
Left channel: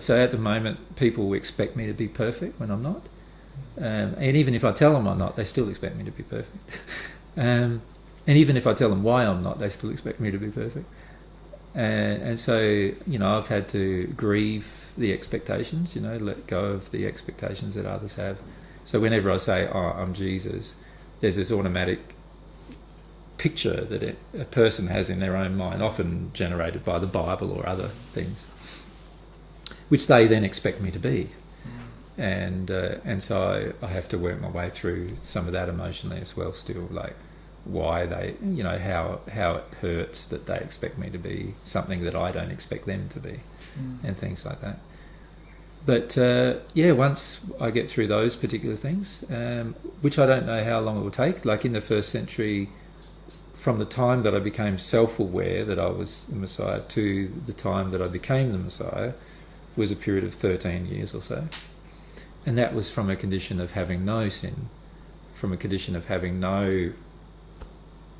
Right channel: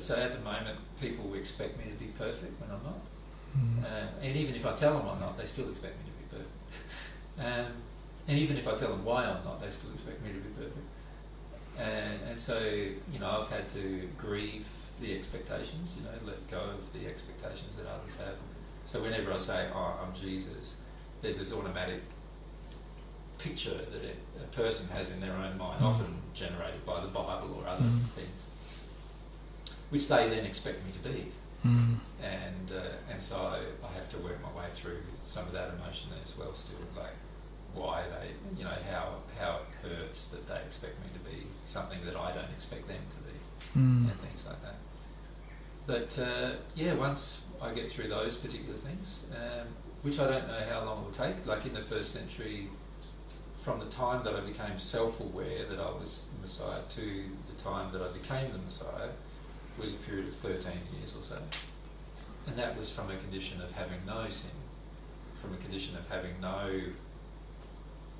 So at the moment, people expect me to be perfect when I'm not. And even if I tell them I'm not, they still expect me to be perfect. And even if I tell them why I'm not, they still expect me to be perfect. And so, I've had to grieve the expectations, let go of the expectations that others have. So whenever I say, "Oh, I'm Jesus," there's this automatic picture that a person has in their own mind, often generated by the Bible or other things, which they then expect me to be. And so I have to work my way through some of that emotionally as well still, like why they, how it hurts that they expect me to be something that I don't expect them to be, and things like that. But once I get through those particular things, which I don't know how long it will take, like in the first century, from the time that I became self-aware that I was the Messiah to the time that I became the Messiah was a period of 13 years or so. And that was from a condition of having no sin, from a condition of having no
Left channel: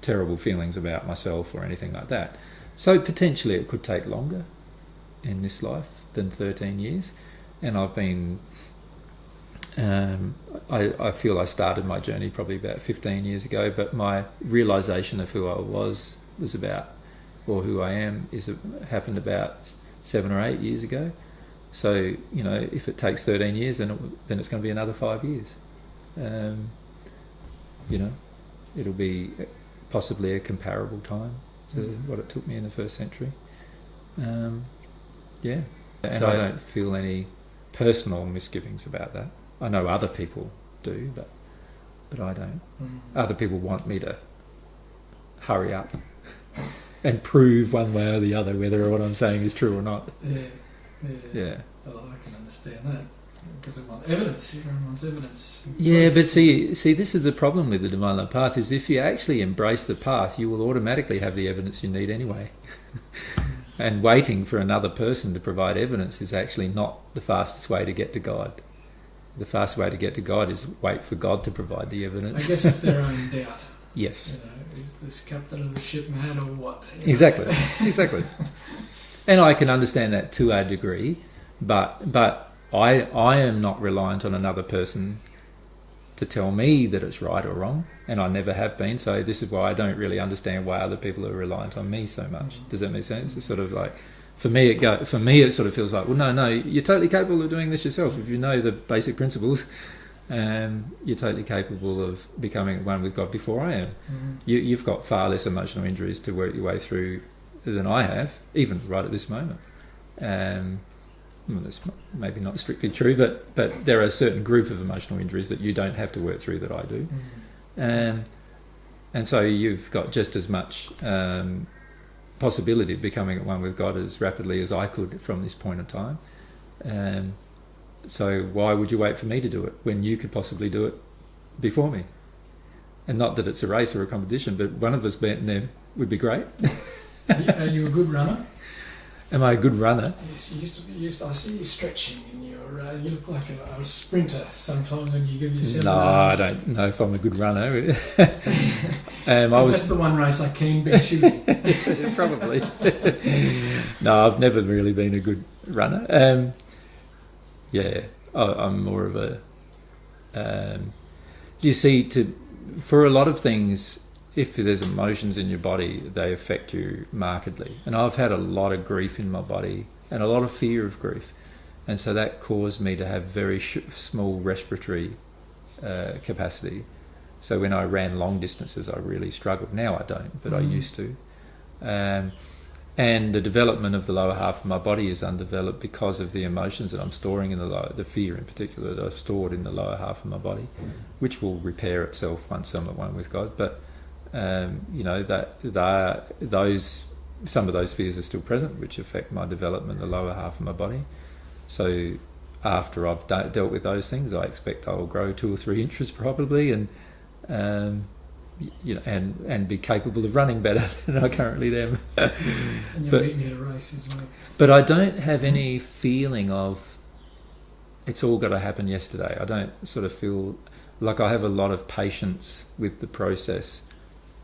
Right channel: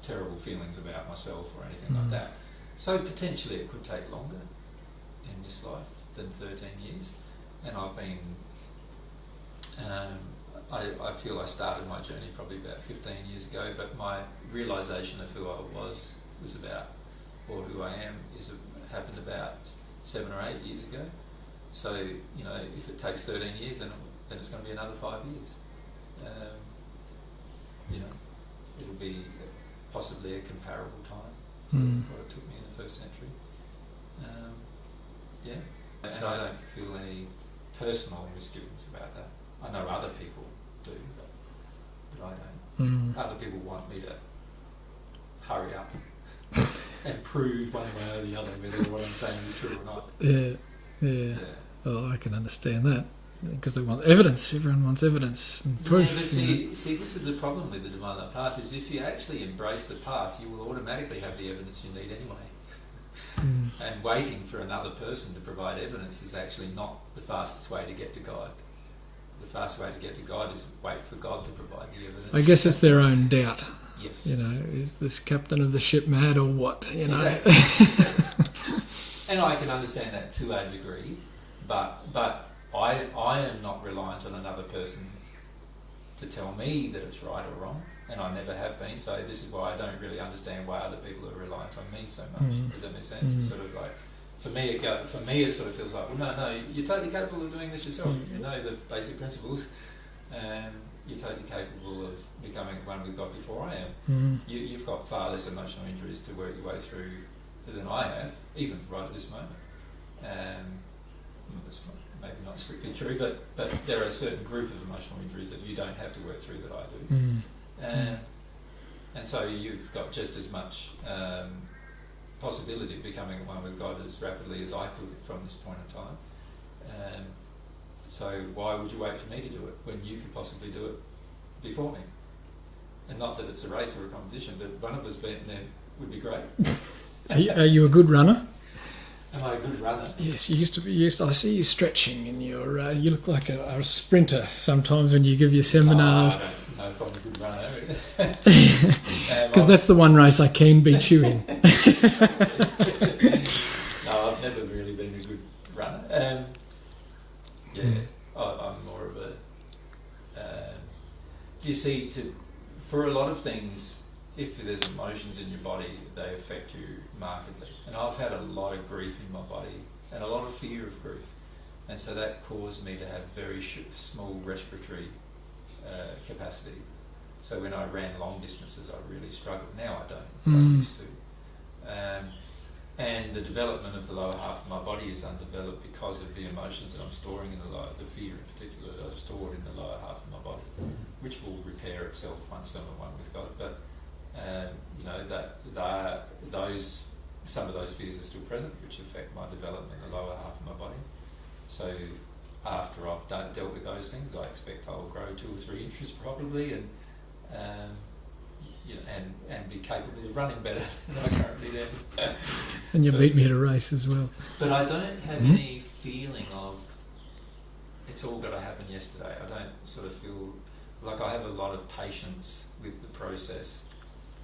terrible feelings about myself or anything like that. So potentially it could take longer in this life than 13 years. And I've been... I feel I started my journey probably about 15 years ago, but my realisation of who I was about, or who I am, happened about 7 or 8 years ago. So, if it takes 13 years, then it's going to be another 5 years. It'll be possibly a comparable time to what it took me in the first century. And I don't feel any personal misgivings about that. I know other people do, but I don't. Other people want me to hurry up and prove one way or the other whether what I'm saying is true or not. Yeah. Well, I can understand that, because they want evidence. Everyone wants evidence. Yeah, but see, this is the problem with the Divine Love path, is if you actually embrace the path, you will automatically have the evidence you need anyway. And waiting for another person to provide evidence is actually not the fastest way to get to God. The fast way to get to God is wait for God to provide the evidence. I guess it's their own doubt. Yes. Is this captain of the ship mad or what? Exactly. And I can understand that to a degree, but I am not reliant on another person to tell me that it's right or wrong, and I never have been. So this is why I don't really understand why other people are reliant on me so much. Does that make sense? It's sort of like, for me it sort of feels like, well, no, you're totally capable of doing this yourself. If you know the basic principles, you're totally capable of becoming one with God before I am. You've got far less emotional injuries to work your way through than I have, even right at this moment. That's maybe not strictly true, but there are a certain group of emotional injuries that you don't have to work through that I do. And so you've got just as much possibility of becoming at one with God as rapidly as I could from this point in time. So why would you wait for me to do it when you could possibly do it before me? And not that it's a race or a competition, but one of us being there would be great. Are you a good runner? Am I a good runner? Yes, you used to be. Yes, I see you stretching, and you look like a sprinter sometimes when you give your seminars. No, I don't know if I'm a good runner. Because that's the one race I can be shooting. Probably. No, I've never really been a good runner. I'm more of a... you see, for a lot of things, if there's emotions in your body, they affect you markedly. And I've had a lot of grief in my body and a lot of fear of grief. And so that caused me to have very small respiratory capacity. So when I ran long distances, I really struggled. Now I don't, but I used to. And the development of the lower half of my body is undeveloped because of the emotions that I'm storing in the fear in particular that I've stored in the lower half of my body, which will repair itself once I'm at one with God. But some of those fears are still present, which affect my development in the lower half of my body. So after I've dealt with those things, I expect I will grow 2 or 3 inches probably, and and be capable of running better than I currently am. And you beat me at a race as well. But I don't have any feeling of it's all got to happen yesterday. I don't sort of feel like I have a lot of patience with the process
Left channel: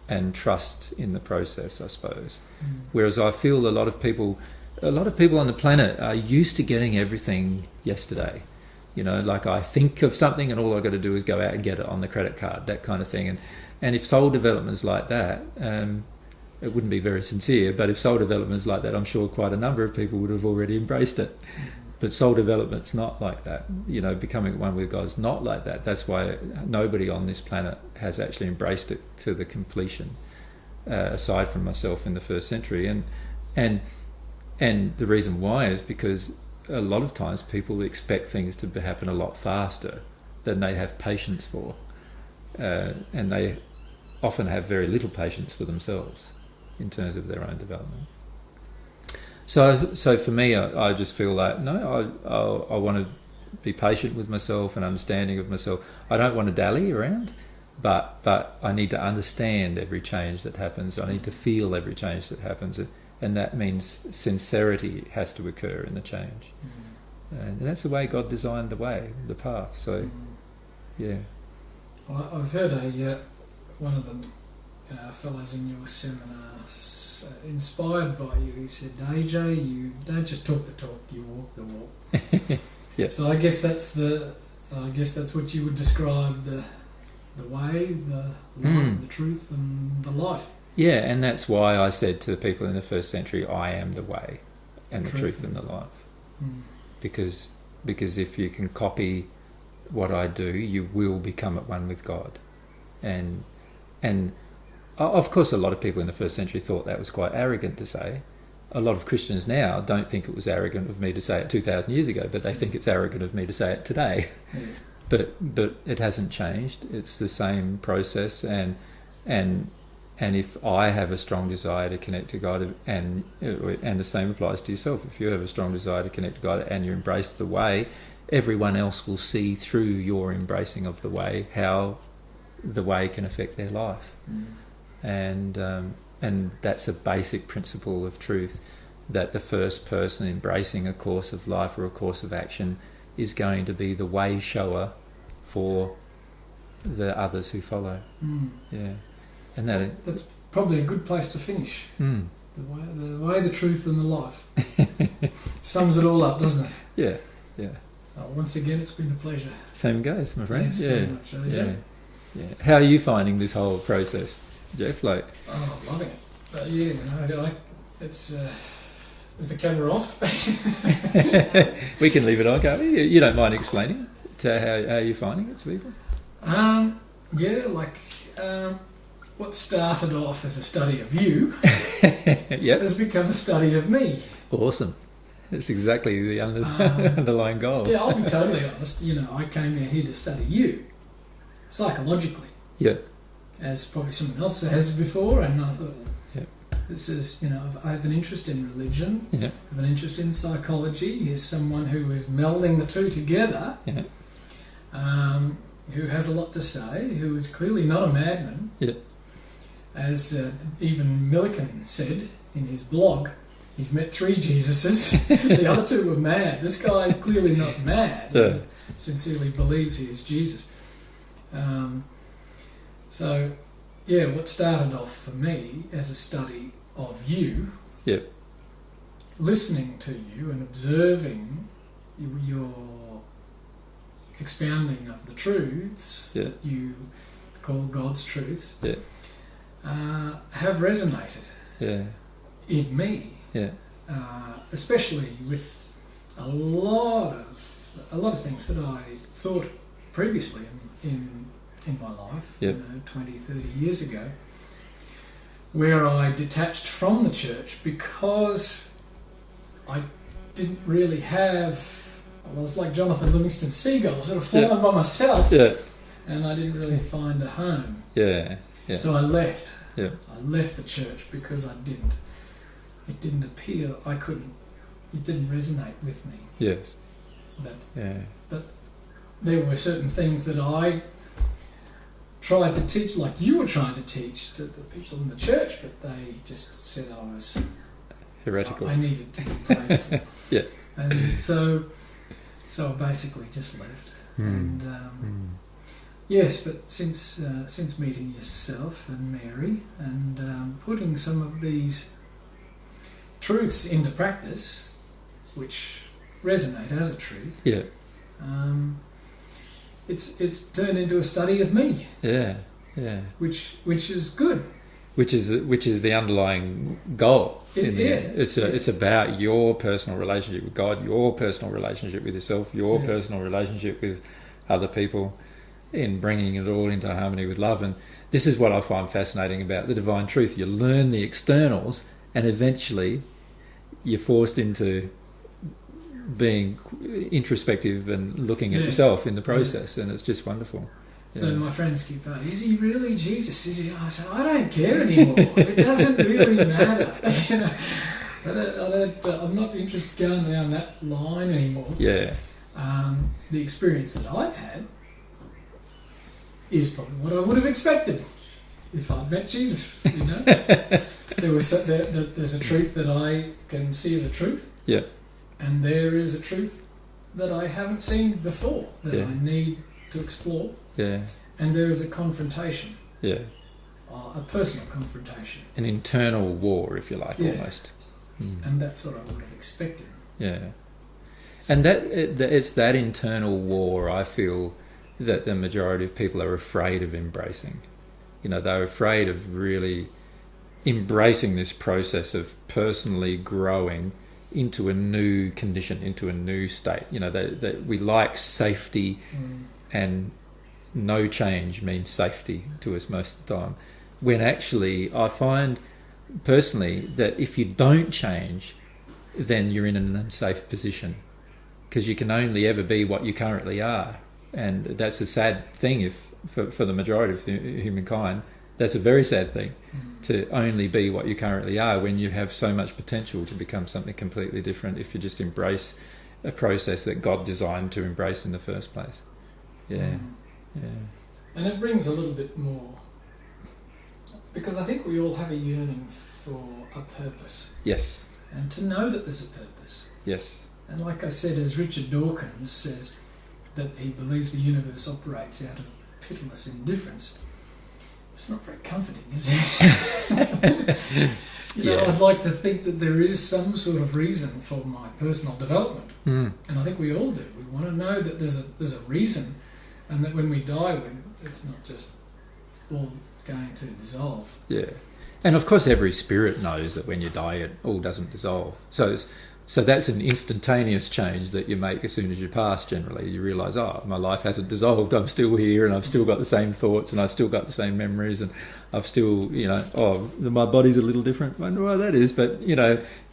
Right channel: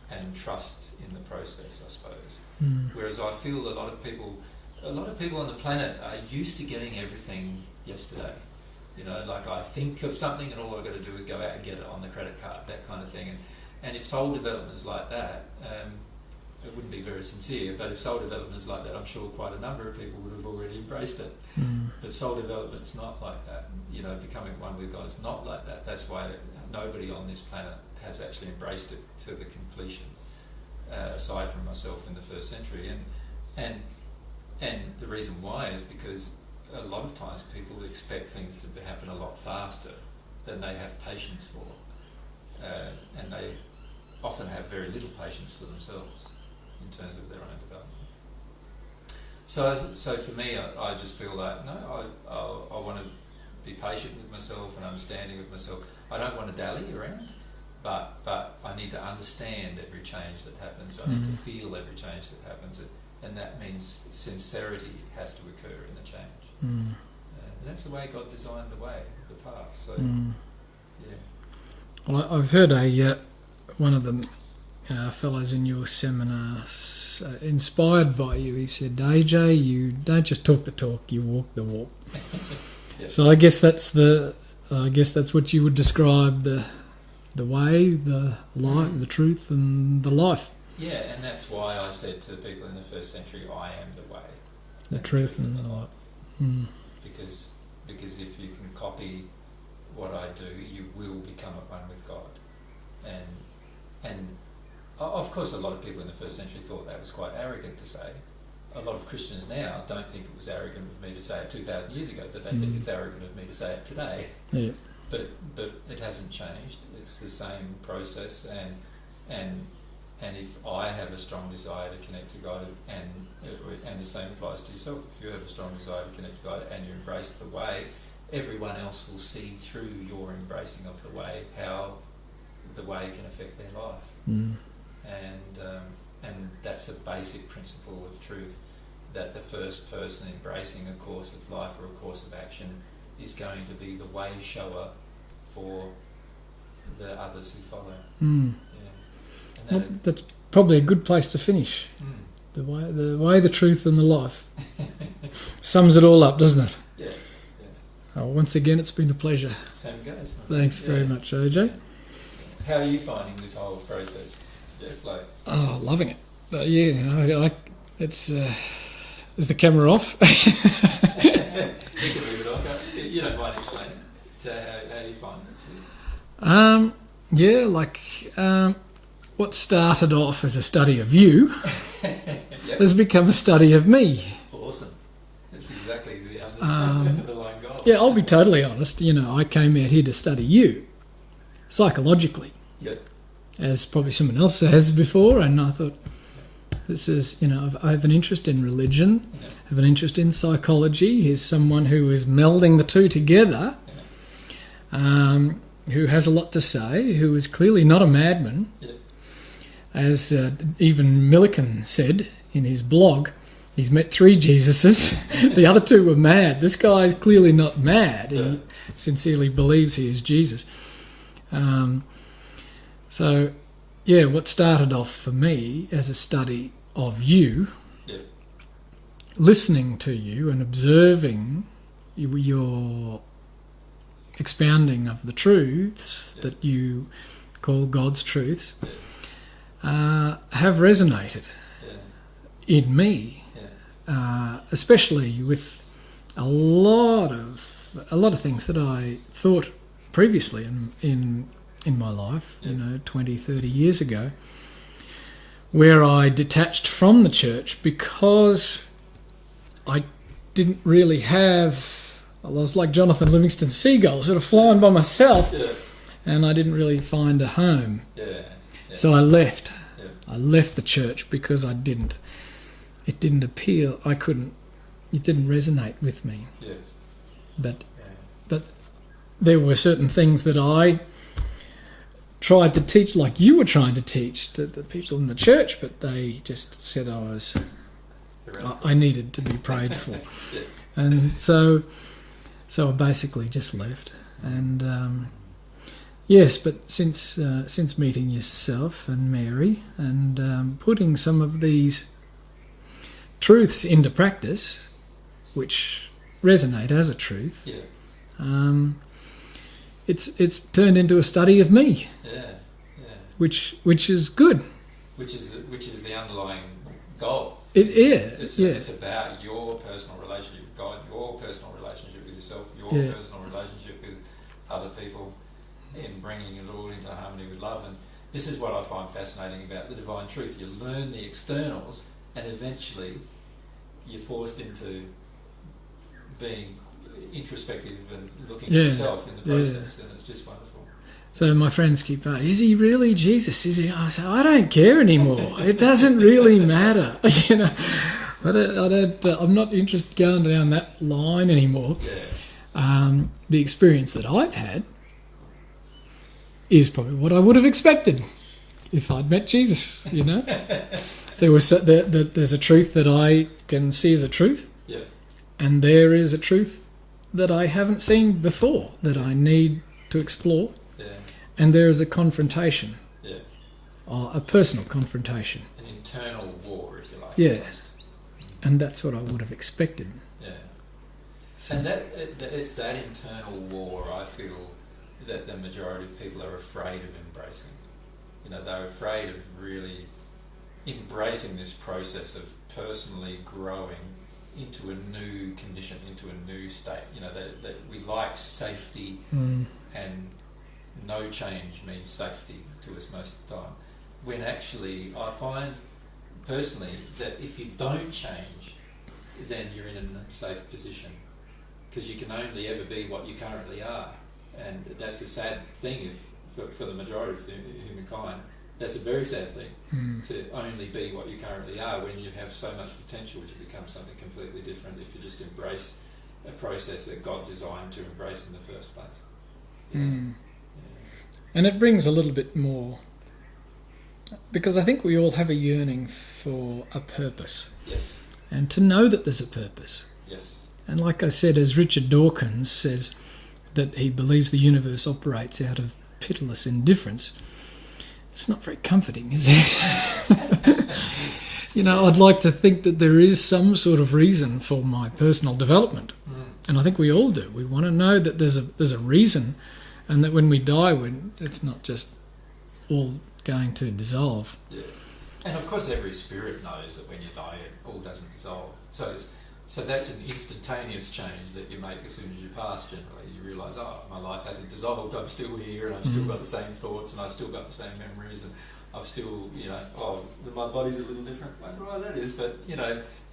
and trust in the process, I suppose. Whereas I feel a lot of people on the planet are used to getting everything yesterday. Like I think of something and all I've got to do is go out and get it on the credit card, that kind of thing. And if soul development is like that, it wouldn't be very sincere, but if soul development is like that, I'm sure quite a number of people would have already embraced it. But soul development's not like that. Becoming one with God's not like that. That's why nobody on this planet has actually embraced it to the completion, aside from myself in the first century. And the reason why is because a lot of times people expect things to happen a lot faster than they have patience for. And they often have very little patience for themselves in terms of their own development. So for me, I just feel like, no, I want to be patient with myself and understanding of myself. I don't want to dally around, but I need to understand every change that happens. I need to feel every change that happens. And that means sincerity has to occur in the change. And that's the way God designed the path. So, yeah. Well, I've heard one of the fellows in your seminar inspired by you. He said, AJ, you don't just talk the talk, you walk the walk. Yeah. So I guess that's what you would describe the way, the light, the truth, and the life. Yeah, and that's why I said to the people in the first century, I am the way and the truth and the life. Because if you can copy what I do, you will become at one with God. And of course a lot of people in the first century thought that was quite arrogant to say. A lot of Christians now don't think it was arrogant of me to say it 2,000 years ago, but they think it's arrogant of me to say it today. Yeah. But it hasn't changed. It's the same process, and if I have a strong desire to connect to God, and the same applies to yourself, if you have a strong desire to connect to God and you embrace the way, everyone else will see through your embracing of the way how the way can affect their life. And that's a basic principle of truth, that the first person embracing a course of life or a course of action is going to be the way shower for the others who follow. Yeah. And that's probably a good place to finish. The way, the truth, and the life. Sums it all up, doesn't it? Yeah, yeah. Oh, once again, it's been a pleasure. Same goes, my friend. Thanks very much, AJ. Yeah. How are you finding this whole process, Jeff? Loving it. It's. Is the camera off? We can leave it on, can't we? You don't mind explaining to how you're finding it, Sweden? What started off as a study of you Yep. has become a study of me. Awesome. That's exactly the underlying goal. Yeah, I'll be totally honest. I came out here to study you psychologically. Yeah. As probably someone else has before, and I thought, this is, I have an interest in religion, I have an interest in psychology. Here's someone who is melding the two together, who has a lot to say, who is clearly not a madman. Yeah. As even Millikan said in his blog, he's met 3 Jesuses. The other 2 were mad. This guy is clearly not mad. He sincerely believes he is Jesus. What started off for me as a study of you, listening to you and observing your expounding of the truths that you call God's truths, have resonated in me, especially with a lot of things that I thought previously in my life, 20, 30 years ago, where I detached from the church because I didn't really have... I was like Jonathan Livingston Seagull, sort of flying by myself, and I didn't really find a home. So I left. I left the church because it didn't appeal. It didn't resonate with me. Yes. But Yeah. there were certain things that I tried to teach, like you were trying to teach to the people in the church, but they just said Heretical. I needed to be prayed for. Yeah. And so I basically just left. And yes, but since meeting yourself and Mary and putting some of these truths into practice, which resonate as a truth, Yeah. it's turned into a study of me, Yeah. Yeah. which is good. Which is the underlying goal. It's about your personal relationship with God, your personal relationship with yourself, your personal relationship with other people, in bringing it all into harmony with love. And this is what I find fascinating about the divine truth. You learn the externals, and eventually you're forced into being introspective and looking at yourself in the process, and it's just wonderful. So my friends keep saying, is he really Jesus? Is he? I say, I don't care anymore. It doesn't really matter. You know, I'm not interested going down that line anymore. Yeah. The experience that I've had is probably what I would have expected if I'd met Jesus. You know, there's a truth that I can see as a truth. Yeah. And there is a truth that I haven't seen before that I need to explore. Yeah. And there is a confrontation. Yeah. A personal confrontation. An internal war, if you like. Yeah. Almost. And that's what I would have expected. Yeah. And it's that internal war, I feel, that the majority of people are afraid of embracing. You know, they're afraid of really embracing this process of personally growing into a new condition, into a new state. You know, that we like safety, and no change means safety to us most of the time. When actually, I find personally that if you don't change, then you're in an unsafe position, because you can only ever be what you currently are. And that's a sad thing if for the majority of humankind. That's a very sad thing, to only be what you currently are, when you have so much potential to become something completely different if you just embrace a process that God designed to embrace in the first place. Yeah. Yeah. And it brings a little bit more, because I think we all have a yearning for a purpose. Yes. And to know that there's a purpose. Yes. And like I said, as Richard Dawkins says, that he believes the universe operates out of pitiless indifference. It's not very comforting, is it? You know, I'd like to think that there is some sort of reason for my personal development. And I think we all do. We want to know that there's a reason, and that when we die, it's not just all going to dissolve. Yeah. And of course every spirit knows that when you die it all doesn't dissolve. So that's an instantaneous change that you make as soon as you pass. Generally you realise, my life hasn't dissolved, I'm still here, and I've still got the same thoughts, and I've still got the same memories, and I've still, my body's a little different. I wonder why that is, but you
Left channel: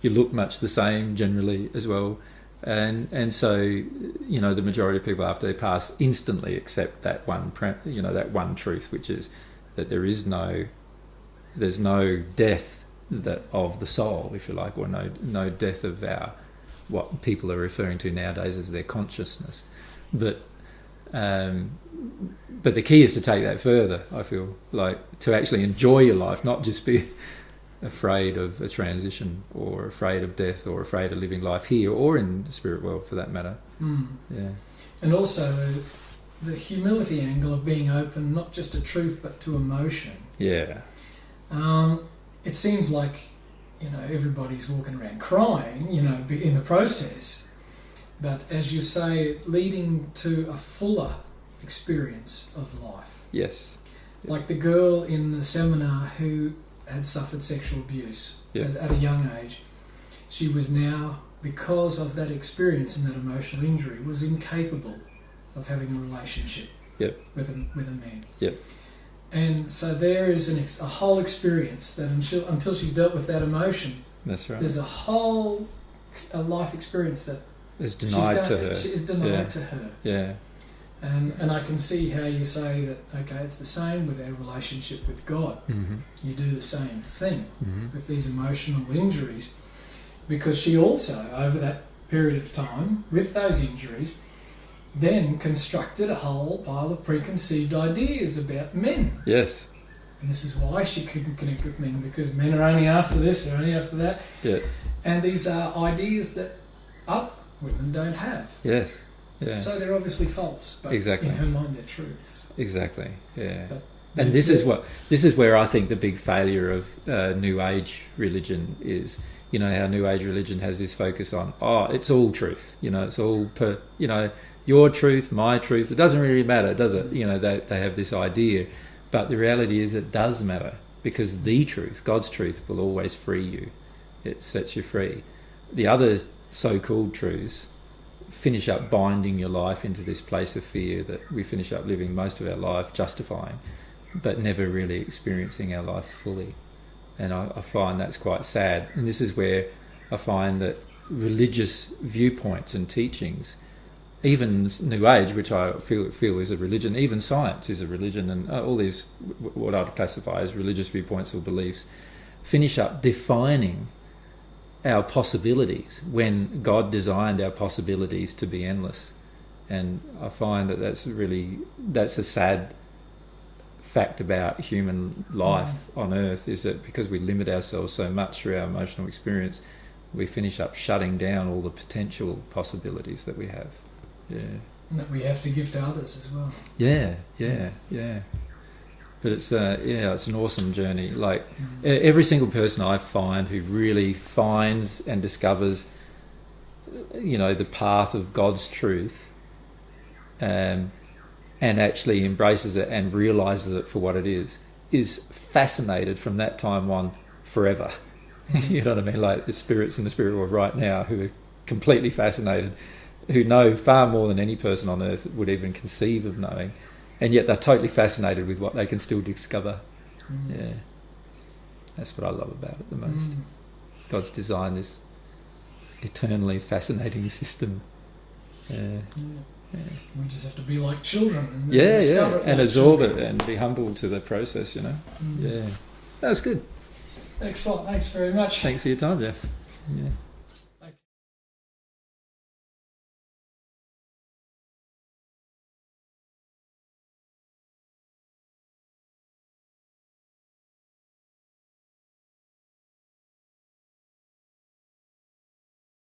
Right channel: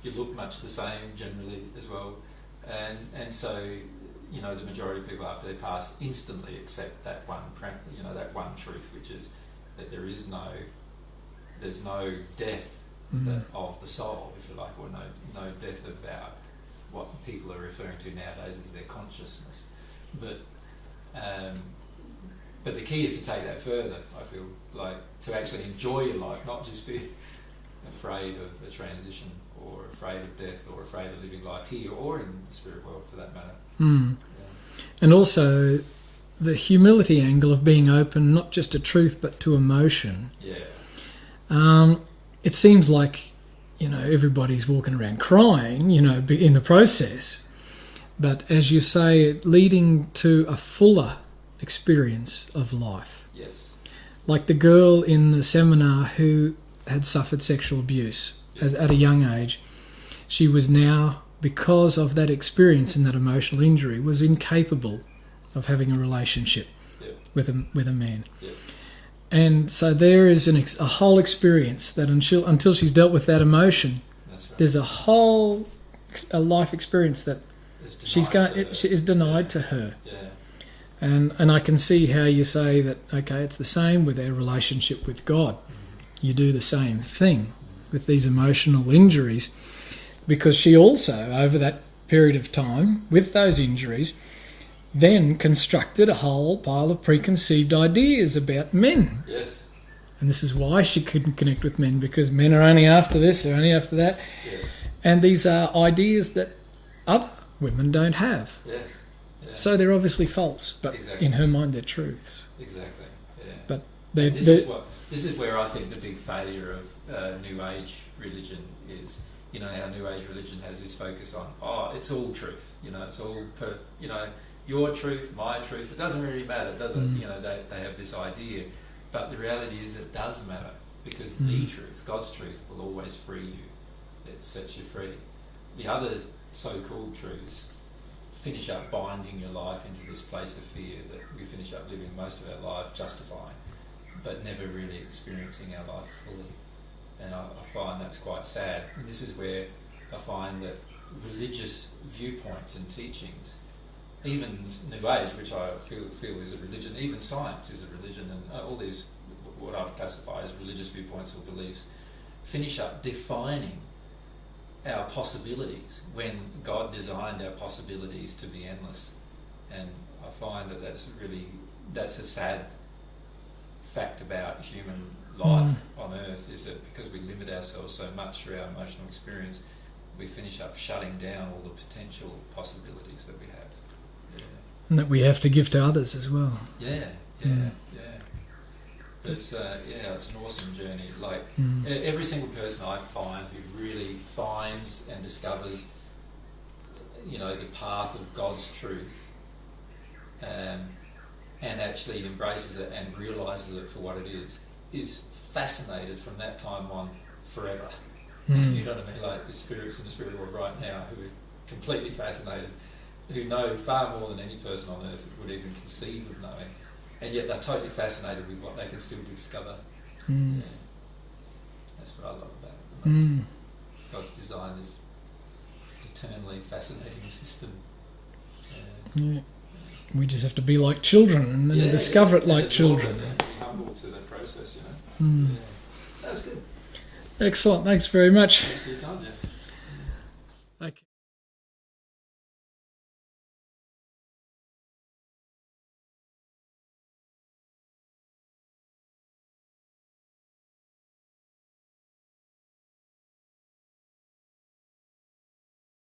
look much the same generally as well. And so the majority of people after they pass instantly accept that one truth, which is that there's no death of the soul, if you like, or no death of what people are referring to nowadays as their consciousness. But the key is to take that further, I feel, like to actually enjoy your life, not just be afraid of a transition, or afraid of death, or afraid of living life here or in the spirit world for that matter. Yeah. And also the humility angle of being open, not just to truth but to emotion. Yeah. It seems like everybody's walking around crying in the process, but as you say, leading to a fuller experience of life. Yes. Like the girl in the seminar who had suffered sexual abuse at a young age. She was now, because of that experience and that emotional injury, was incapable of having a relationship with a man. Yep. And so there is a whole experience that until she's dealt with that emotion, that's right, there's a life experience that is denied to her. Yeah. And I can see how you say that, okay, it's the same with our relationship with God. Mm-hmm. You do the same thing with these emotional injuries, because she also, over that period of time with those injuries, then constructed a whole pile of preconceived ideas about men. Yes. And this is why she couldn't connect with men, because men are only after this, they're only after that. Yeah. And these are ideas that other women don't have. Yes. Yeah. So they're obviously false, but Exactly. in her mind they're truths. Exactly. Yeah. But and this is where I think the big failure of New Age religion is. You know how New Age religion has this focus on, it's all truth. You know, it's all your truth, my truth. It doesn't really matter, does it? You know, they have this idea, but the reality is it does matter, because the truth, God's truth, will always free you. It sets you free. The other so-called truths finish up binding your life into this place of fear that we finish up living most of our life justifying, but never really experiencing our life fully. And I find that's quite sad. And this is where I find that religious viewpoints and teachings, even New Age, which I feel is a religion, even science is a religion, and all these, what I'd classify as religious viewpoints or beliefs, finish up defining our possibilities when God designed our possibilities to be endless. And I find that that's a sad fact about human life on earth, is that because we limit ourselves so much through our emotional experience, we finish up shutting down all the potential possibilities that we have. Yeah. And that we have to give to others as well. Yeah. But it's it's an awesome journey. Like every single person I find who really finds and discovers, the path of God's truth, and actually embraces it and realises it for what it is fascinated from that time on forever. You know what I mean? Like the spirits in the spirit world right now who are completely fascinated, who know far more than any person on earth would even conceive of knowing, and yet they're totally fascinated with what they can still discover. Yeah, that's what I love about it the most. God's designed this eternally fascinating system. Yeah. We just have to be like children and discover it like and absorb children. it and be humble to the process, Yeah, that's good. Excellent. Thanks very much. Thanks for your time, Jeff. Yeah.